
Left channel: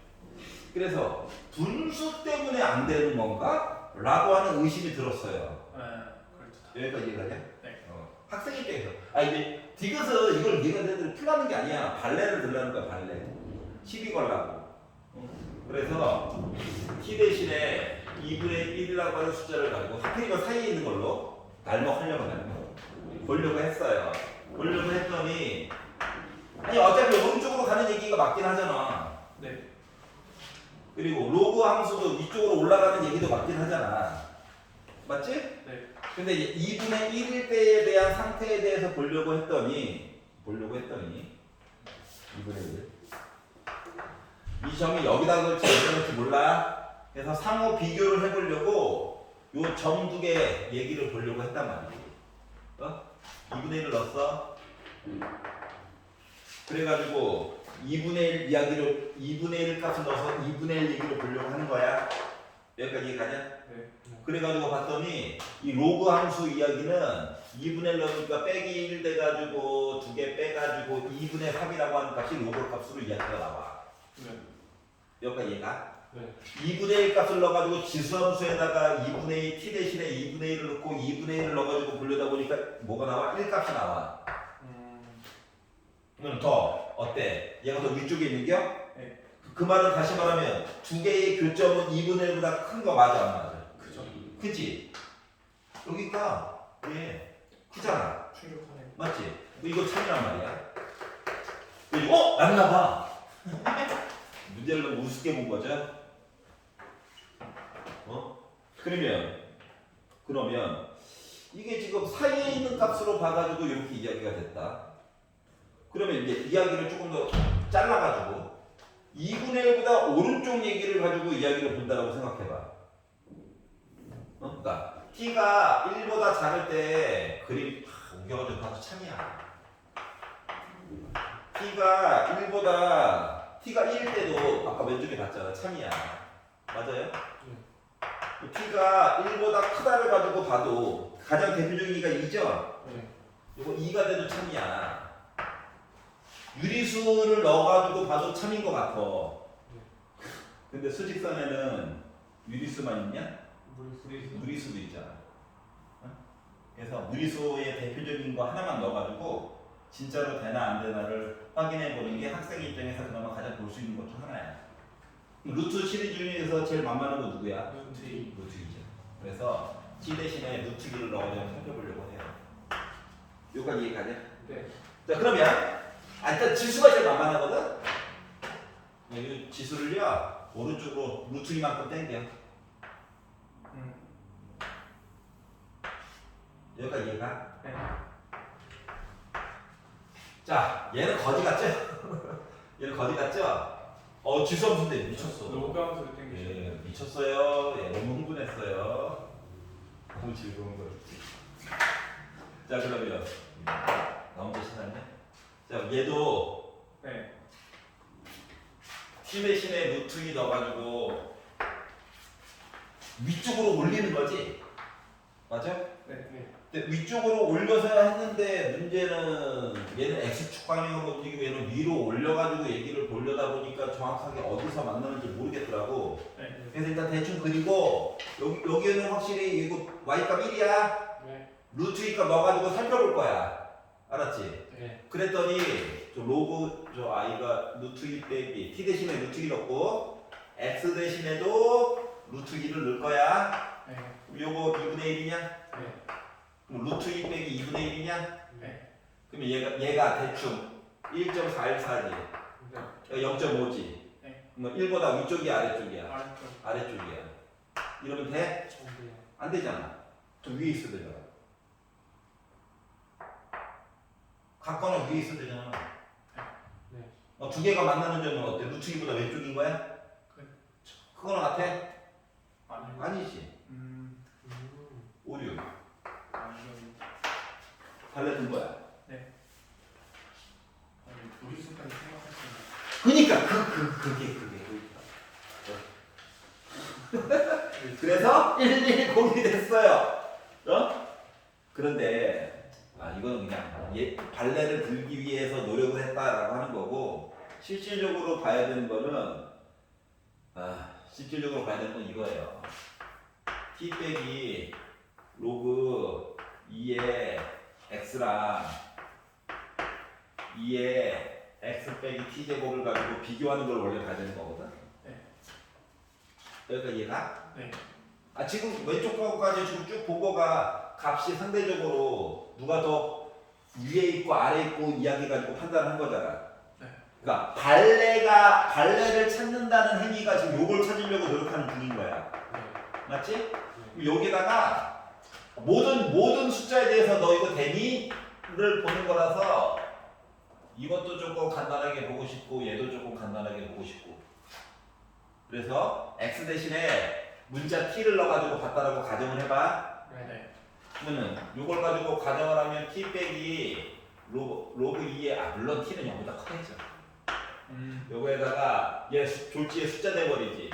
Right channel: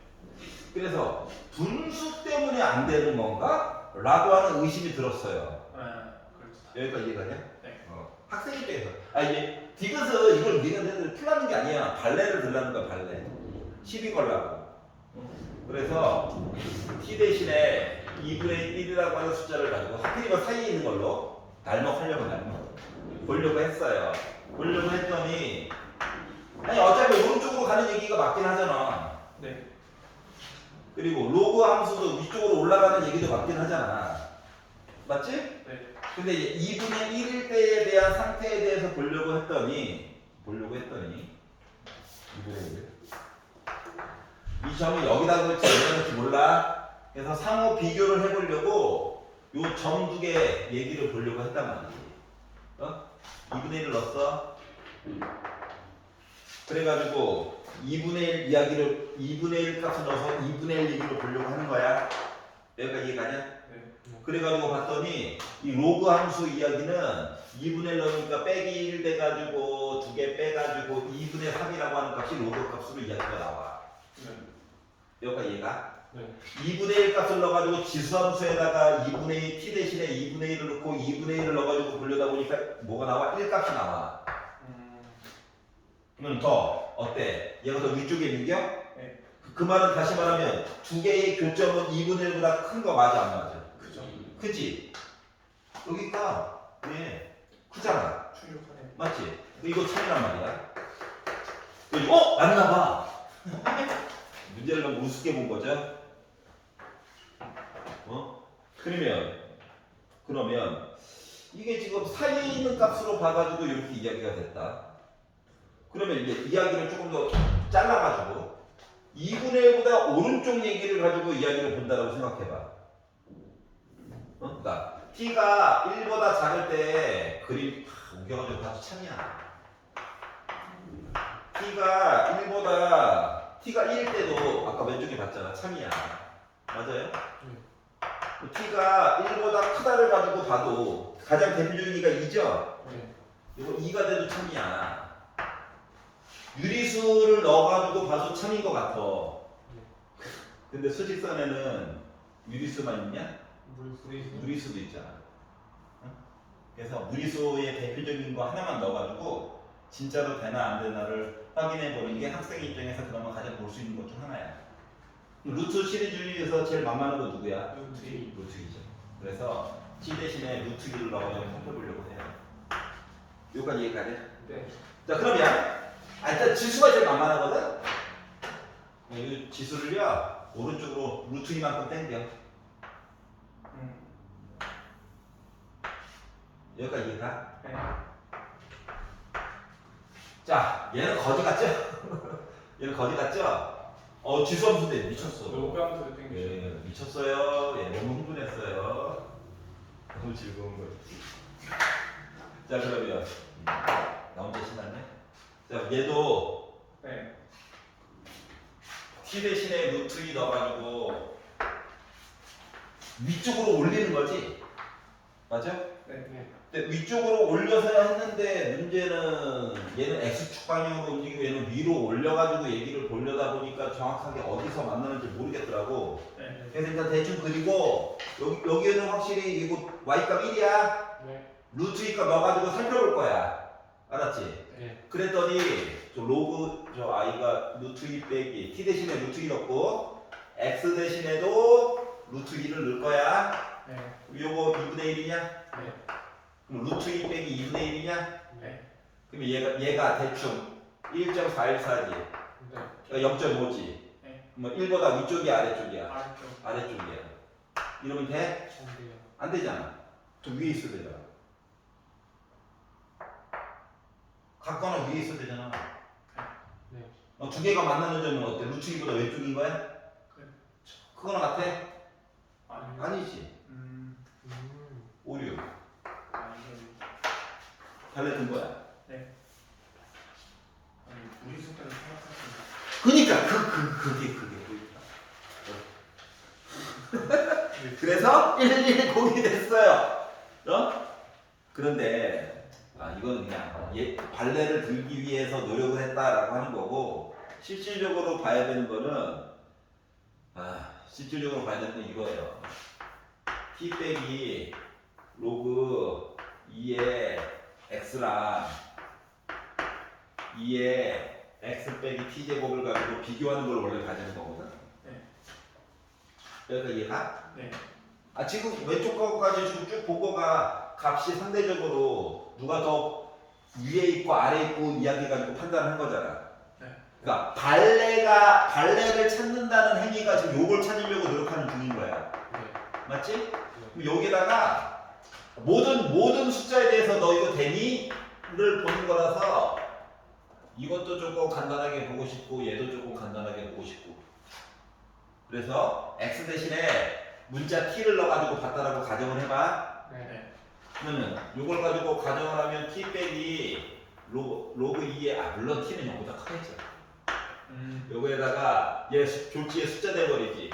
그래서 분수 때문에 안 되는 건가? 라고 하는 의심이 들었어요. 그렇죠. 여기까지 이해가냐? 네. 학생 입장에서 이제 디귿은 이걸 니네들 풀라는 게 아니야. 발레를 들라는 거야. 발레. 시비 걸라고. 그래서 t 대신에 2분의 1이라고 하는 숫자를 가지고 하필이면 사이에 있는 걸로 날먹하려고 보려고 했어요. 보려고 했더니 아니 어차피 오른쪽으로 가는 얘기가 맞긴 하잖아. 네. 그리고 로그 함수도 위쪽으로 올라가는 얘기도 맞긴 하잖아. 맞지? 네. 근데 이제 2분의 1일 때에 대한 상태에 대해서 보려고 했더니 2분의 1. 이 점이 여기다 걸지 여기다 걸지 몰라. 그래서 상호 비교를 해보려고 요 점 두 개 얘기를 보려고 했단 말이지. 2분의 1을 넣었어. 그래가지고 2분의 1 이야기를 2분의 1 값을 넣어서 2분의 1 얘기를 보려고 하는 거야. 여기까지 이해가냐? 네. 그래가지고 봤더니 이 로그 함수 이야기는 2분의 1 넣으니까 빼기 1 돼가지고 두 개 빼가지고 2분의 3이라고 하는 값이 로그 값으로 이야기가 나와. 네. 여기까지 이해가? 네. 2분의 1 값을 넣어가지고 지수함수에다가 2분의 2 t 대신에 2분의 1을 넣고 2분의 1을 넣어가지고 보려다 보니까 뭐가 나와? 1 값이 나와. 그러면 더 어때? 얘가 더 위쪽에 있는겨? 네. 그 말은 다시 말하면 두 개의 교점은 2분의 1보다 큰 거 맞아 안 맞아? 그죠. 크지? 여기가 얘 크잖아. 충격하네. 맞지? 이거 참이란 말이야. 그리고 맞나 봐. 문제를 너무 우습게 본 거죠? 그러면 이게 지금 사이에 있는 값으로 봐가지고 이렇게 이야기가 됐다. 그러면 이제 이야기를 조금 더 잘라가지고 2분의 1보다 오른쪽 얘기를 가지고 이야기를 본다라고 생각해봐. 그러니까 t가 1보다 작을 때 그림 우겨가지고 봐도 참이야. t가 1일 때도 아까 왼쪽에 봤잖아. 참이야. 맞아요? t가 1보다 크다를 가지고 봐도 가장 대표적인 얘가 2죠? 네. 이거 2가 돼도 참이야. 유리수를 넣어가지고 봐도 참인 것 같아. 근데 수직선에는 유리수만 있냐? 무리수도 있잖아. 그래서 무리수의 대표적인 거 하나만 넣어가지고 진짜로 되나 안 되나를 확인해 보는 게 학생 입장에서 그나마 가장 볼 수 있는 것 중 하나야. 루트 시리즈 중에서 제일 만만한 거 누구야? 루트 2. 루트 2죠. 그래서 t 대신에 루트 2를 넣어서 살펴보려고 해요. 여기까지 이해가냐? 네. 자 그러면 일단 지수가 제일 만만하거든? 이 지수를요 오른쪽으로 루트 2만큼 당겨. 여기까지 이해가? 네. 자 얘는 거지 같죠? 얘는 거지 같죠? 지수 함수인데 미쳤어. 로그함수를 땡기시네. 예, 미쳤어요. 예, 너무 흥분했어요. 너무 즐거운 거지. 자 그러면 나 혼자 신났네. 자 얘도 네. t 대신에 루트 2 넣어가지고 위쪽으로 올리는 거지. 맞아? 네. 근데 위쪽으로 올려서 했는데 문제는 얘는 X축 방향으로 움직이고 얘는 위로 올려가지고 얘기를 보려다 보니까 정확하게 어디서 만나는지 모르겠더라고. 네. 그래서 일단 대충 그리고 여기에는 확실히 이거 Y값 1이야. 네. 루트 2값 넣어가지고 살펴볼 거야. 알았지? 네. 그랬더니 저 로그 저 I가 루트 2 빼기 T 대신에 루트 2 넣고 X 대신에도 루트 2를 넣을 거야. 네. 그럼 요거 2분의 1이냐? 네. 그럼 루트 2 빼기 2분의 1이냐? 네. 그럼 얘가 대충 1.414지. 네. 0.5지. 네. 뭐 1보다 위쪽이야 아래쪽이야? 아래쪽. 아래쪽이야. 이러면 돼? 안 돼요. 안 되잖아. 저 위에 있어야 되잖아. 같거나 위에 있어야 되잖아. 네. 두 개가 만나는 점은 어때? 루트 2보다 왼쪽인 거야? 그렇죠. 그거랑 같아? 아니요. 아니지. 음. 오류. 아니요. 발레 거야. 아니 둘이 있을 때는 생각했습니다. 그니까 그게 포인트야. 그래서 111공이 됐어요. 그런데 이건 그냥 발레를 들기 위해서 노력을 했다라고 하는 거고 실질적으로 봐야 되는 거는 실질적으로 봐야 되는 건 이거예요. t 빼기 로그 2의 x랑 2의 x 빼기 t 제곱을 가지고 비교하는 걸 원래 봐야 되는 거거든. 네. 여기가 이해가? 네. 지금 왼쪽 거까지 지금 쭉 보고가 값이 상대적으로 누가 더 위에 있고 아래 있고 이야기 가지고 판단한 거잖아. 네. 그러니까 발레를 찾는다는 행위가 지금 요걸 찾으려고 노력하는 중인 거야. 네. 맞지? 네. 그럼 여기다가 모든 숫자에 대해서 너 이거 되니?를 보는 거라서 이것도 조금 간단하게 보고 싶고 얘도 조금 간단하게 보고 싶고 그래서 x 대신에 문자 t를 넣어가지고 봤다라고 가정을 해봐. 네. 그러면 이걸 가지고 가정을 하면 t 빼기 로그 2의 물론 t는 0보다 커야죠. 요거에다가 얘 졸지에 숫자 돼버리지.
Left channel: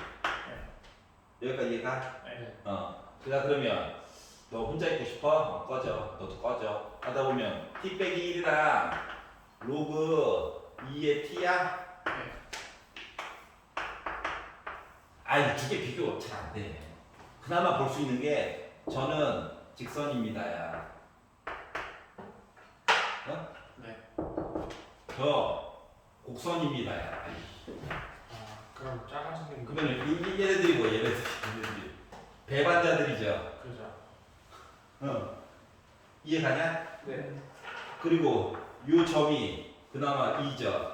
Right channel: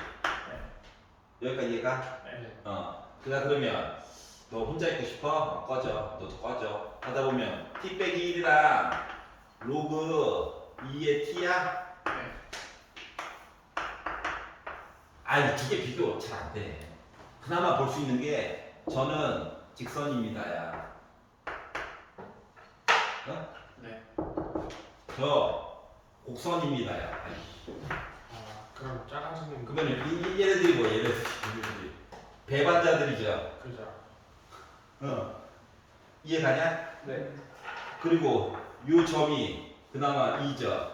여기까지 이해가? 네. 그다 그러면 너 혼자 있고 싶어? 꺼져. 너도 꺼져. 하다 보면 t 빼기 1이랑 로그 2의 t야? 두 개 비교 잘 안 돼. 그나마 볼 수 있는 게 저는 직선입니다야. 네. 저 곡선입니다야. 그럼 작아지는 거. 그러면 얘네들이 뭐 얘네들이 배반자들이죠. 그죠. 이해가냐? 네. 그리고 요 점이 그나마 2죠.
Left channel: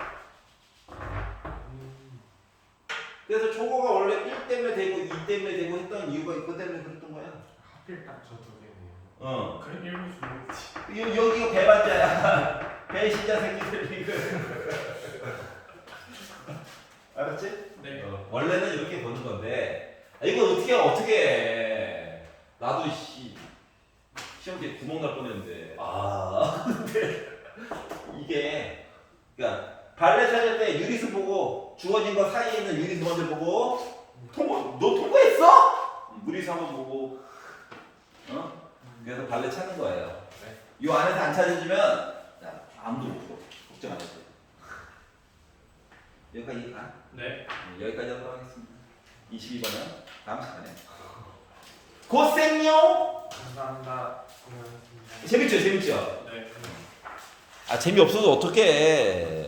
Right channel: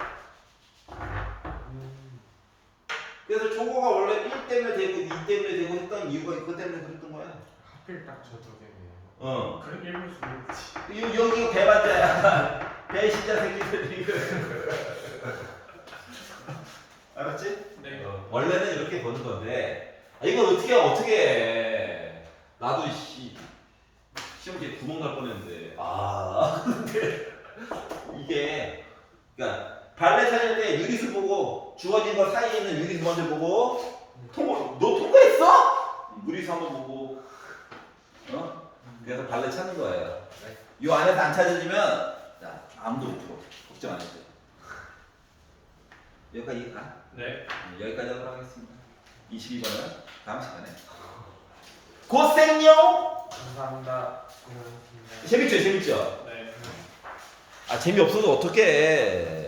그래서 초고가 원래 1 때문에 되고 2 때문에 되고 했던 이유가 이것 때문에 그랬던 거야. 하필 딱 저 두 개네요. 그런 일부 여기가 배반자야. 배신자 새끼들이 알았지? 네. 원래는 이렇게 보는 건데 이걸 어떻게 해. 나도 시험지에 구멍 날 뻔했는데 근데 이게 그러니까 발레 찾을 때 유리수 보고 주어진 거 사이에 있는 유리수 먼저 보고 너 통과했어? 유리수 한번 보고 그래서 발레 찾는 거예요. 이 안에서 안 찾아지면 아무도 못 풀어. 걱정 안 해도 돼. 여기까지 가? 네. 여기까지 하도록 하겠습니다. 22번은 다음 시간에 고생요. 감사합니다. 고맙습니다. 재밌죠? 네. 재미없어도 어떡해.